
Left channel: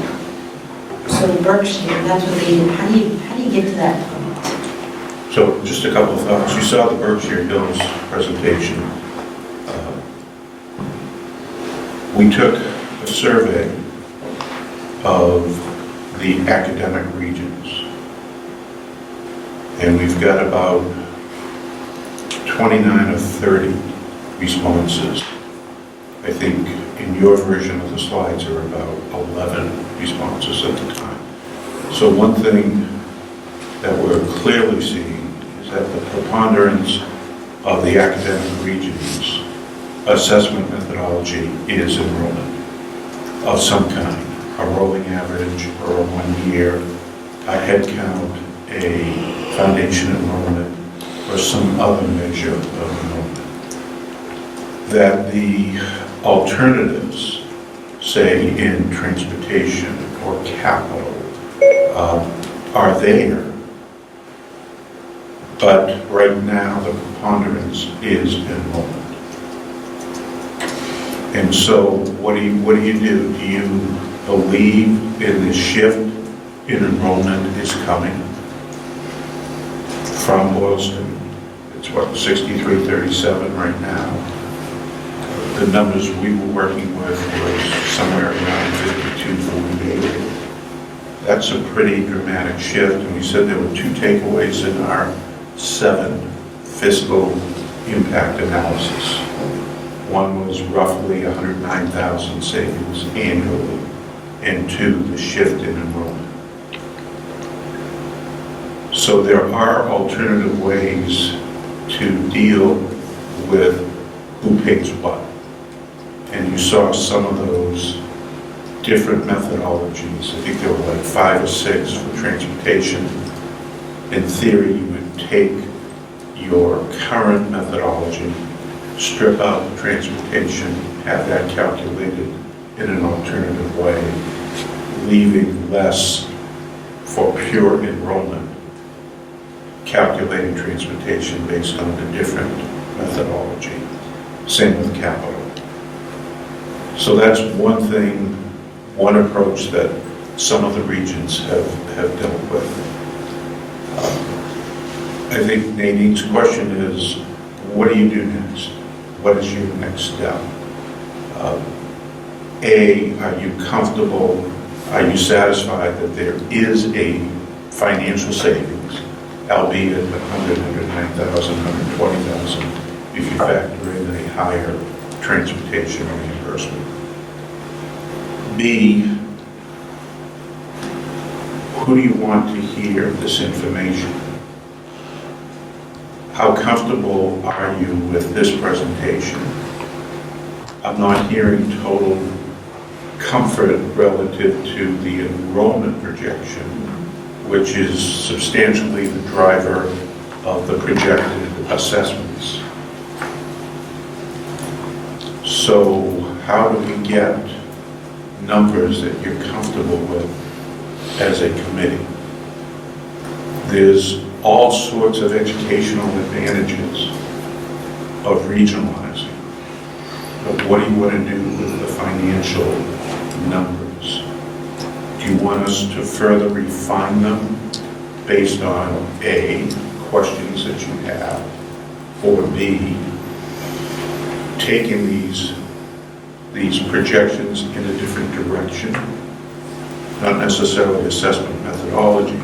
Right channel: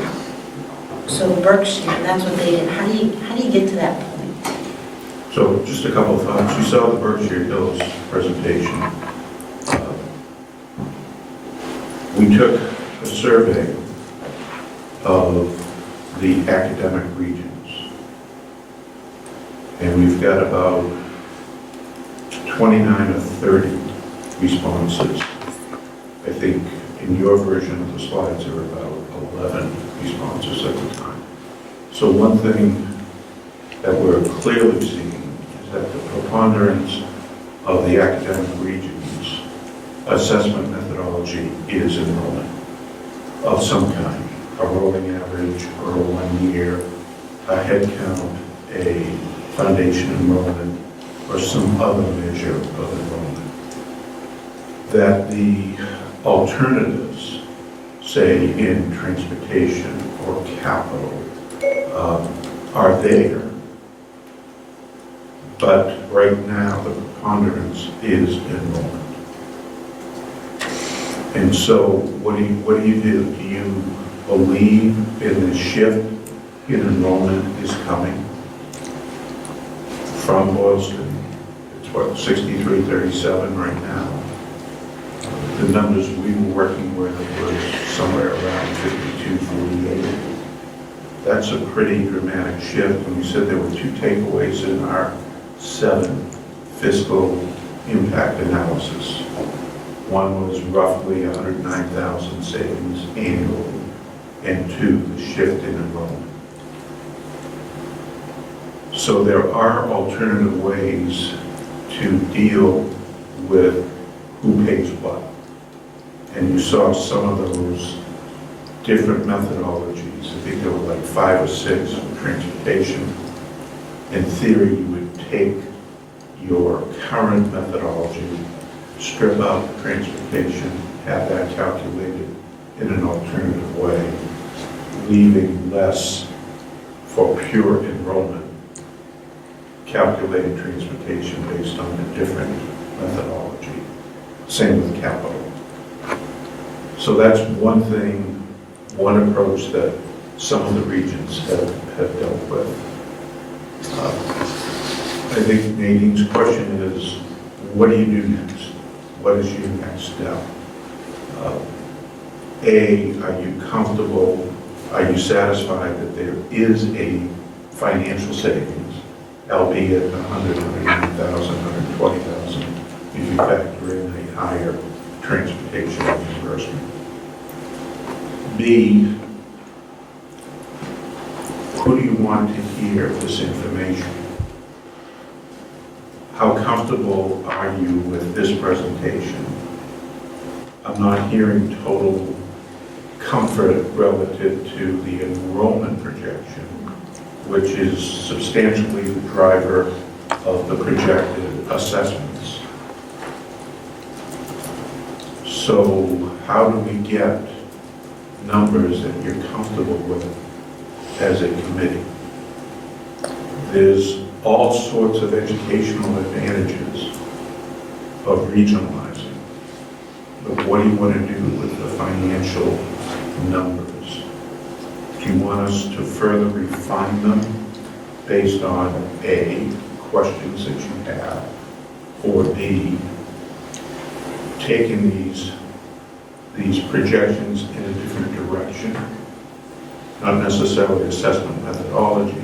so Berkshire, that's what they did. How do you get to that point? So just a couple of thoughts. You saw the Berkshire Hills presentation. We took a survey of the academic regions, and we've got about 29 of 30 responses. I think in your version of the slides are about 11 responses at the time. So one thing that we're clearly seeing is that the preponderance of the academic regions assessment methodology is enrollment of some kind, a rolling average or a 1 year, a head count, a foundation enrollment, or some other measure of enrollment. That the alternatives, say in transportation or capital, are there. But right now, the preponderance is enrollment. And so what do you do? Do you believe in the shift in enrollment is coming from Boylston? It's what, 63-37 right now. The numbers we were working with was somewhere around 52-48. That's a pretty dramatic shift, and we said there were 2 takeaways in our 7 fiscal impact analysis. One was roughly 109,000 savings annually, and 2, the shift in enrollment. So there are alternative ways to deal with who pays what. And you saw some of those different methodologies. I think there were like 5 or 6 for transportation. In theory, you would take your current methodology, strip out the transportation, have that calculated in an alternative way, leaving less for pure enrollment, calculating transportation based on a different methodology. Same with capital. So that's one thing, one approach that some of the regions have dealt with. I think Nadine's question is, what do you do next? What is your next step? Are you comfortable, are you satisfied that there is a financial savings, albeit 100, 109,000, 120,000, if you factor in a higher transportation reimbursement? B, who do you want to hear this information? How comfortable are you with this presentation? I'm not hearing total comfort relative to the enrollment projection, which is substantially the driver of the projected assessments. So how do we get numbers that you're comfortable with as a committee? There's all sorts of educational advantages of regionalizing. But what do you want to do with the financial numbers? Do you want us to further refine them based on A, questions that you have, or B, taking these projections in a different direction? Not necessarily assessment methodology,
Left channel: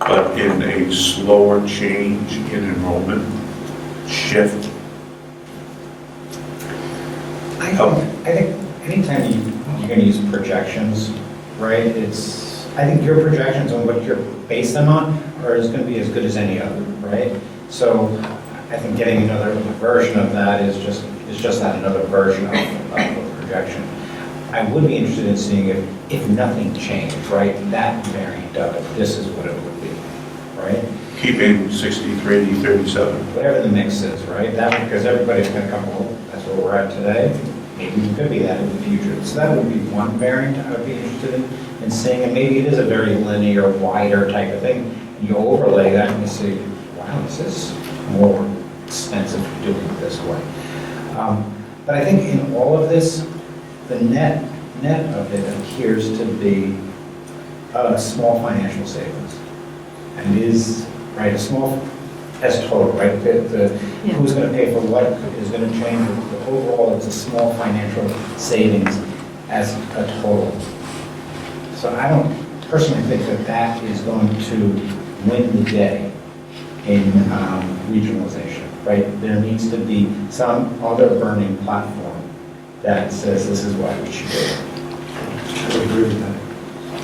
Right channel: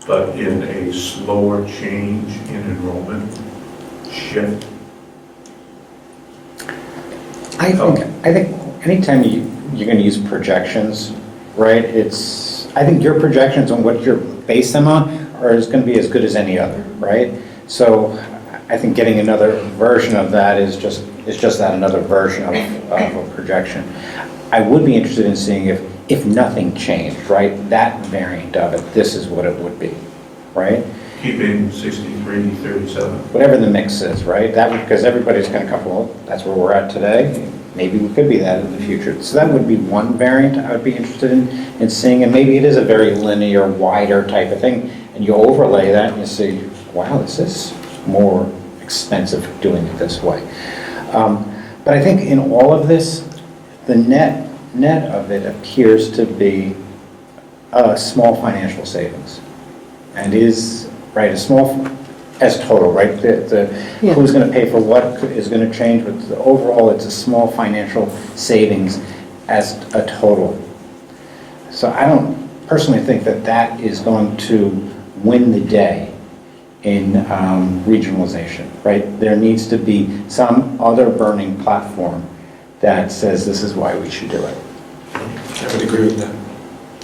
but in a slower change in enrollment shift. I think anytime you're going to use projections, right, I think your projections on what you're based them on is going to be as good as any other, right? So I think getting another version of that is just that, another version of a projection. I would be interested in seeing if nothing changed, right, that variant of it, this is what it would be, right? Keeping 63, 37. Whatever the mix is, right? That, because everybody's going to come, well, that's where we're at today. Maybe we could be that in the future. So that would be one variant I would be interested in seeing, and maybe it is a very linear, wider type of thing, and you overlay that and you see, wow, this is more expensive doing it this way. But I think in all of this, the net of it appears to be a small financial savings, and is, right, a small, as total, right? Who's going to pay for what is going to change. But overall, it's a small financial savings as a total. So I don't personally think that is going to win the day in regionalization, right? There needs to be some other burning platform that says this is why we should do it. I would agree with that.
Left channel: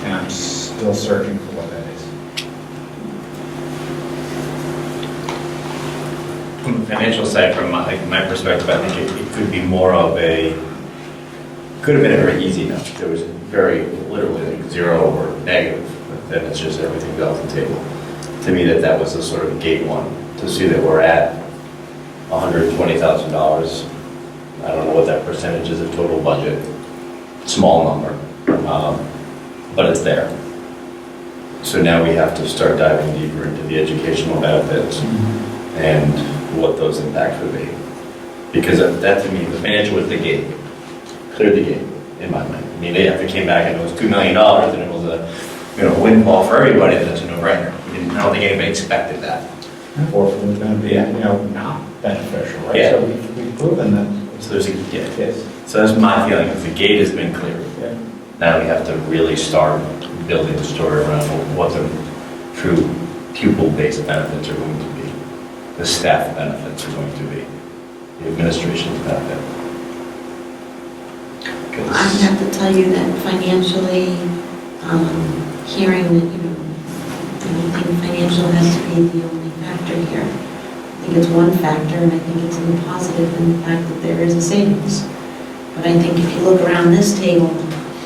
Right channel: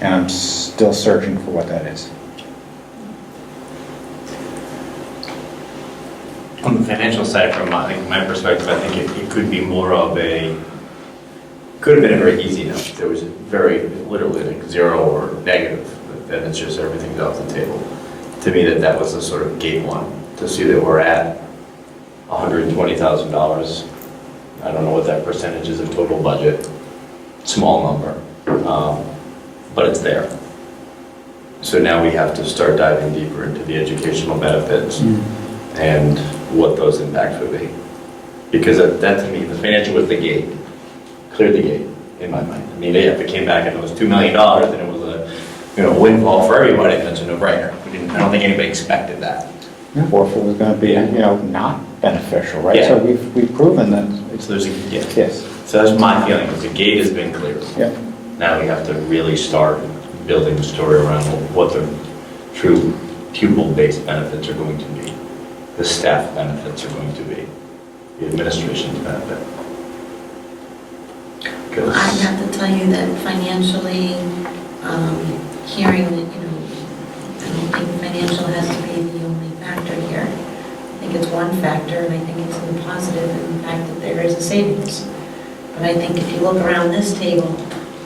And I'm still searching for what that is. On the financial side, from my perspective, I think it could be more of could have been a very easy note. There was very, literally like 0 or negative, but then it's just everything's off the table. To me, that was a sort of gate one, to see that we're at $120,000. I don't know what that percentage is of total budget, small number, but it's there. So now we have to start diving deeper into the educational benefits and what those impacts would be. Because that to me, the financial was the gate, cleared the gate in my mind. I mean, if it came back and it was $2 million and it was a windfall for everybody, then it's a no-brainer. I don't think anybody expected that. Or if it was going to be, not beneficial, right? Yeah. So we've proven that. So there's Yes. So that's my feeling, is the gate has been cleared. Yep. Now we have to really start building the story around what the true pupil-based benefits are going to be, the staff benefits are going to be, the administration's benefit. I have to tell you that financially, hearing that, I don't think financial has to be the only factor here. I think it's one factor, and I think it's in the positive in the fact that there is a savings. But I think if you look around this table,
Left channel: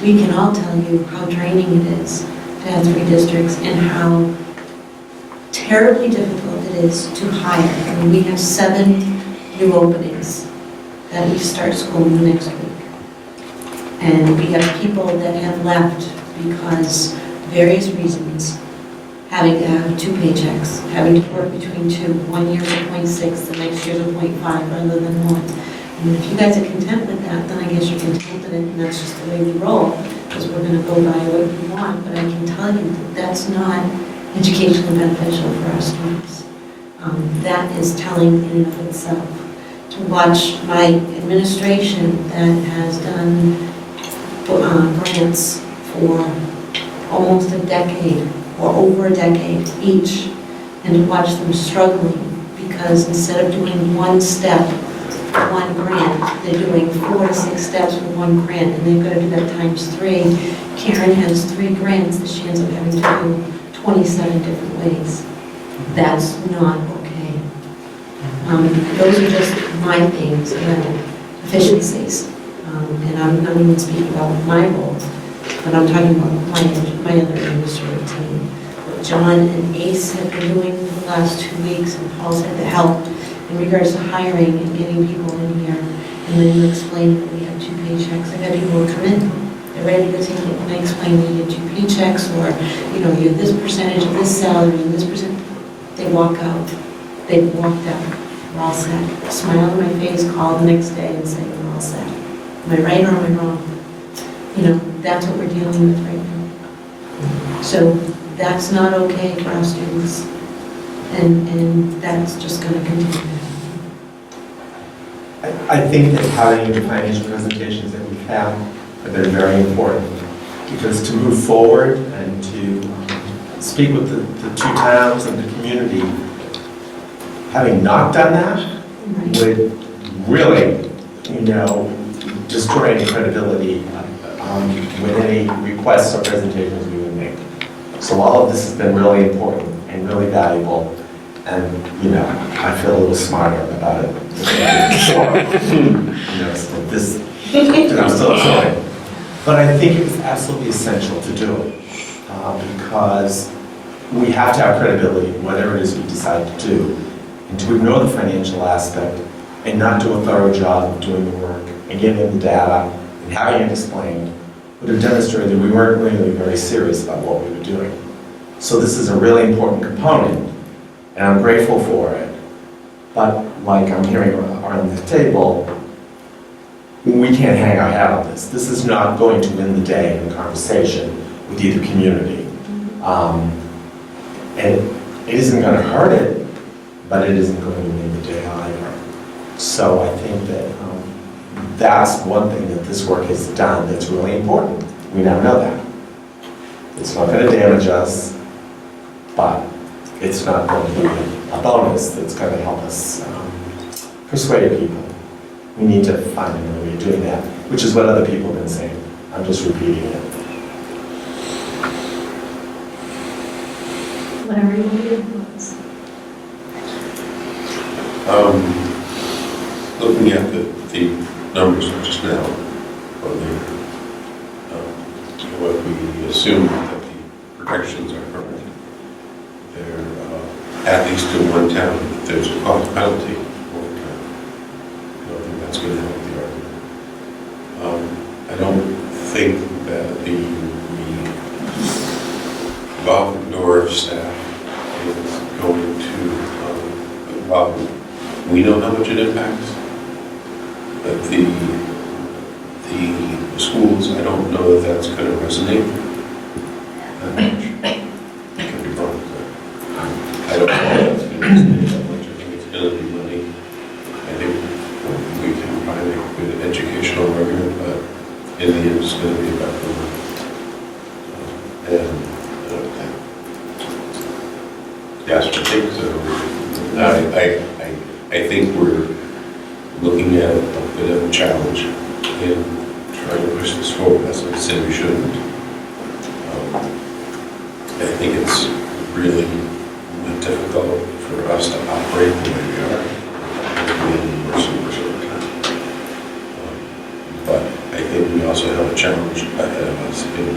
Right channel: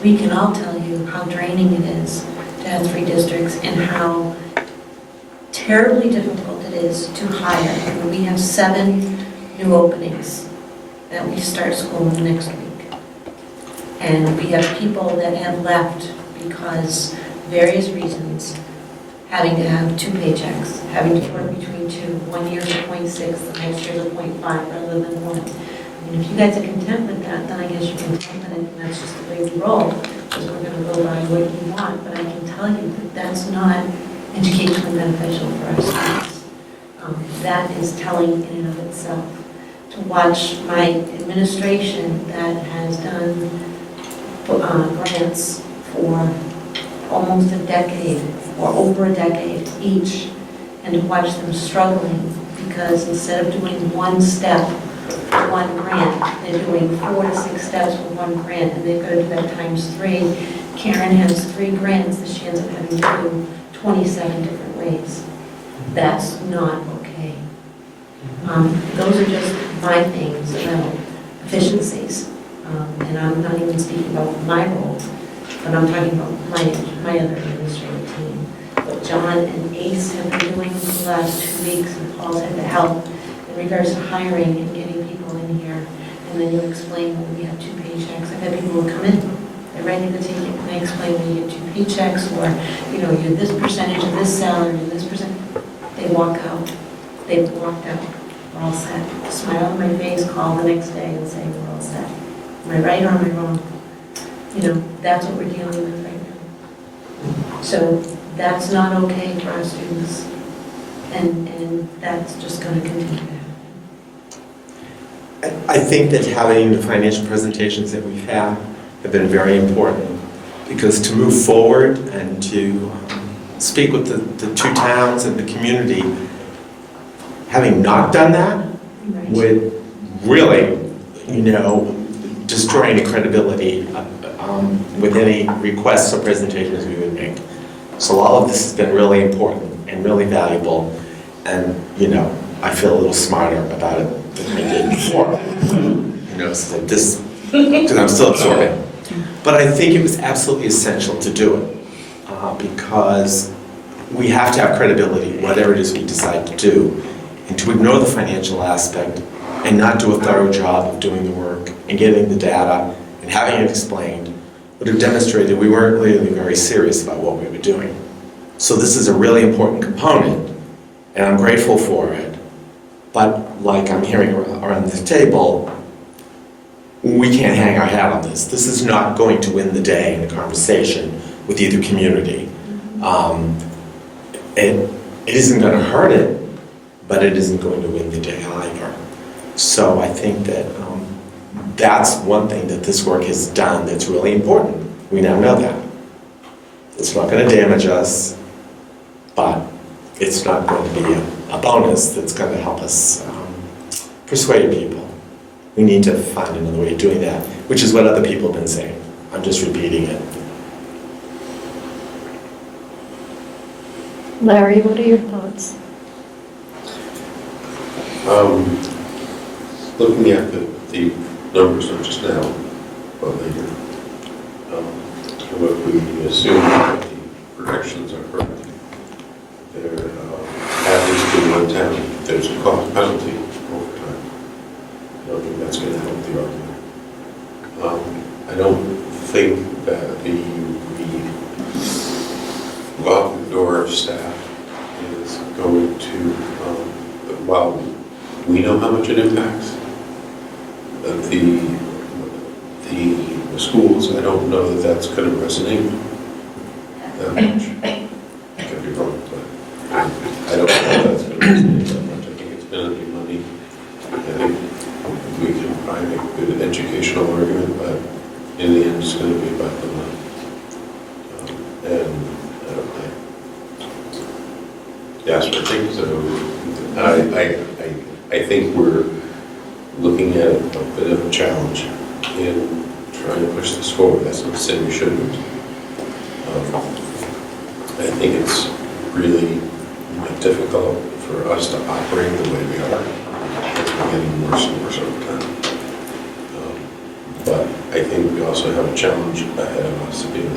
we can all tell you how draining it is to have 3 districts and how terribly difficult it is to hire. I mean, we have 7 new openings that we start school next week. And we have people that have left because various reasons, having to have 2 paychecks, having to work between 2, 1 year's a 0.6, the next year's a 0.5 rather than 1. And if you guys are content with that, then I guess you're content with it, and that's just the way we roll, because we're going to go by what we want. But I can tell you that that's not educationally beneficial for our students. That is telling in and of itself. To watch my administration that has done grants for almost a decade or over a decade each, and to watch them struggling because instead of doing 1 step for 1 grant, they're doing 4 to 6 steps for 1 grant, and they've got to do that times 3. Karen has 3 grants that she ends up having to do 27 different ways. That's not okay. Those are just my things about efficiencies. And I'm not even speaking about my role, but I'm talking about my other administrative team. What John and Ace have been doing for the last 2 weeks, and Paul's had to help in regards to hiring and getting people in here. And then you explain that we have 2 paychecks. I got people who come in, they're ready to take it, and I explain that you have 2 paychecks, or, you know, you have this percentage of this salary and this percent. They walk out. They've walked out. We're all set. Smile on my face, call the next day and say, we're all set. Am I right or am I wrong? You know, that's what we're dealing with right now. So that's not okay for our students. And that's just going to continue to happen. I think that having the financial presentations that we've had have been very important, because to move forward and to speak with the 2 towns and the community, having not done that would really, you know, destroy any credibility with any requests or presentations we would make. So all of this has been really important and really valuable, and, you know, I feel a little smarter about it. You know, so this, and I'm still absorbing. But I think it was absolutely essential to do it, because we have to have credibility, whatever it is we decide to do, and to ignore the financial aspect and not do a thorough job of doing the work and getting the data and having it explained would have demonstrated we weren't really very serious about what we were doing. So this is a really important component, and I'm grateful for it. But like I'm hearing around the table, we can't hang our hat on this. This is not going to win the day in the conversation with either community. It isn't going to hurt it, but it isn't going to win the day either. So I think that that's one thing that this work has done that's really important. We now know that. It's not going to damage us, but it's not going to be a bonus that's going to help us persuade people. We need to find another way of doing that, which is what other people have been saying. I'm just repeating it. Larry, what are your thoughts? Looking at the numbers of just now, or later, what we assume that the projections are correct. There, at least in one town, there's a cost penalty over time. I don't think that's going to help the argument. I don't think that the above door staff is going to, while we know how much it impacts, the schools, I don't know that that's going to resonate that much. I could be wrong, but I don't know that that's going to resonate that much. I think it's going to be money. I think we can probably make a good educational argument, but in the end, it's going to be about the money. Yes, I think so. I think we're looking at a bit of a challenge in trying to push this forward. That's not to say we shouldn't. I think it's really difficult for us to operate the way we are as we get into more super time. But I think we all also have a challenge ahead of us in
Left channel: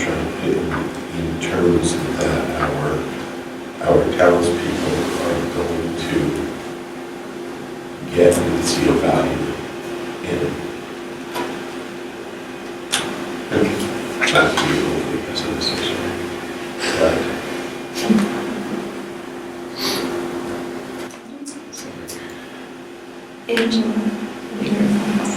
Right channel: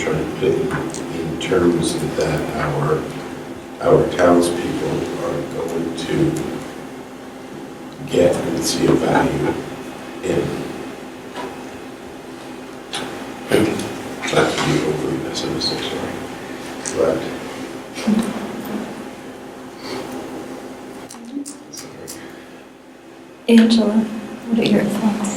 terms that our townspeople are going to get and see a value in. And not to be overly pessimistic, sorry, but Angela, what are your thoughts?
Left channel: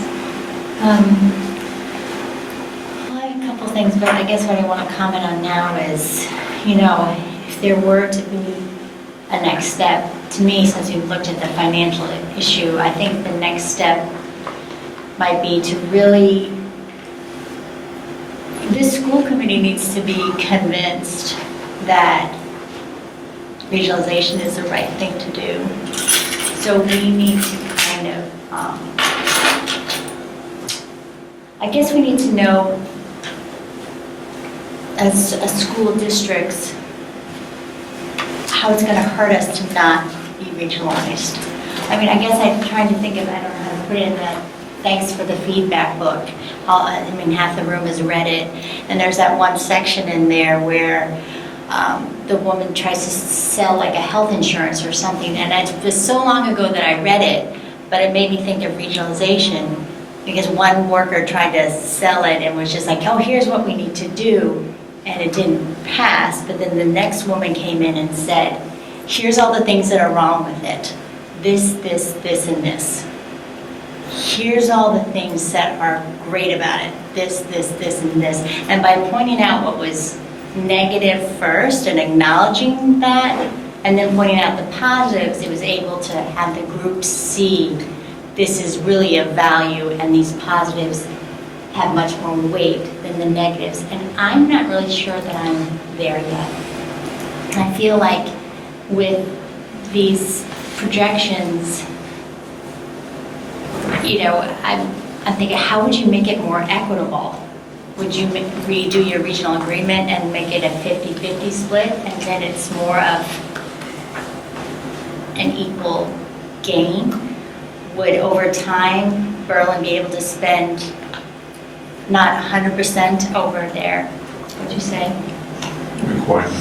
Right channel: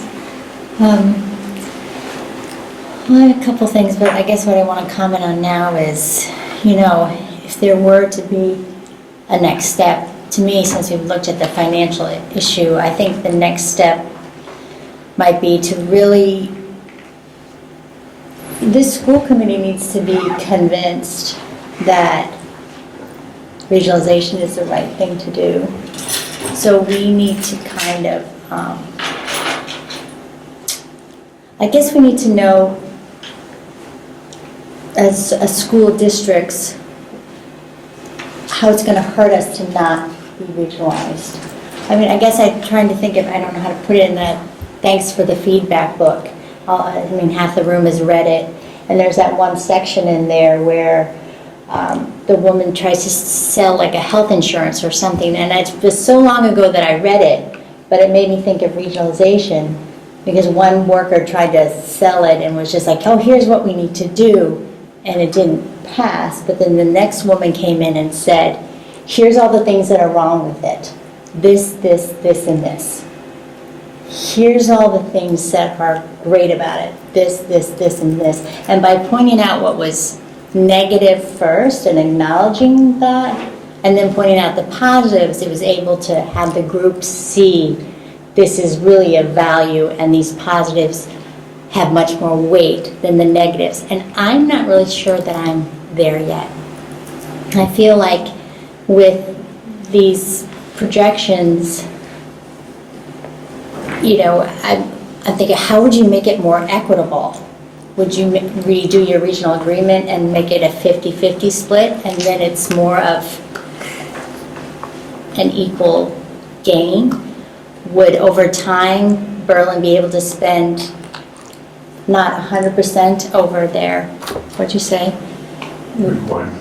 Well, I have a couple things, but I guess what I want to comment on now is, if there were to be a next step, to me, since we've looked at the financial issue, I think the next step might be to really, this school committee needs to be convinced that regionalization is the right thing to do. So we need to kind of, I guess we need to know, as a school districts, how it's going to hurt us to not be regionalized. I mean, I guess I'm trying to think of, I don't know how to put it in that, thanks for the feedback book. Half the room has read it, and there's that one section in there where the woman tries to sell like a health insurance or something, and it was so long ago that I read it, but it made me think of regionalization, because one worker tried to sell it and was just like, oh, here's what we need to do, and it didn't pass. But then the next woman came in and said, here's all the things that are wrong with it. This, and this. Here's all the things that are great about it. This, and this. And by pointing out what was negative first and acknowledging that, and then pointing out the positives, it was able to have the group see this is really a value, and these positives have much more weight than the negatives. And I'm not really sure that I'm there yet. I feel like with these projections, I'm thinking, how would you make it more equitable? Would you redo your regional agreement and make it a 50-50 split, and then it's more of an equal gain? Would, over time, Berlin be able to spend not 100% over their, what'd you say?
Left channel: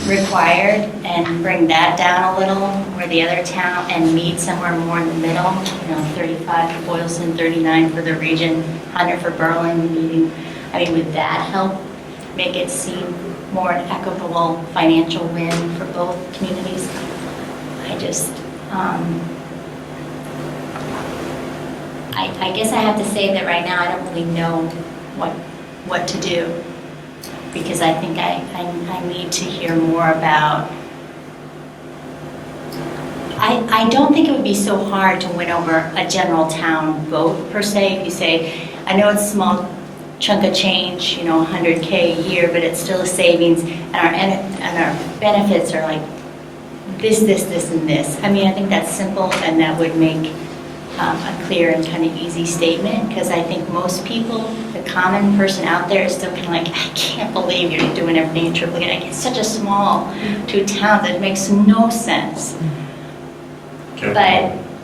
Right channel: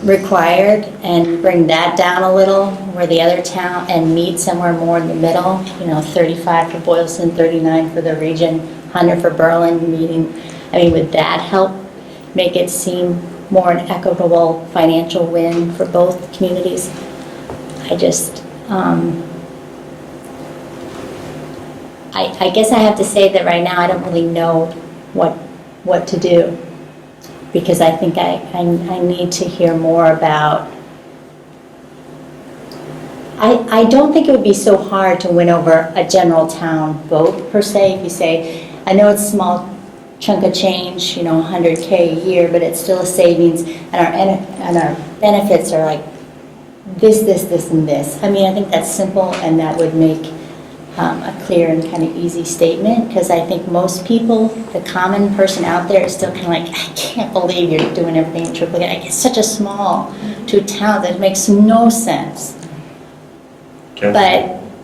Required, and bring that down a little, where the other town, and meet somewhere more in the middle, 35 for Boylston, 39 for the region, 100 for Berlin, meeting. Would that help make it seem more an equitable financial win for both communities? I guess I have to say that right now I don't really know what to do, because I think I need to hear more about. I don't think it would be so hard to win over a general town vote per se. If you say, I know it's a small chunk of change, $100K a year, but it's still a savings, and our benefits are like this, and this. I think that's simple, and that would make a clear and kind of easy statement, because I think most people, the common person out there, is still kind of like, I can't believe you're doing everything in triplicate. It's such a small two towns that it makes no sense. Okay.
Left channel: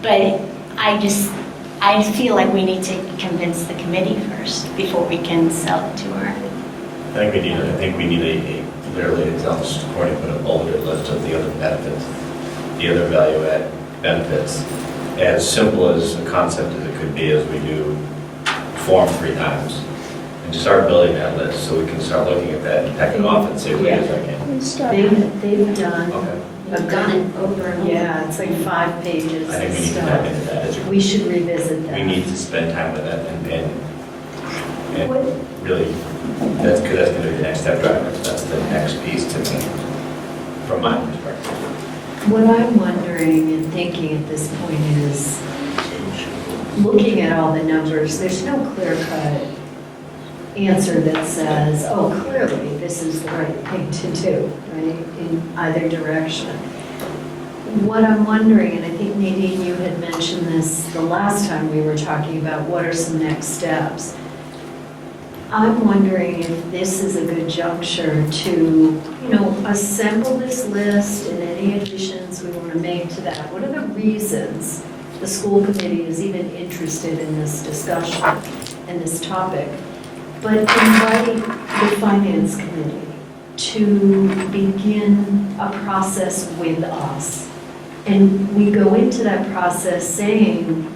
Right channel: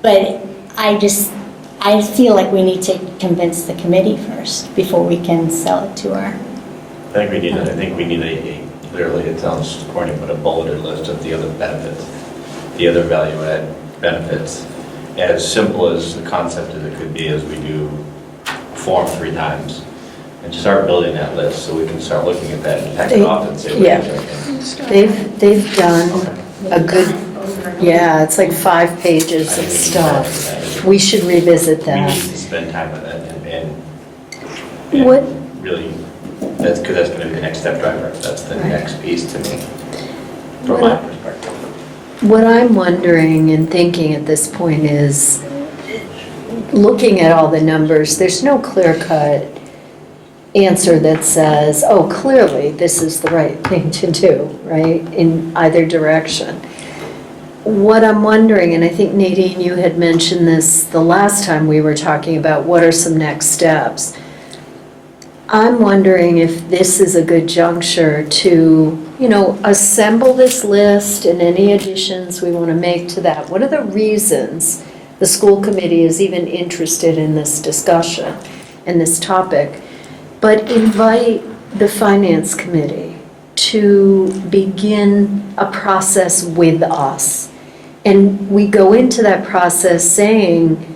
But I feel like we need to convince the committee first before we can sell it to her. I think we need a clearly, it sounds corny, but a bulleted list of the other benefits, the other value add benefits. As simple as the concept as it could be, as we do form 3 times, and just start building that list so we can start looking at that and pack it off and say, what Yeah. do you think? They've done a good, Over. yeah, it's like 5 pages I of think we need stuff. that. We should revisit We that. need to spend time with that and What- really, that's going to be the next step driver. That's the next piece to me, from my perspective. What I'm wondering and thinking at this point is, looking at all the numbers, there's no clear-cut answer that says, oh, clearly this is the right thing to do, right, in either direction. What I'm wondering, and I think Nadine, you had mentioned this the last time we were talking about what are some next steps. I'm wondering if this is a good juncture to, assemble this list and any additions we want to make to that. What are the reasons the school committee is even interested in this discussion and this topic? but invite the finance committee to begin a process with us. And we go into that process saying,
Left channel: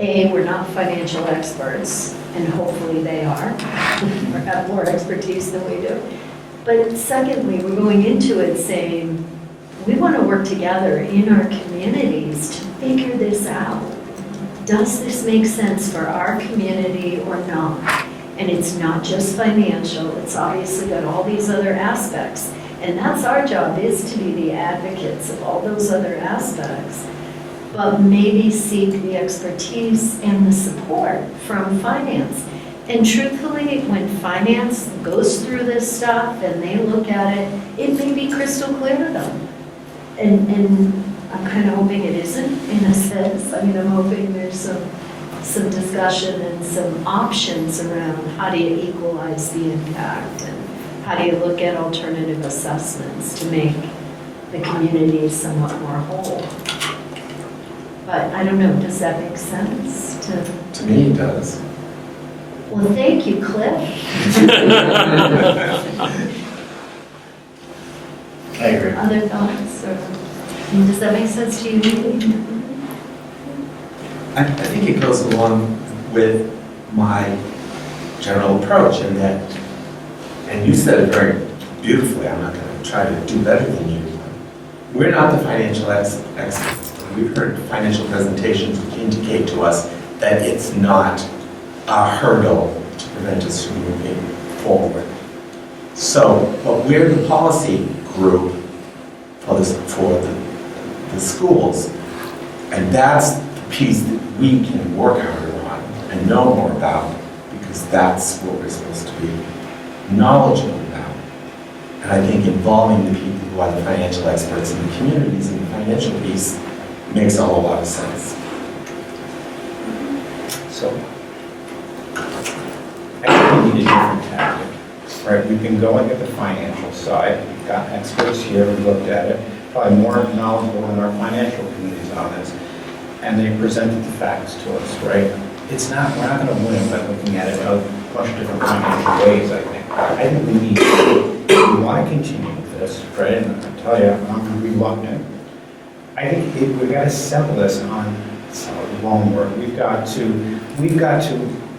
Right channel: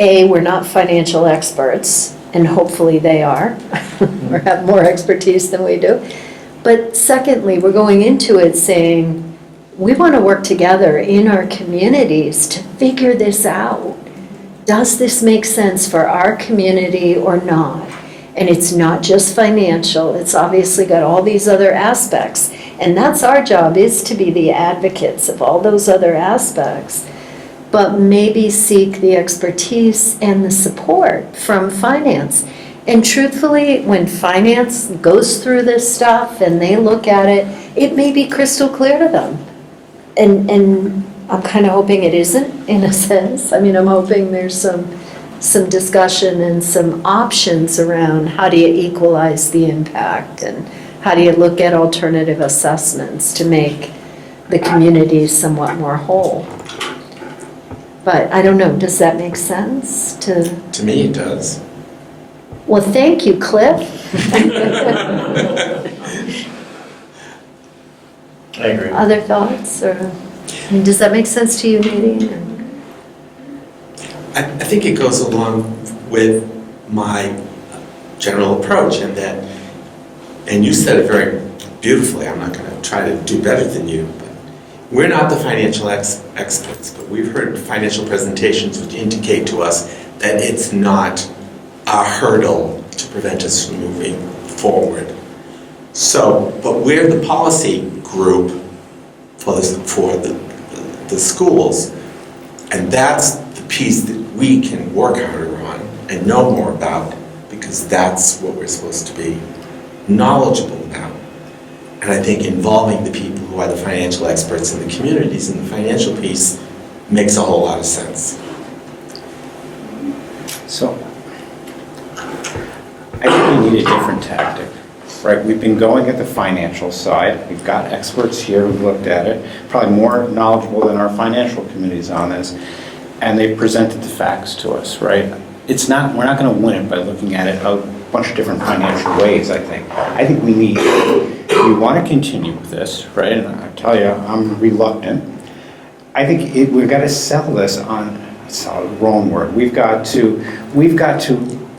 A, we're not financial experts, and hopefully they are, or have more expertise than we do. But secondly, we're going into it saying, we want to work together in our communities to figure this out. Does this make sense for our community or not? And it's not just financial, it's obviously got all these other aspects. And that's our job, is to be the advocates of all those other aspects, but maybe seek the expertise and the support from finance. And truthfully, when finance goes through this stuff and they look at it, it may be crystal clear to them. And I'm kind of hoping it isn't, in a sense. I mean, I'm hoping there's some discussion and some options around how do you equalize the impact and how do you look at alternative assessments to make the community somewhat more whole. But I don't know, does that make sense to? To me, it does. Well, thank you, Cliff. I agree. Other thoughts, or, and does that make sense to you, Judy? I think it goes along with my general approach in that, and you said it very beautifully, I'm not going to try to do better than you, but we're not the financial experts, but we've heard financial presentations which indicate to us that it's not a hurdle to prevent us from moving forward. So, but we're the policy group for the schools, and that's the piece that we can work harder on and know more about, because that's what we're supposed to be knowledgeable about. And I think involving the people who are the financial experts in the communities in the financial piece makes a whole lot of sense. So, I think we need a different tactic, right? We've been going at the financial side. We've got experts here who've looked at it, probably more knowledgeable than our financial committees on this, and they've presented the facts to us, right? It's not, we're not going to win it by looking at it a bunch of different financial ways, I think. I think we need, if we want to continue with this, right, and I'll tell you, I'm reluctant. I think we've got to settle this on, it's a wrong word, we've got to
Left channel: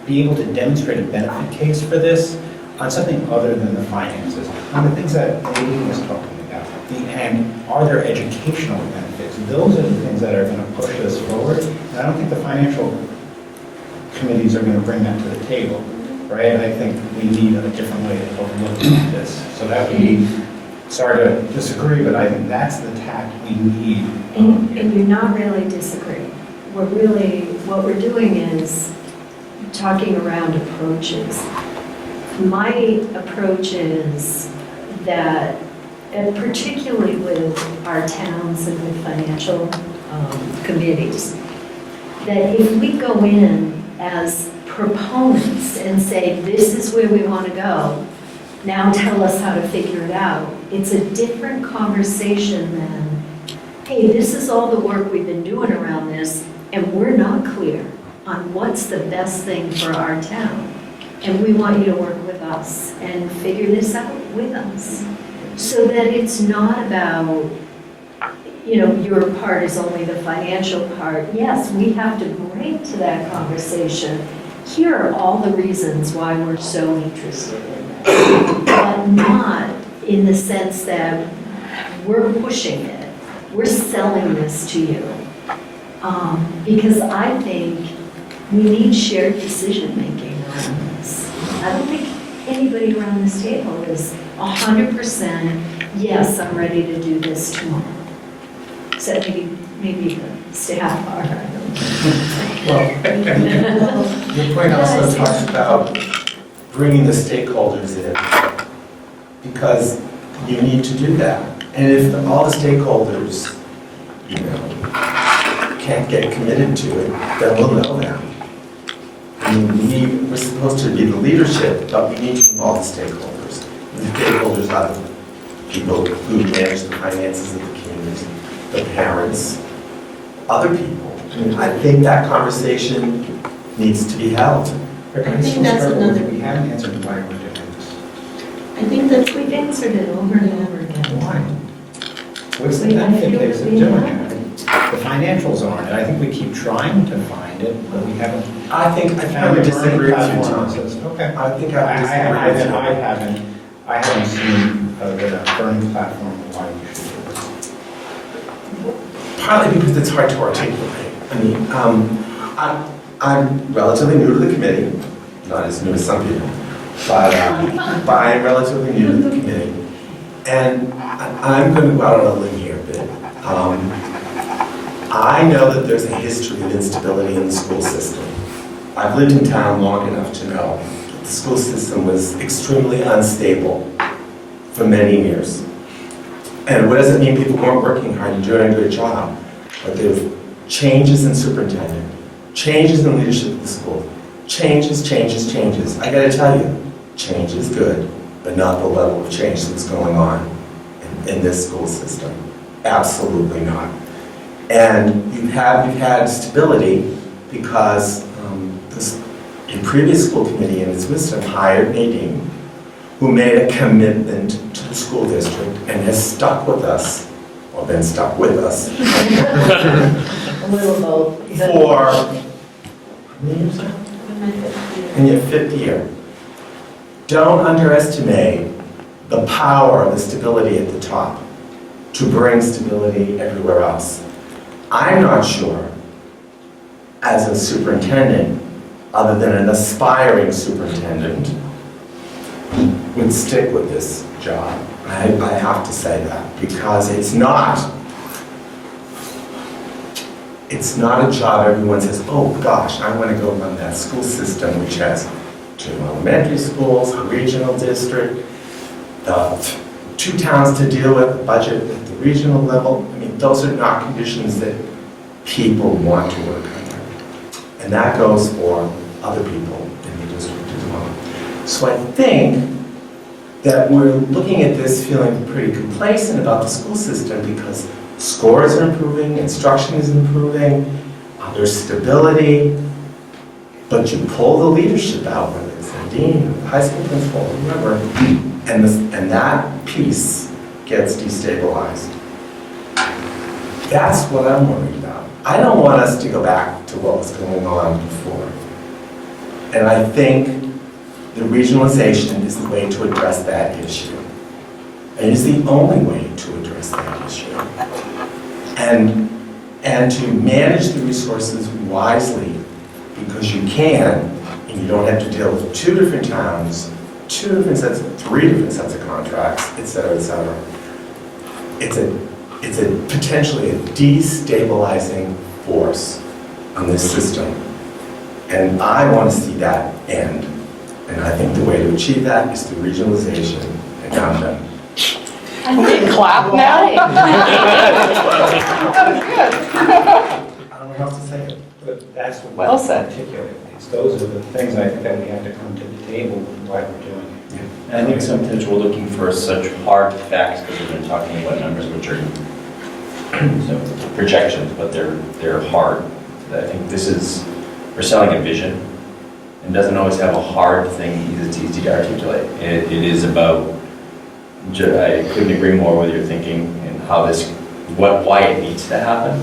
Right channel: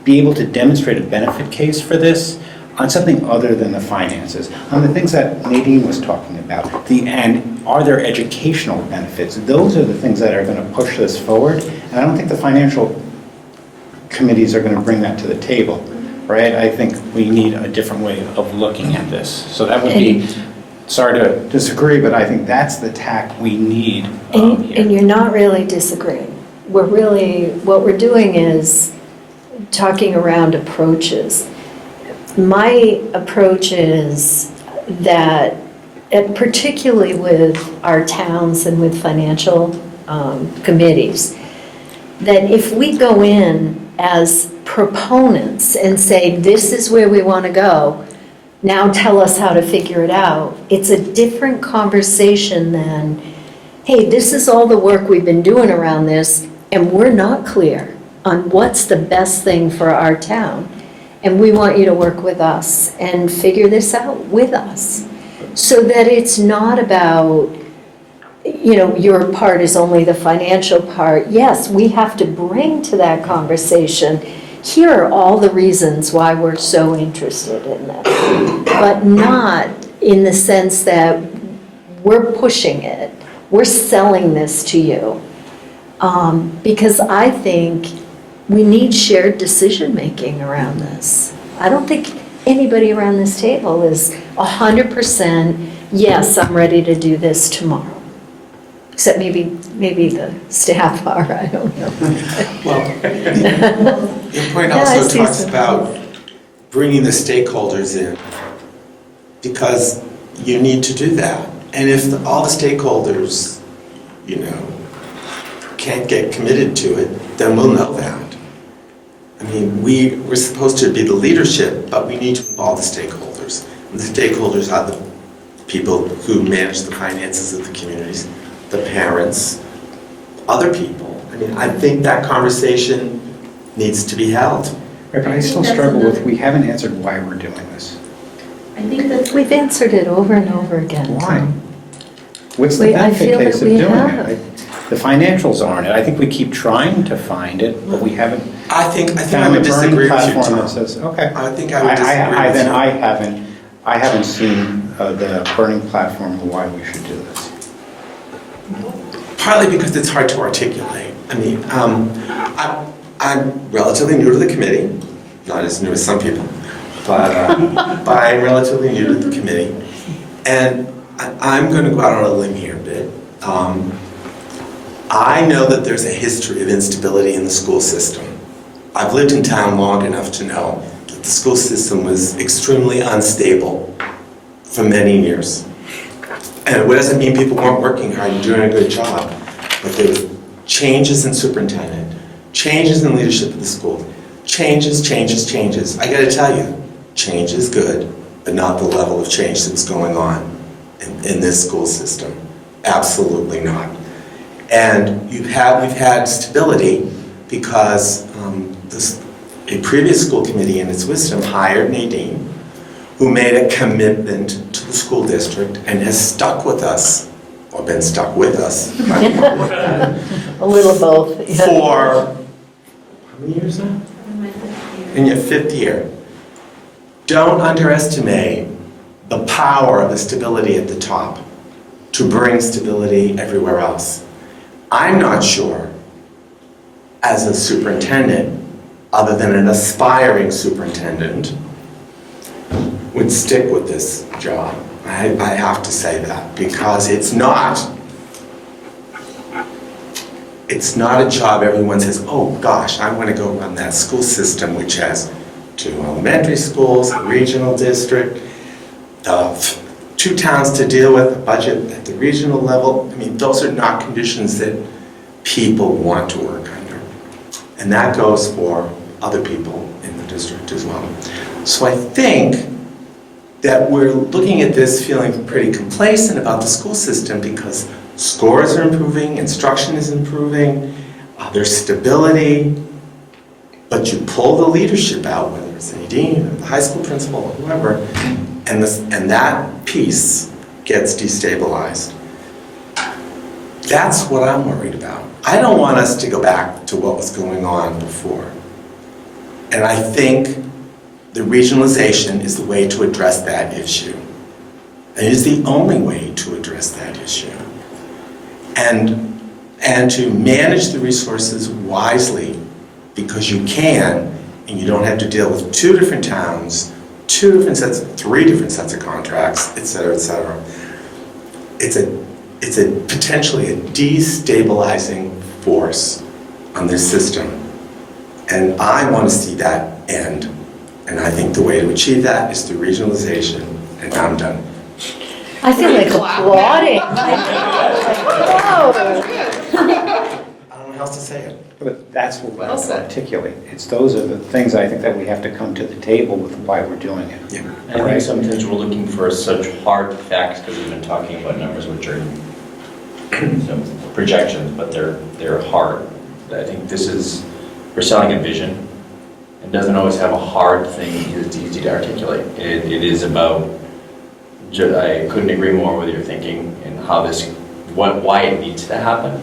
be able to demonstrate a benefit case for this on something other than the finances, on the things that Nadine was talking about, and are there educational benefits? Those are the things that are going to push this forward, and I don't think the financial committees are going to bring that to the table, right? I think we need a different way of looking at this. So that would be, sorry to disagree, but I think that's the tack we need. And you're not really disagreeing. We're really, what we're doing is talking around approaches. My approach is that, and particularly with our towns and with financial committees, that if we go in as proponents and say, this is where we want to go, now tell us how to figure it out, it's a different conversation than, hey, this is all the work we've been doing around this, and we're not clear on what's the best thing for our town. And we want you to work with us and figure this out with us, so that it's not about, you know, your part is only the financial part. Yes, we have to bring to that conversation, here are all the reasons why we're so interested in this, but not in the sense that we're pushing it, we're selling this to you. Because I think we need shared decision-making around this. I don't think anybody around this table is 100%, yes, I'm ready to do this tomorrow. Except maybe the staff are, I don't know. Well, your point also talks about bringing the stakeholders in, because you need to do that. And if all the stakeholders, you know, can't get committed to it, then we'll know that. I mean, we're supposed to be the leadership, but we need to involve the stakeholders. And the stakeholders are the people who manage the finances of the communities, the parents, other people. I mean, I think that conversation needs to be held. But I still struggle with, we haven't answered why we're doing this. I think that We've answered it over and over again. Why? What's the I feel benefit case that of we doing have. it? The financials aren't it. I think we keep trying to find it, but we haven't I think I found would a burning disagree with you, platform Tom. that says, okay. I think I would disagree with Then you. I haven't seen the burning platform of why we should do this. Partly because it's hard to articulate. I mean, I'm relatively new to the committee, not as new as some people, but I'm relatively new to the committee. And I'm going to go out on a limb here a bit. I know that there's a history of instability in the school system. I've lived in town long enough to know that the school system was extremely unstable for many years. And it doesn't mean people weren't working hard and doing a good job, but there was changes in superintendent, changes in leadership of the school, changes. I gotta tell you, change is good, but not the level of change that's going on in this school system. Absolutely not. And we've had stability because a previous school committee in its wisdom hired Nadine, who made a commitment to the school district and has stuck with us, or been stuck with us, A little both. yeah. for, how many years now? in my 5th year. In your 5th year. Don't underestimate the power of the stability at the top to bring stability everywhere else. I'm not sure, as a superintendent, other than an aspiring superintendent, would stick with this job. I have to say that, because it's not a job everyone says, oh gosh, I want to go run that school system, which has 2 elementary schools, a regional district, 2 towns to deal with, a budget at the regional level. I mean, those are not conditions that people want to work under. And that goes for other people in the district as well. So I think that we're looking at this feeling pretty complacent about the school system because scores are improving, instruction is improving, there's stability, but you pull the leadership out, whether it's the dean, or the high school principal, or whoever, and that piece gets destabilized. That's what I'm worried about. I don't want us to go back to what was going on before. And I think the regionalization is the way to address that issue. It is the only way to address that issue. And to manage the resources wisely, because you can, and you don't have to deal with 2 different towns, 3 different sets of contracts, et cetera, et cetera. It's potentially a destabilizing force on this system. And I want to see that end. And I think the way to achieve that is through regionalization, and I'm done. I feel like Clap applauding. I don't know how else to say it. But that's what Well I said. articulate. Those are the things I think that we have to come to the table with why we're doing it. Yeah. And I think sometimes we're looking for such hard facts because we've been talking about numbers which are projections, but they're hard. I think we're selling a vision. It doesn't always have a hard thing that's easy to articulate. It is about, I couldn't agree more with your thinking and how why it needs to happen.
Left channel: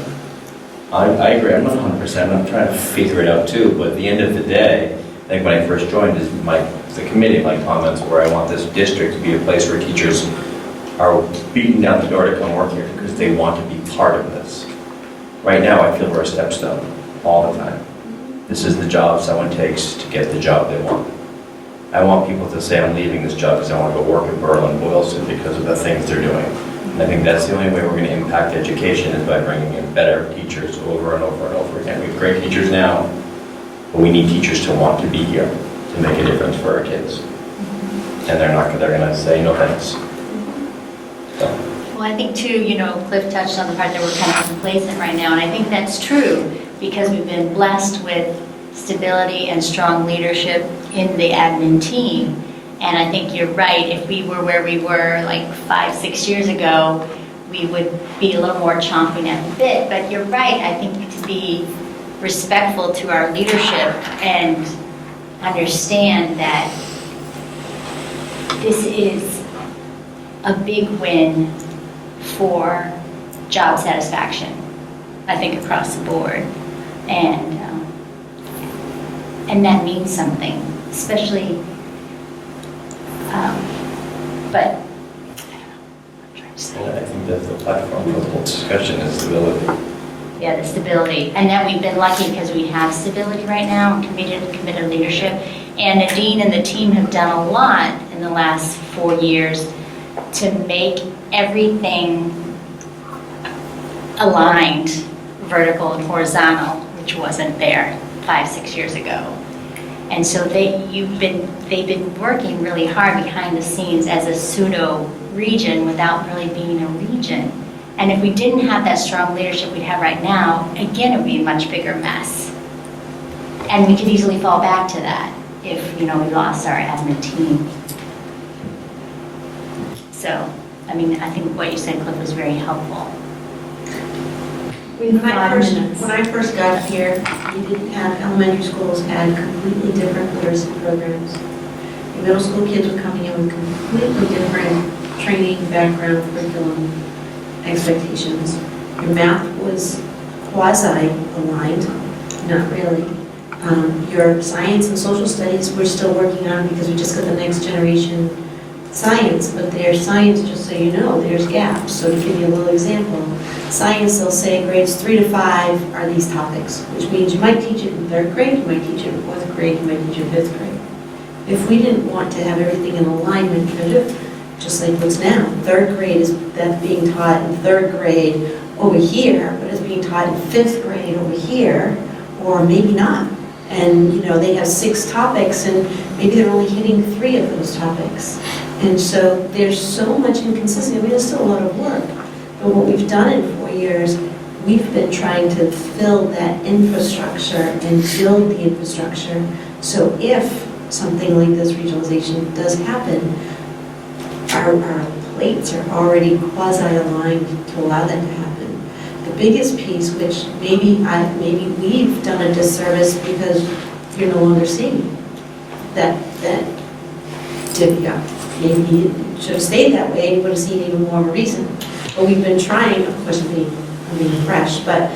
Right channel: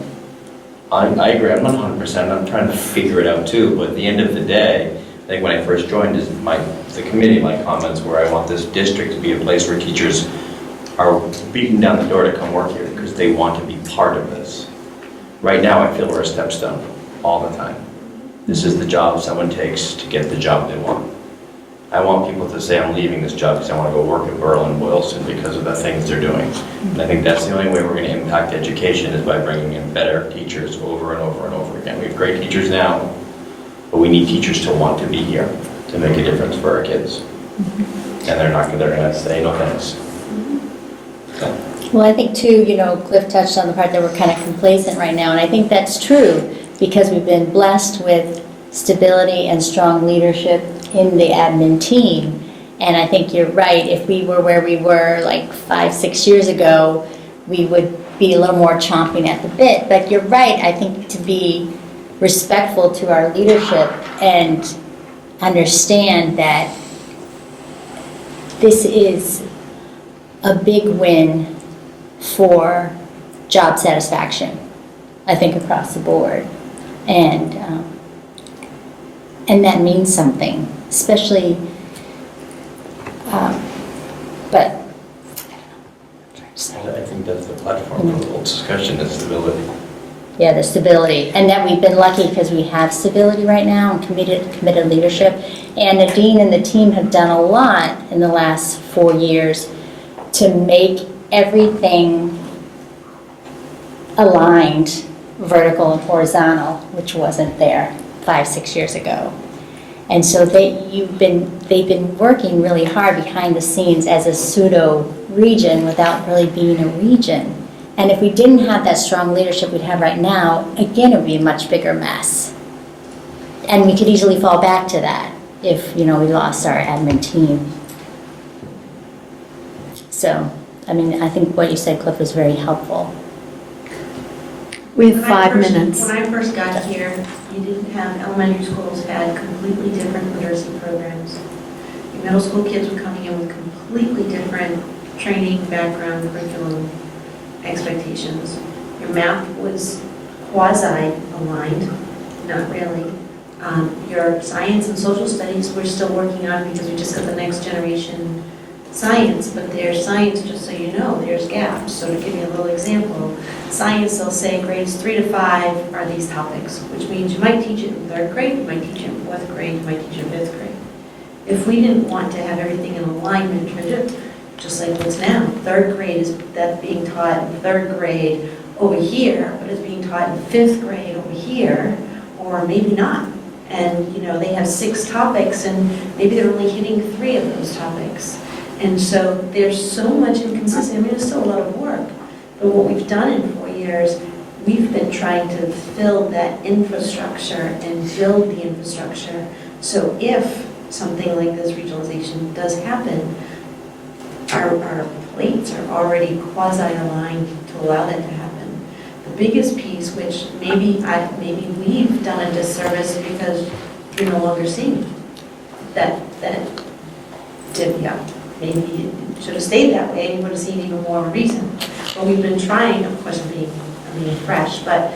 I agree, I'm not 100%, I'm trying to figure it out too, but at the end of the day, I think when I first joined, the committee, my comments were I want this district to be a place where teachers are beating down the door to come work here because they want to be part of this. Right now, I feel we're a stepstone all the time. This is the job someone takes to get the job they want. I want people to say, I'm leaving this job because I want to go work at Boylston because of the things they're doing. And I think that's the only way we're going to impact education is by bringing in better teachers over and over and over again. We have great teachers now, but we need teachers to want to be here to make a difference for our kids. And they're going to say no thanks. So. Well, I think too, Cliff touched on the part that we're kind of complacent right now, and I think that's true because we've been blessed with stability and strong leadership in the admin team. And I think you're right, if we were where we were like 5-6 years ago, we would be a little more chomping at the bit. But you're right, I think to be respectful to our leadership and understand that this is a big win for job satisfaction, I think, across the board. And that means something, especially, but I think that's the platform for the whole discussion is stability. yeah, the stability. And that we've been lucky because we have stability right now and committed leadership. And Nadine and the team have done a lot in the last 4 years to make everything aligned, vertical and horizontal, which wasn't there 5-6 years ago. And so they've been working really hard behind the scenes as a pseudo region without really being a region. And if we didn't have that strong leadership we'd have right now, again, it would be a much bigger mess. And we could easily fall back to that if, we lost our admin team. So, I mean, I think what you said, Cliff, was very helpful. We have 5 minutes. When I first got here, we didn't have, elementary schools had completely different literacy programs. Your middle school kids were coming in with completely different training, background, curriculum, expectations. Your math was quasi-aligned, not really. Your science and social studies we're still working on because we just got the next generation science, but their science, just so you know, there's gaps. So to give you a little example, science, they'll say grades 3 to 5 are these topics, which means you might teach it in 3rd grade, you might teach it in 4th grade, you might teach it in 5th grade. If we didn't want to have everything in alignment, just like what's now, 3rd grade is that being taught in 3rd grade over here, but it's being taught in 5th grade over here, or maybe not. And they have 6 topics, and maybe they're only hitting 3 of those topics. And so there's so much inconsistency. I mean, it's still a lot of work. But what we've done in 4 years, we've been trying to fill that infrastructure and build the infrastructure. So if something like this regionalization does happen, our plates are already quasi-aligned to allow that to happen. The biggest piece, which maybe we've done a disservice because you're no longer seeing that divvy up. Maybe it should have stayed that way and you would have seen even more of a reason. But we've been trying, of course, I'm being fresh, but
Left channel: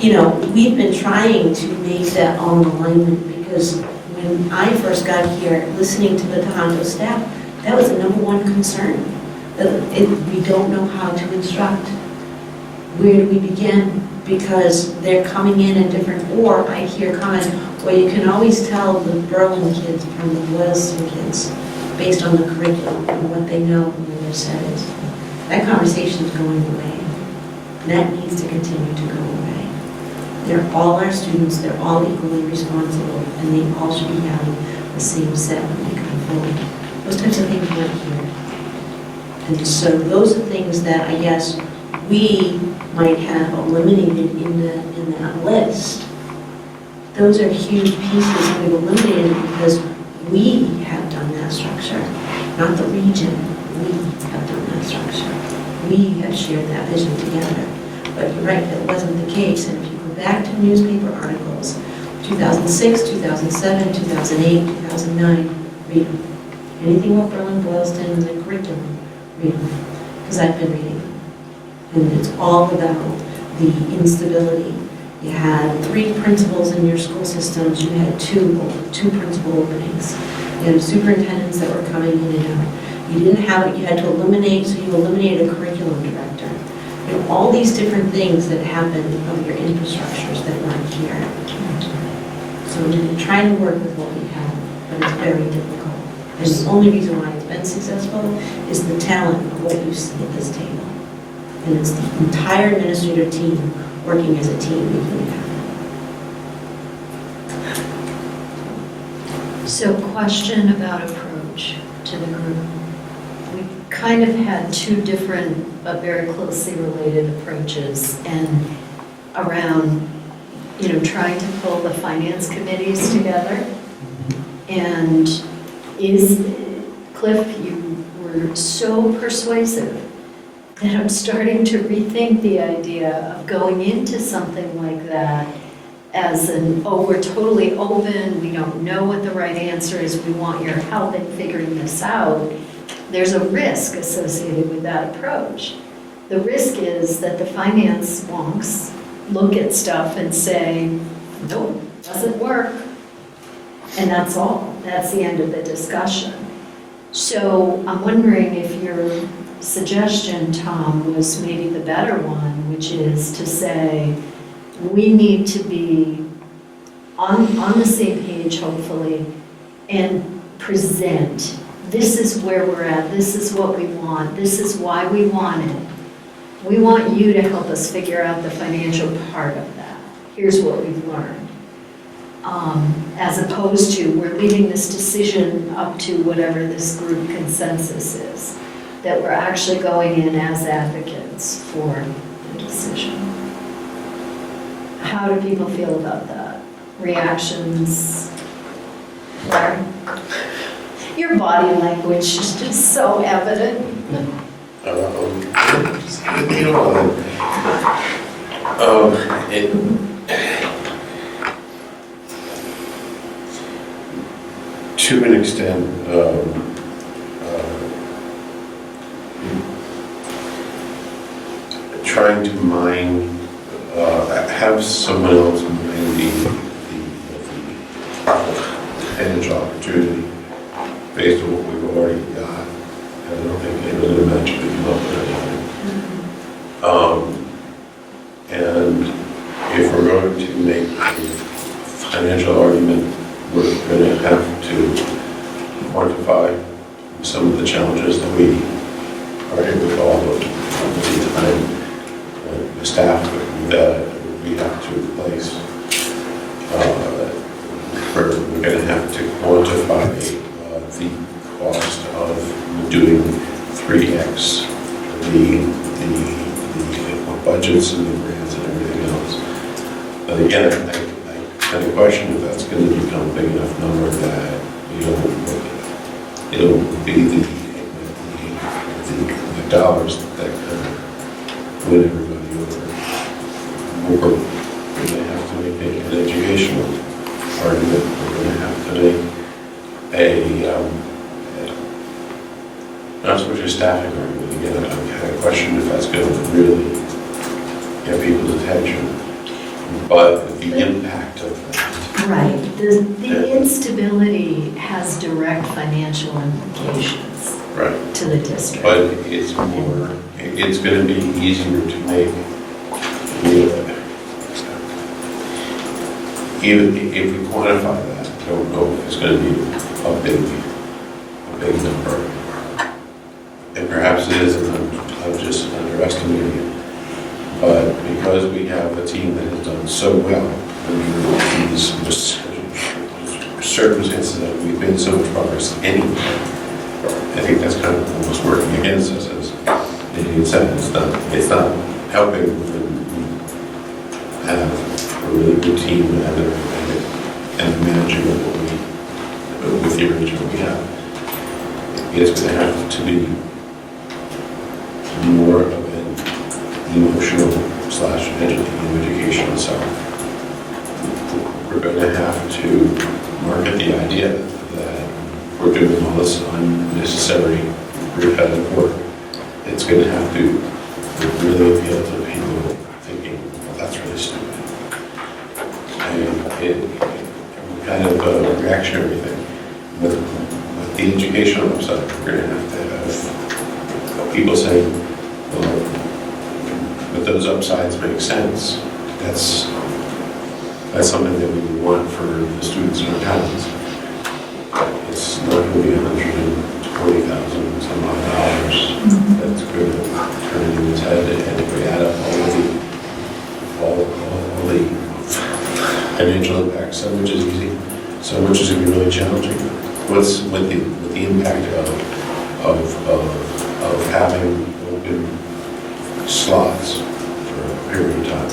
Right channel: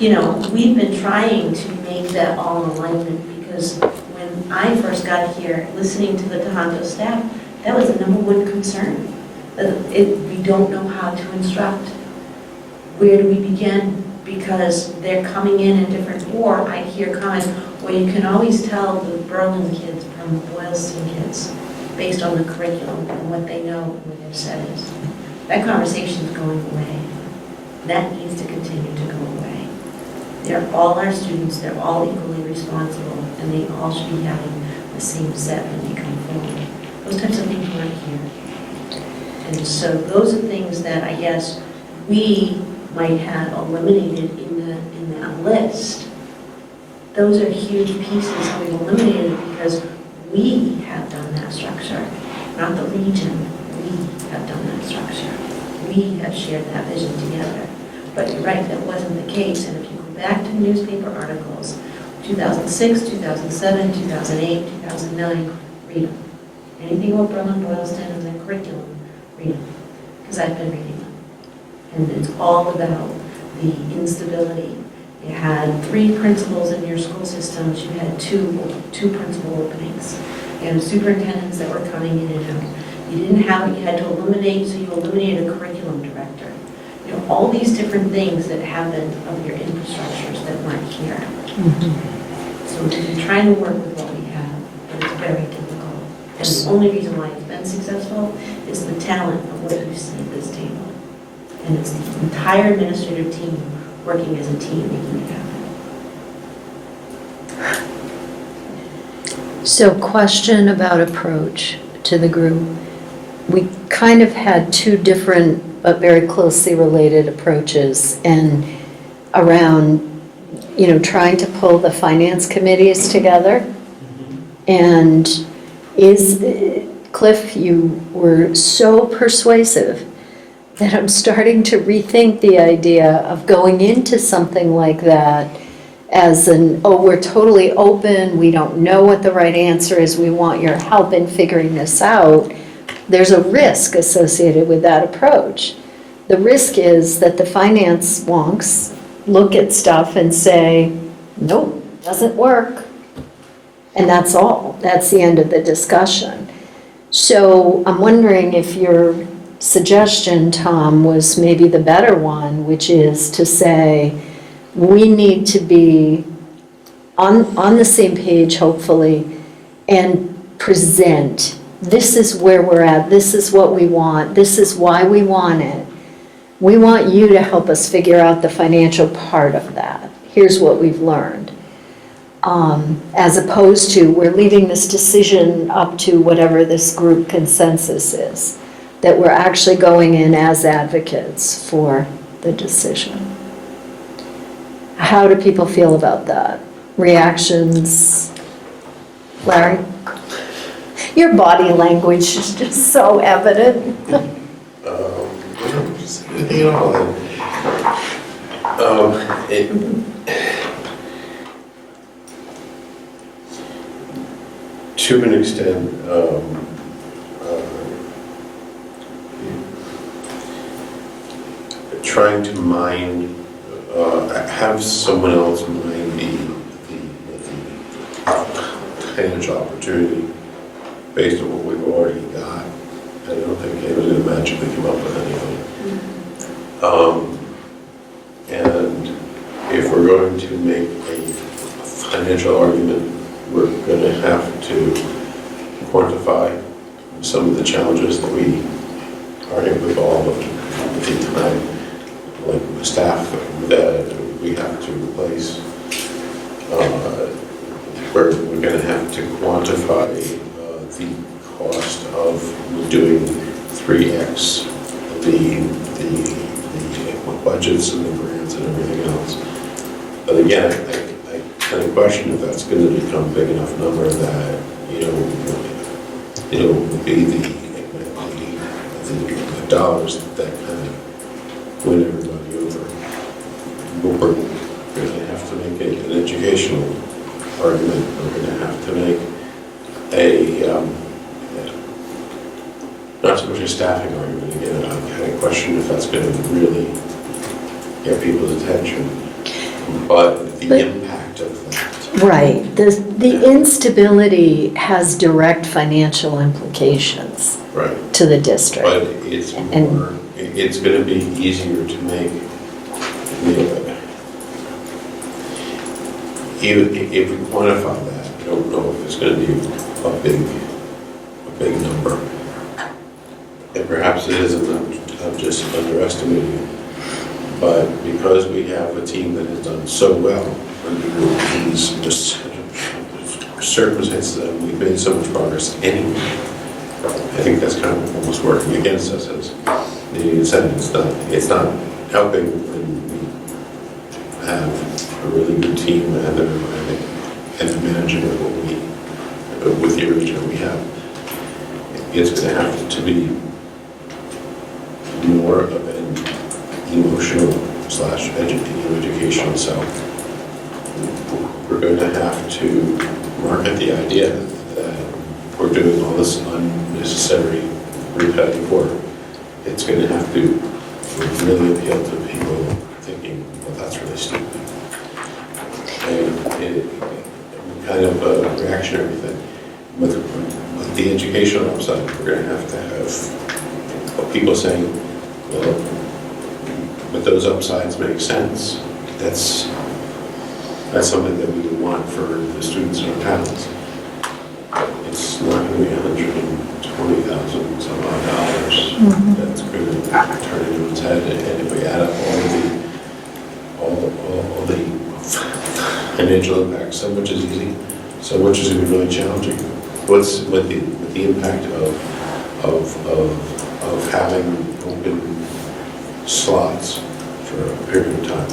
we've been trying to make that all in alignment because when I first got here, listening to the Tohoto staff, that was the #1 concern. We don't know how to instruct. Where do we begin? Because they're coming in different, or I hear comments, well, you can always tell the Berlin kids from the Boylston kids based on the curriculum and what they know and where their set is. That conversation is going away. That needs to continue to go away. They're all our students, they're all equally responsible, and they all should be having the same set when they come forward. Those types of things weren't here. And so those are things that I guess we might have eliminated in that list. Those are huge pieces that we've eliminated because we have done that structure, not the region. We have done that structure. We have shared that vision together. But you're right, that wasn't the case. And if you go back to newspaper articles, 2006, 2007, 2008, 2009, read them. Anything about Berlin, Boylston, and the curriculum, read them. Because I've been reading them. And it's all about the instability. You had 3 principals in your school systems. You had two principal openings. You had superintendents that were coming in and out. You didn't have it. You had to eliminate, so you eliminated a curriculum director. All these different things that happen of your infrastructures that weren't here. Mm-hmm. So we've been trying to work with what we have, but it's very difficult. And the only reason why it's been successful is the talent of what you see at this table. And it's the entire administrative team working as a team making it happen. So question about approach to the group. We kind of had 2 different but very closely related approaches and around, trying to pull the finance committees together. And Cliff, you were so persuasive that I'm starting to rethink the idea of going into something like that as an, oh, we're totally open, we don't know what the right answer is, we want your help in figuring this out, there's a risk associated with that approach. The risk is that the finance wonks look at stuff and say, nope, doesn't work. And that's all. That's the end of the discussion. So I'm wondering if your suggestion, Tom, was maybe the better one, which is to say, we need to be on the same page, hopefully, and present. This is where we're at. This is what we want. This is why we want it. We want you to help us figure out the financial part of that. Here's what we've learned. As opposed to, we're leaving this decision up to whatever this group consensus is, that we're actually going in as advocates for the decision. How do people feel about that? Reactions? Larry? Your body language is just so evident. You know, to an extent, trying to mine, have someone else mine the financial opportunity based on what we've already got. I don't think anyone's going to magically come up with anything. And if we're going to make a financial argument, we're going to have to quantify some of the challenges that we are hit with all of the time, like the staff that we have to replace. We're going to have to quantify the cost of doing 3x the budgets and the grants and everything else. But again, I kind of question if that's going to become a big enough number that it'll be the dollars that kind of win everybody over. We're going to have to make an educational argument. We're going to have to make not so much a staffing argument. Again, I kind of question if that's going to really get people's attention. But the impact of that. Right. The instability has direct financial implications Right. to the district. But it's more, it's going to be easier to make. Even if we quantify that, I don't know if it's going to be a big number. And perhaps it is, and I'm just underestimating it. But because we have a team that has done so well under these circumstances that we've made so much progress anyway, I think that's kind of almost working against us, as you said. It's not helping when we have a really good team and managing with the arrangement we have. It's going to have to be more of an emotional / educational self. We're going to have to market the idea that we're doing all this unnecessary repetitive work. It's going to have to really appeal to people thinking, well, that's really stupid. Kind of a reactionary thing. With the educational upside, we're going to have people saying, well, but those upsides make sense. That's something that we would want for the students in our towns. It's not going to be $120,000 some odd dollars. That's going to turn into its head, and if we add up all the financial impacts, so much is easy, so much is going to be really challenging. What's with the impact of having open slots for a period of time?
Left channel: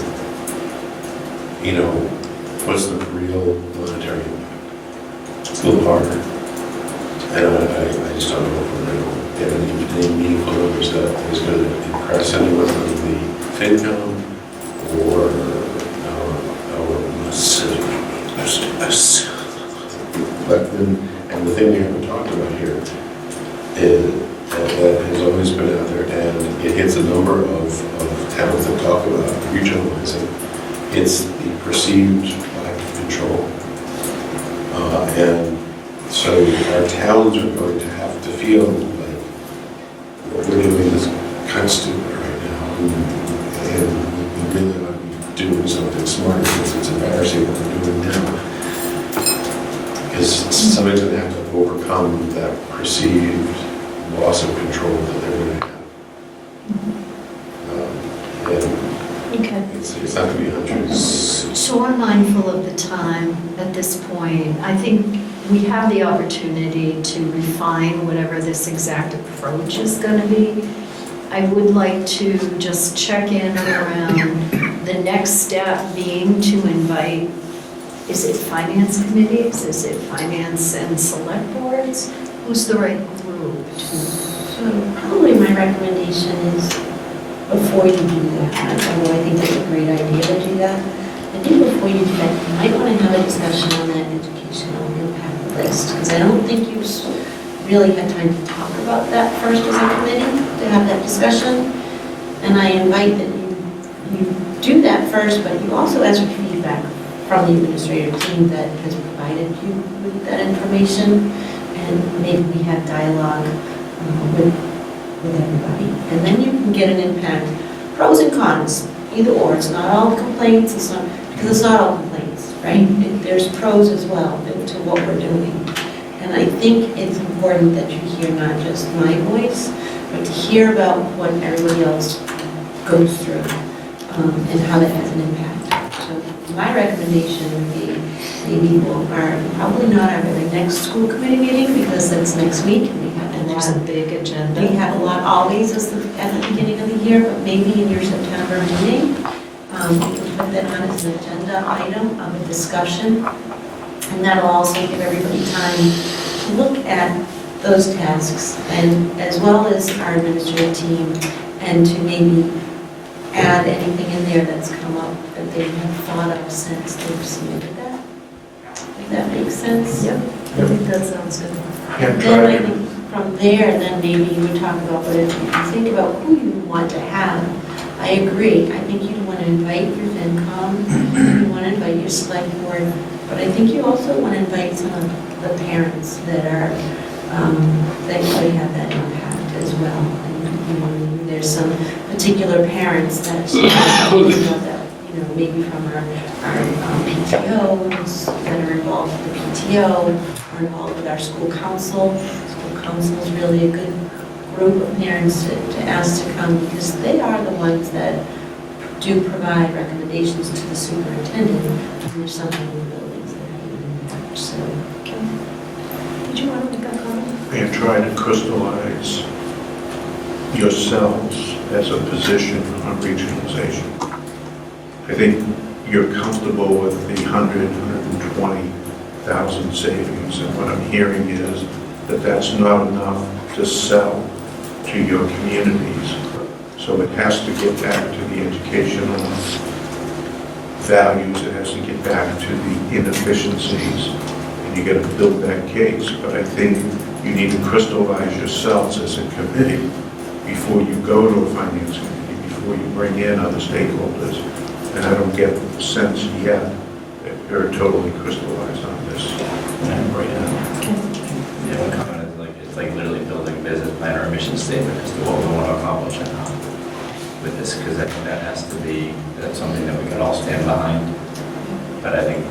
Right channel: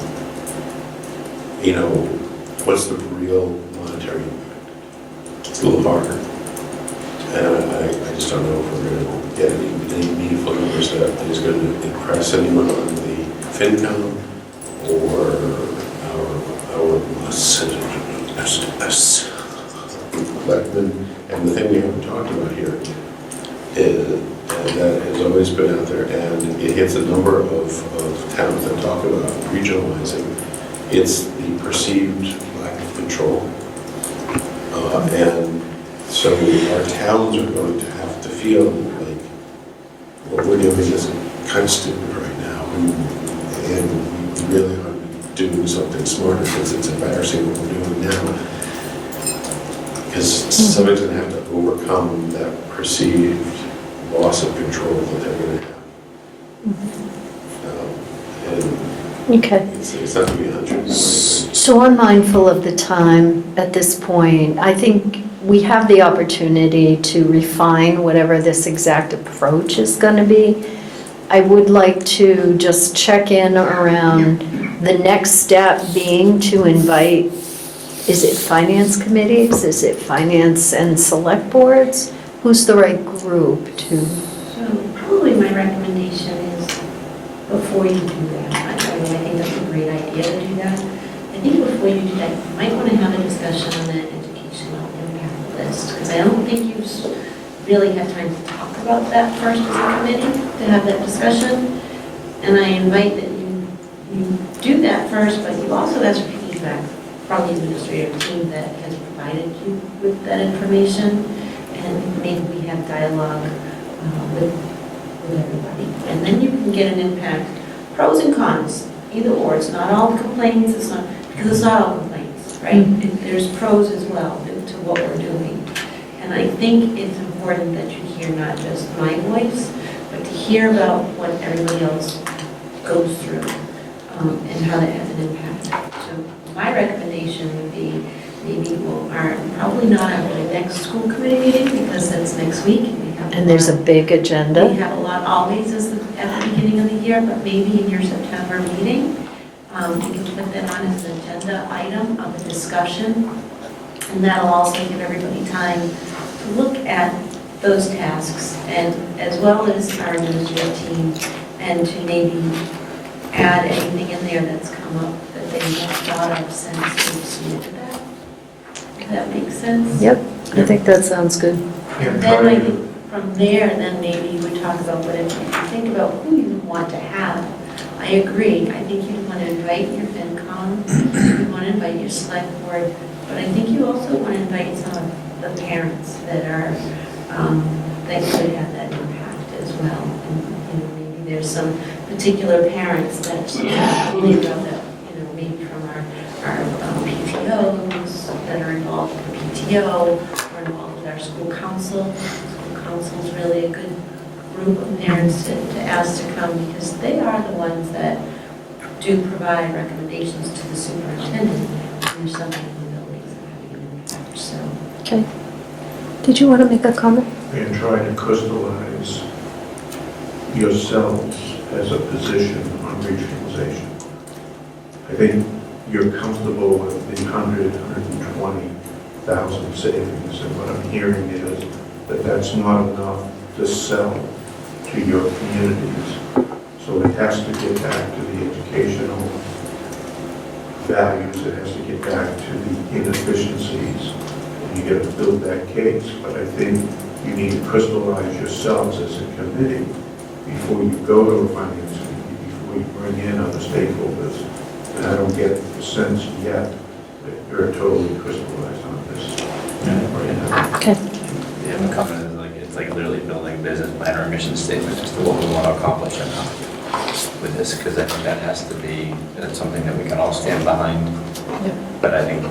What's the real monetary impact? It's a little harder. And I just don't know if we're going to get any meaningful numbers that is going to impress anyone on the FinCom or our And the thing we haven't talked about here is, and that has always been out there, and it hits a number of towns that talk about regionalizing. It's the perceived lack of control. And so our towns are going to have to feel like what we're doing is kind of stupid right now. And we really ought to be doing something smarter because it's embarrassing what we're doing now. Because somebody's going to have to overcome that perceived loss of control that they're going to have. And Okay. it's not going to be 100. So I'm mindful of the time at this point. I think we have the opportunity to refine whatever this exact approach is going to be. I would like to just check in around the next step being to invite, is it finance committees? Is it finance and select boards? Who's the right group to? So probably my recommendation is before you do that, although I think that's a great idea to do that, I think before you do that, you might want to have a discussion on that educational impact list, because I don't think you've really had time to talk about that first as a committee, to have that discussion. And I invite that you do that first, but you also ask for feedback from the administrative team that has provided you with that information, and maybe we have dialogue with everybody. And then you can get an impact, pros and cons, either or. It's not all complaints, because it's not all complaints, right? There's pros as well to what we're doing. And I think it's important that you hear not just my voice, but to hear about what everybody else goes through and how that has an impact. So my recommendation would be maybe probably not at the next school committee meeting, because that's next week. And there's a big agenda. We have a lot always at the beginning of the year, but maybe in your September meeting, we can put that on as an agenda item of a discussion. And that'll also give everybody time to look at those tasks, and as well as our administrative team, and to maybe add anything in there that's come up that they have thought of since they've submitted that. If that makes sense? Yep, I think that sounds good. And then I think from there, then maybe you would talk about, but if you think about who you want to have, I agree. I think you'd want to invite your FinCom, you want to invite your select board, but I think you also want to invite some of the parents that are, that could have that impact as well. And, maybe there's some particular parents that, maybe from our PTOs that are involved with the PTO, or involved with our school council. School council is really a good group of parents to ask to come, because they are the ones that do provide recommendations to the superintendent when there's something in the buildings that have an impact. So. Okay. Did you want to make a comment? And try to crystallize yourselves as a position on regionalization. I think you're comfortable with the 120,000 savings, and what I'm hearing is that that's not enough to sell to your communities. So it has to get back to the educational values, it has to get back to the inefficiencies, and you got to build that case. But I think you need to crystallize yourselves as a committee before you go to a finance committee, before you bring in other stakeholders. And I don't get the sense yet that you're totally crystallized on this. Okay. Yeah, my comment is it's like literally building a business plan or a mission statement as to what we want to accomplish with this, because I think that's something that we can all stand behind. But I think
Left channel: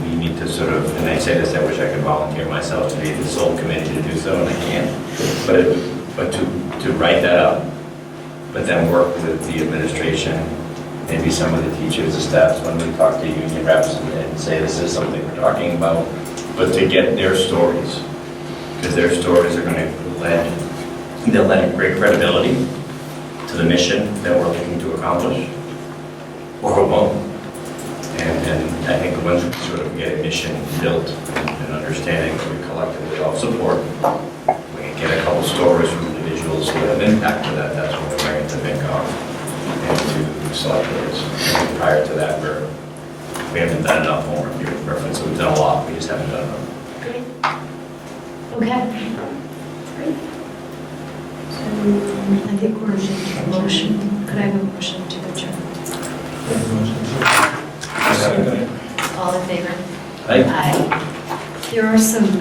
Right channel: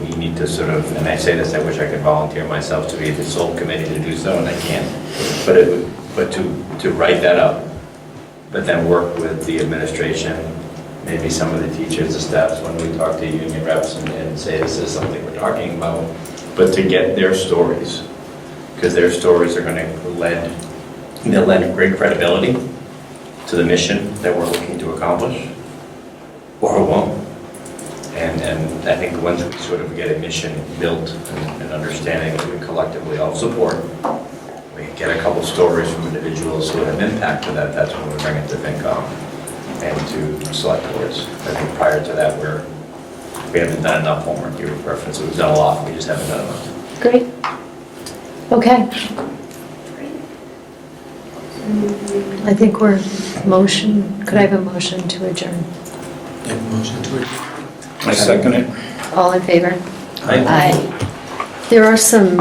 we need to sort of, and I say this, I wish I could volunteer myself to be the sole committee to do so, and I can't. But to write that up, but then work with the administration, maybe some of the teachers, the staffs, when we talk to union reps and say this is something we're talking about, but to get their stories, because their stories are going to they'll lend great credibility to the mission that we're looking to accomplish, or it won't. And I think once we sort of get a mission built and understanding that we collectively all support, we can get a couple stories from individuals who have impacted that's when we bring it to FinCom and to select boards. I think prior to that, we're We haven't done enough homework here with reference, so we've done a lot, we just haven't done enough. Great. Okay. I think we're motion, could I have a motion to adjourn? I second it. All in favor? Aye. Aye. There are some